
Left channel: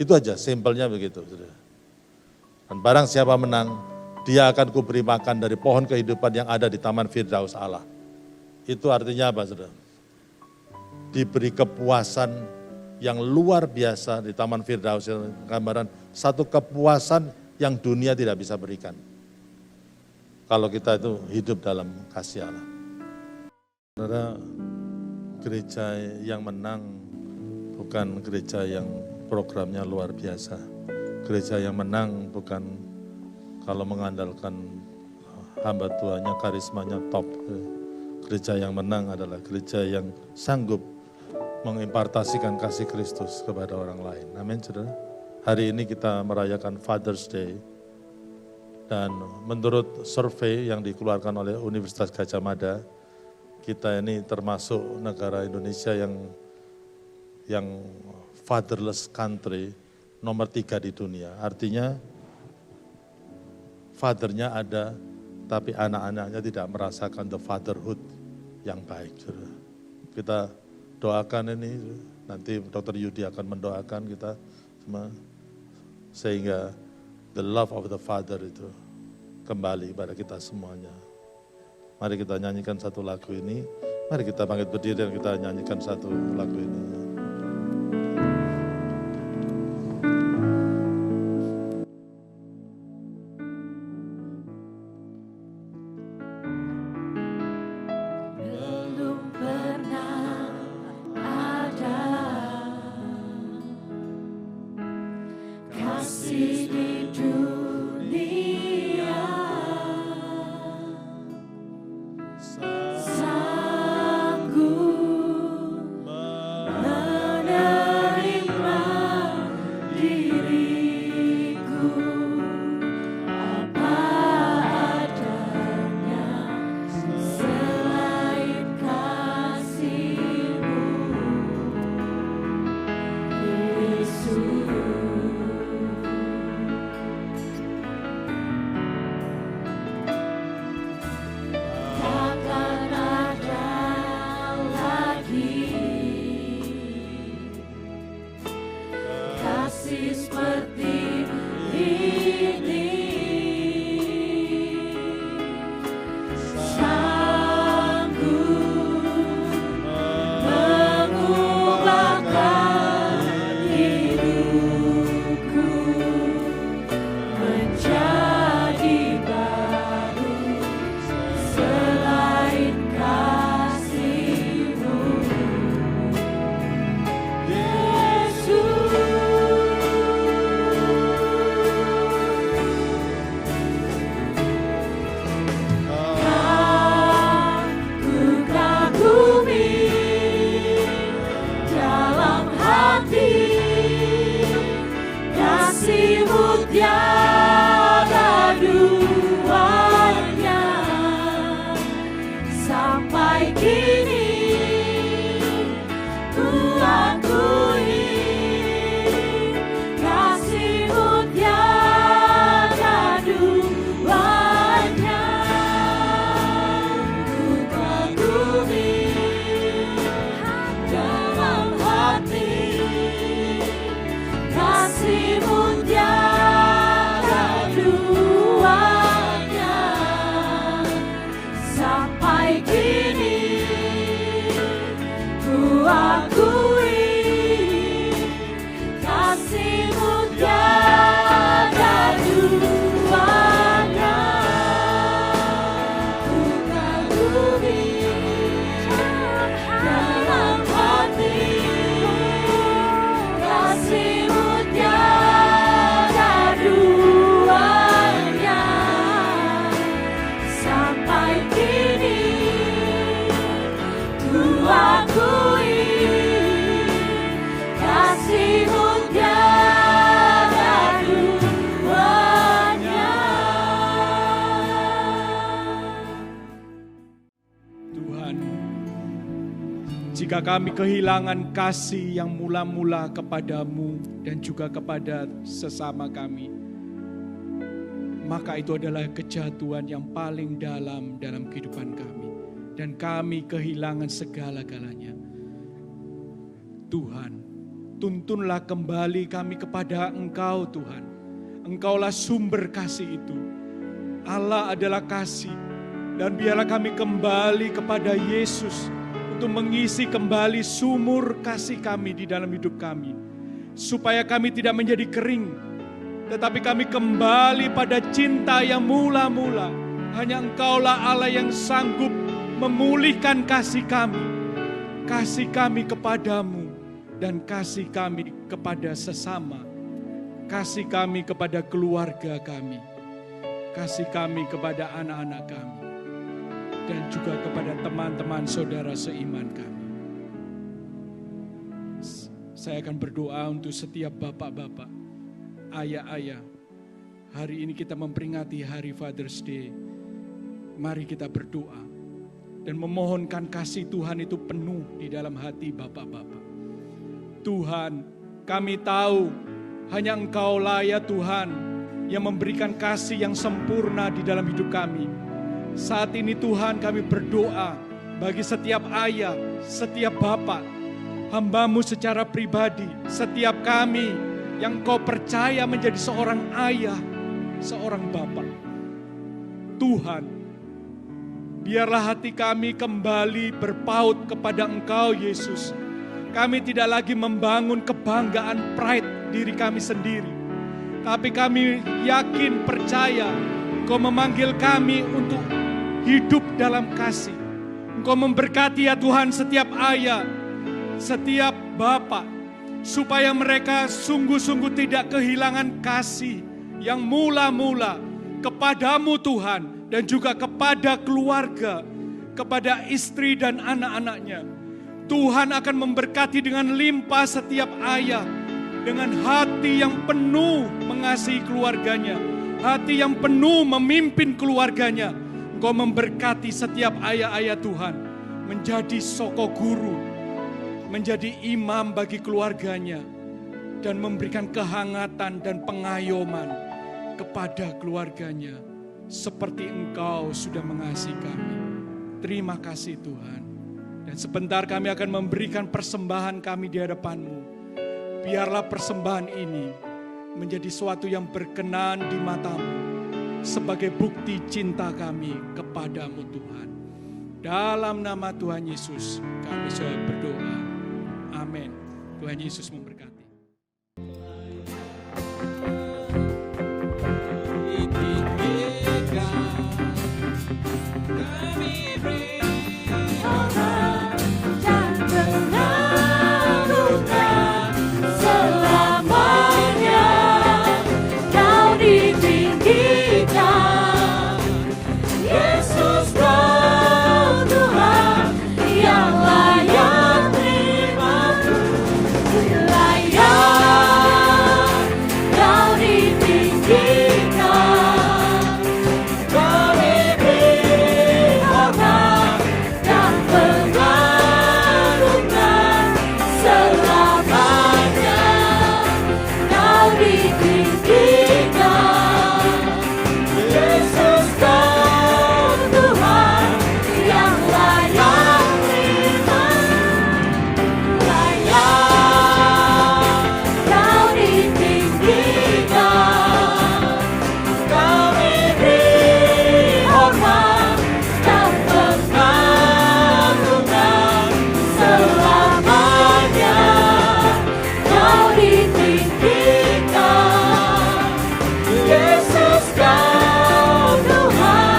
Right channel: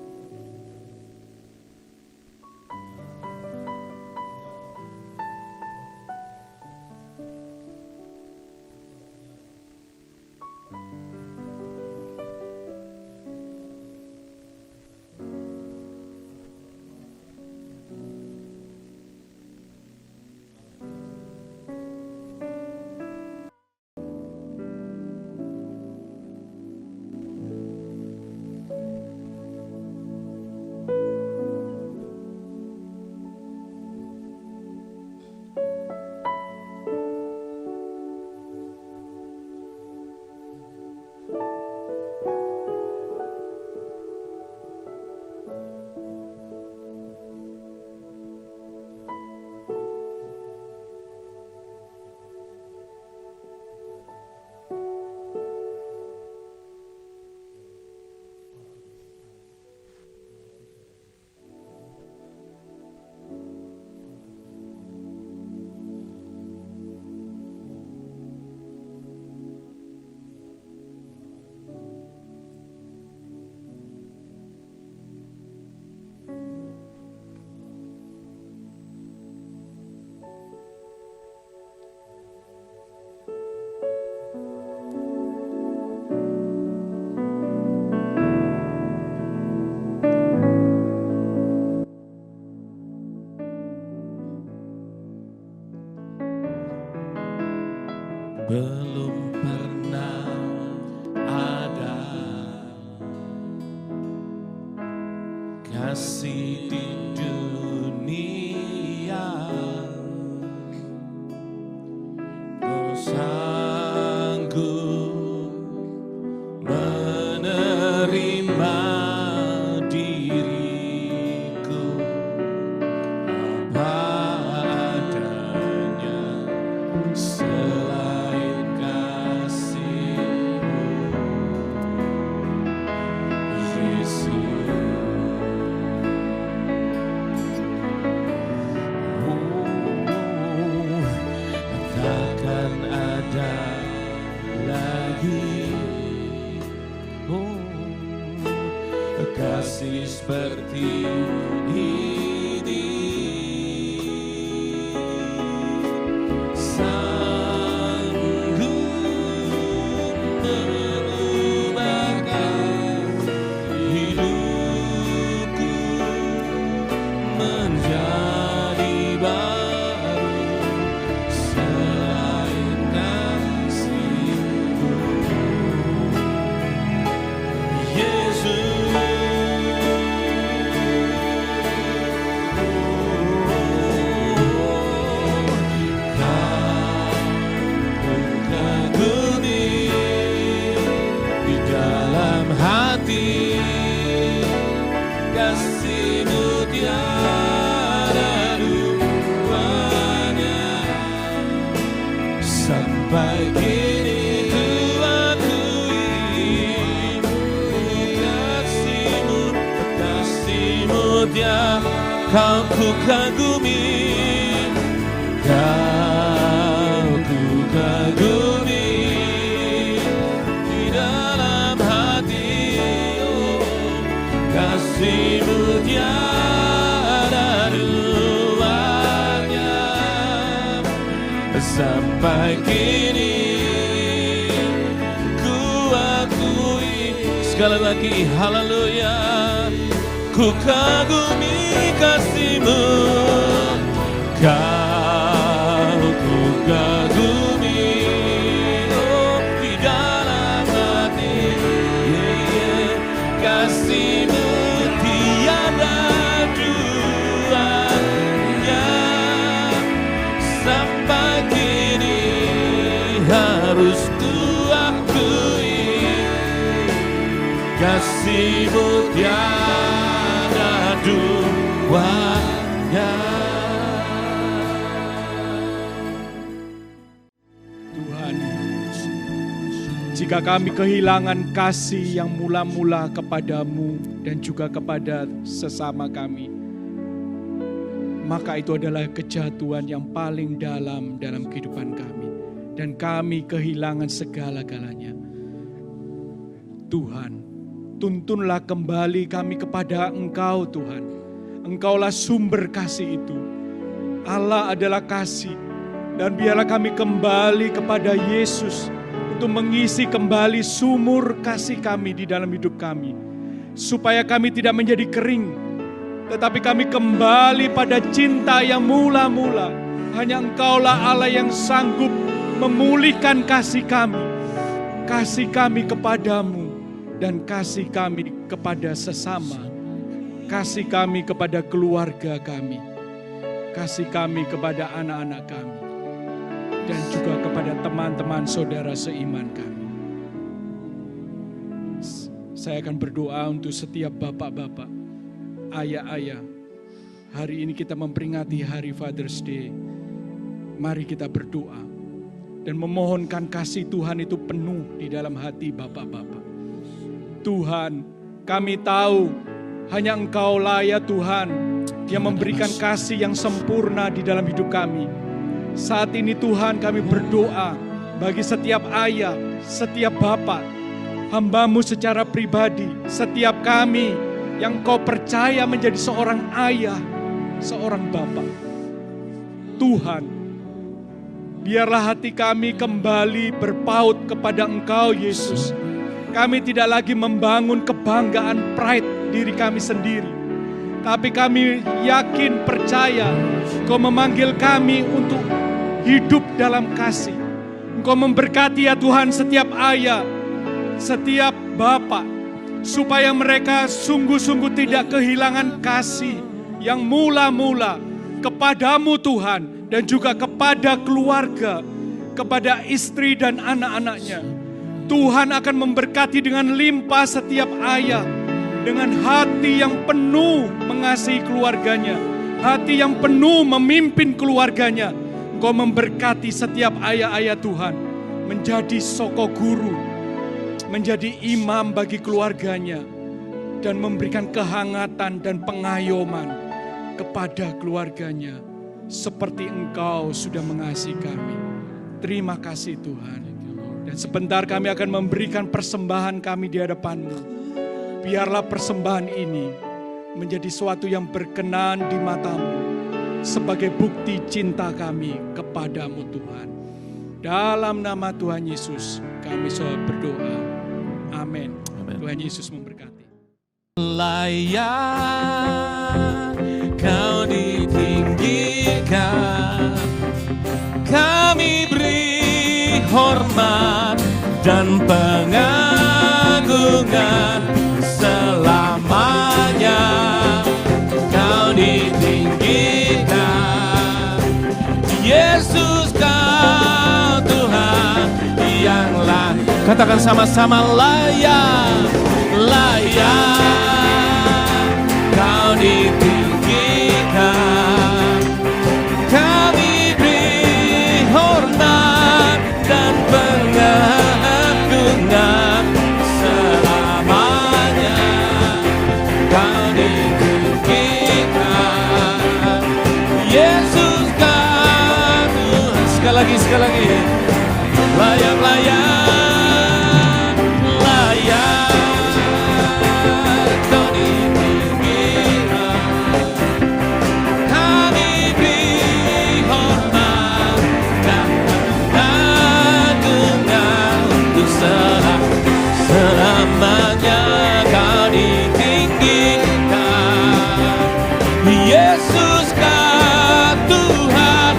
Itu aja, simpelnya begitu. Dan barang siapa menang, dia akan kuberi makan dari pohon kehidupan yang ada di Taman Firdaus Allah. Itu artinya apa, saudara? Diberi kepuasan yang luar biasa di Taman Firdaus, gambaran satu kepuasan yang dunia tidak bisa berikan. Kalau kita itu hidup dalam kasih Allah. Saudara, gereja yang menang bukan gereja yang programnya luar biasa. Gereja yang menang bukan kalau mengandalkan hamba Tuhannya, karismanya top. Gereja yang menang adalah gereja yang sanggup mengimpartasikan kasih Kristus kepada orang lain. Amin, saudara. Hari ini kita merayakan Father's Day. Dan menurut survei yang dikeluarkan oleh Universitas Gadjah Mada, kita ini termasuk negara Indonesia yang fatherless country nomor 3 di dunia. Artinya fathernya ada, tapi anak-anaknya tidak merasakan the fatherhood yang baik. Kita doakan ini, nanti Dr. Yudi akan mendoakan kita semua. sehingga the love of the Father itu kembali pada kita semuanya. Mari kita nyanyikan satu lagu ini. Mari kita bangkit berdiri dan kita nyanyikan satu lagu ini. Belum pernah ada kasih di dunia sanggup menerima diriku apa adanya selain kasih-Mu, Yesus. Takkan ada lagi kasih seperti ini, sanggup mengubahkan hidupku menjadi baru selain kasih-Mu, Yesus. Ku kagumi di dalam hati kasih-Mu tiada duanya. Sampai kini ku akui kasih-Mu tiada ku kagumi. Kau ku kagumi di dalam hati kasih-Mu tiada duanya. Sampai kini ku akui, sekali lagi haleluya, ku kagumi kasih-Mu. Kau ku kagumi di dalam hati kasih-Mu tiada duanya. Sampai kini harus ku akui kasih-Mu tiada duanya. Tuhan, jika kami kehilangan kasih yang mula-mula kepada-Mu dan juga kepada sesama kami, maka itu adalah kejatuhan yang paling dalam kehidupan kami. Dan kami kehilangan segala-galanya. Tuhan, tuntunlah kembali kami kepada Engkau Tuhan. Engkaulah sumber kasih itu. Allah adalah kasih. Dan biarlah kami kembali kepada Yesus untuk mengisi kembali sumur kasih kami di dalam hidup kami. Supaya kami tidak menjadi kering, tetapi kami kembali pada cinta yang mula-mula. Hanya Engkaulah Allah yang sanggup memulihkan kasih kami kepada-Mu, dan kasih kami kepada sesama, kasih kami kepada keluarga kami, kasih kami kepada anak-anak kami, dan juga kepada teman-teman saudara seiman kami. Saya akan berdoa untuk setiap bapak-bapak, ayah-ayah. Hari ini kita memperingati hari Father's Day. Mari kita berdoa dan memohonkan kasih Tuhan itu penuh di dalam hati bapak-bapak. Tuhan, kami tahu hanya Engkau-lah ya Tuhan yang memberikan kasih yang sempurna di dalam hidup kami. Saat ini Tuhan, kami berdoa bagi setiap ayah, setiap bapak, hamba-Mu secara pribadi, setiap kami yang Kau percaya menjadi seorang ayah, seorang bapa. Tuhan, biarlah hati kami kembali berpaut kepada Engkau, Yesus. Kami tidak lagi membangun kebanggaan pride diri kami sendiri. Tapi kami yakin, percaya, Engkau memanggil kami untuk hidup dalam kasih. Engkau memberkati ya Tuhan setiap ayah, setiap bapak, supaya mereka sungguh-sungguh tidak kehilangan kasih yang mula-mula kepadamu Tuhan, dan juga kepada keluarga, kepada istri dan anak-anaknya. Tuhan akan memberkati dengan limpah setiap ayah, dengan hati yang penuh mengasihi keluarganya, hati yang penuh memimpin keluarganya. Engkau memberkati setiap ayah-ayah Tuhan, menjadi soko guru, menjadi imam bagi keluarganya, dan memberikan kehangatan dan pengayoman kepada keluarganya, seperti Engkau sudah mengasihi kami. Terima kasih Tuhan. Dan sebentar kami akan memberikan persembahan kami di hadapan-Mu. Biarlah persembahan ini menjadi suatu yang berkenan di mata-Mu, sebagai bukti cinta kami kepadamu Tuhan. Dalam nama Tuhan Yesus kami sudah berdoa. Amin. Tuhan Yesus memberkati. Layak Kau ditinggikan, kami beri hormat dan pengagungan selamanya. Kau ditinggikan, Yesus Kau Tuhan yang layak. Katakan sama-sama, layak, layak. Kau ditinggikan, kami beri hormat dan pengagungan selamanya. Kau ditinggikan, Yesus Kau. Sekali lagi, sekali lagi. Layak, layak, layak. Kau ditinggikan, kami beri hormat dan pengagungan untuk selamanya. Kau ditinggikan, Yesus Kau Tuhan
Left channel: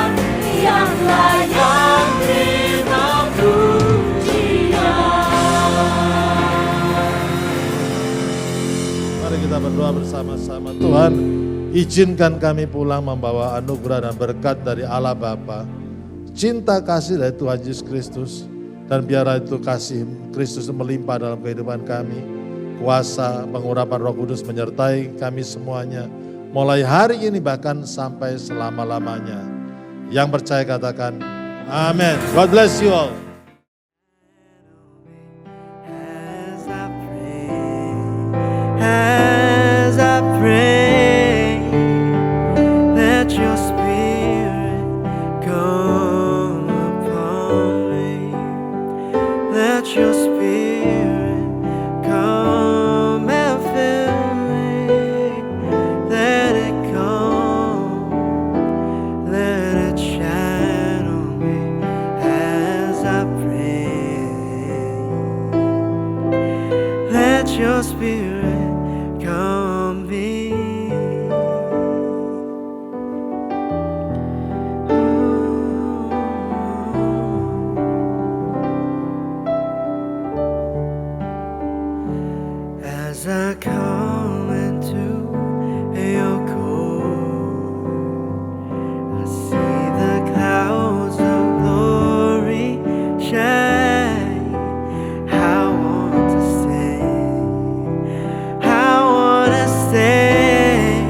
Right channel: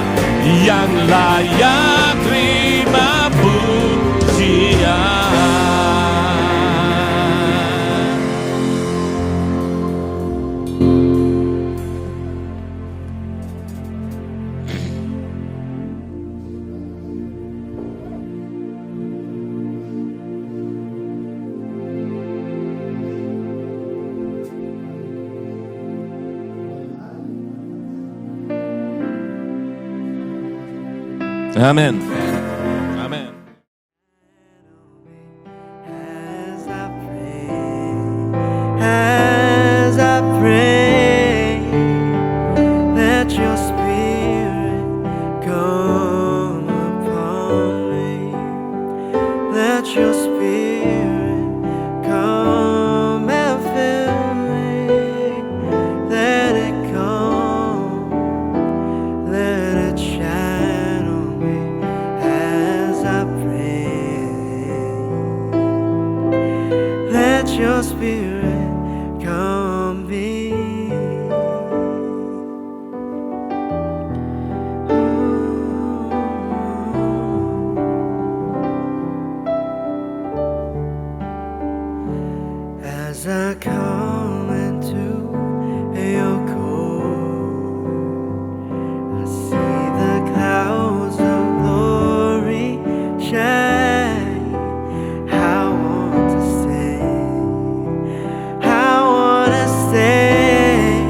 yang layak terima pujian. Mari kita berdoa bersama-sama. Tuhan, izinkan kami pulang membawa anugerah dan berkat dari Allah Bapa, cinta kasih dari Tuhan Yesus Kristus, dan biarlah itu kasih Kristus melimpah dalam kehidupan kami. Kuasa pengurapan Roh Kudus menyertai kami semuanya, mulai hari ini bahkan sampai selama-lamanya. Yang percaya katakan Amin. Amin. God bless you all. Amin. As I pray, let your spirit come upon me. Let your spirit come and fill me. Let it come, let it shine on me as I pray. Let your spirit come be. As I come into your court, I see the clouds of glory shine. I want to stay. I want to stay.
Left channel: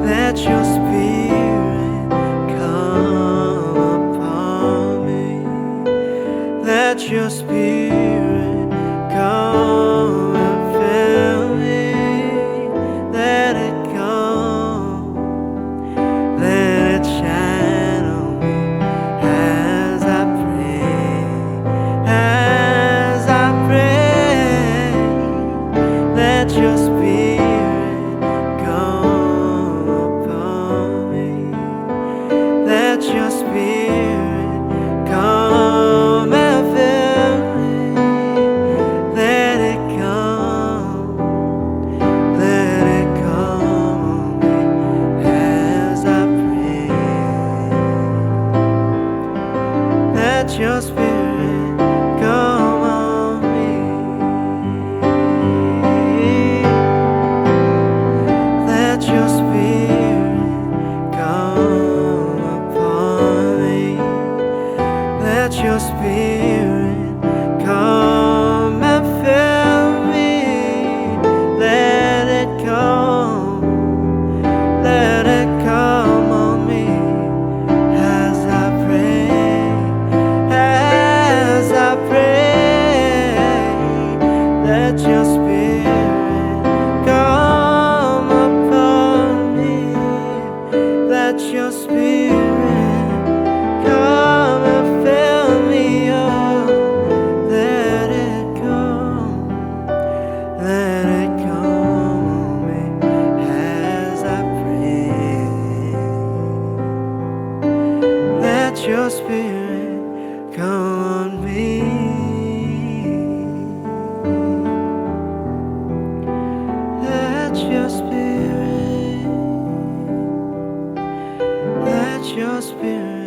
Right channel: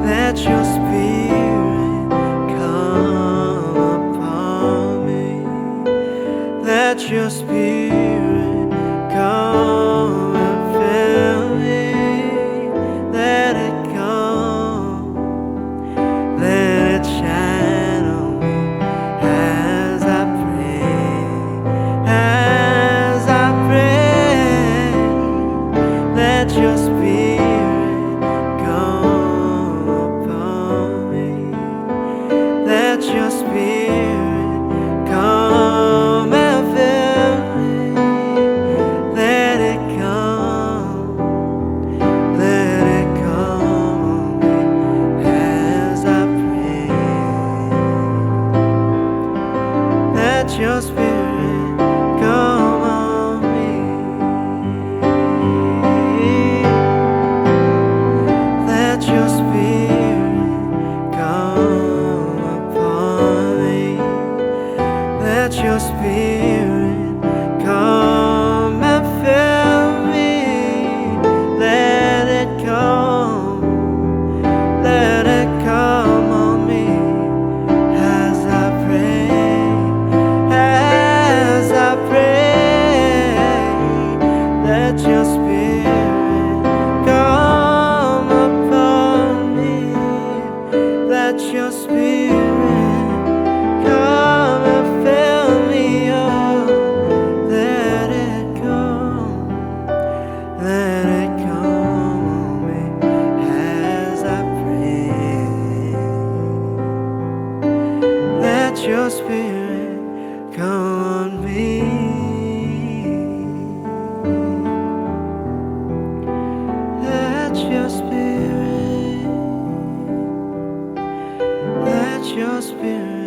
Let your spirit come upon me. Let your spirit come and fill me. Let it come. Let it shine on me as I pray. As I pray. Let your spirit your spirit come on me. Let your spirit come upon me. Let your spirit come and fill me. Let it come. Let it come on me as I pray, as I pray. Let your spirit come upon me. Let your spirit come and fill me up. Let it come. Let it come on me as I pray. Let your spirit come on me. Let your spirit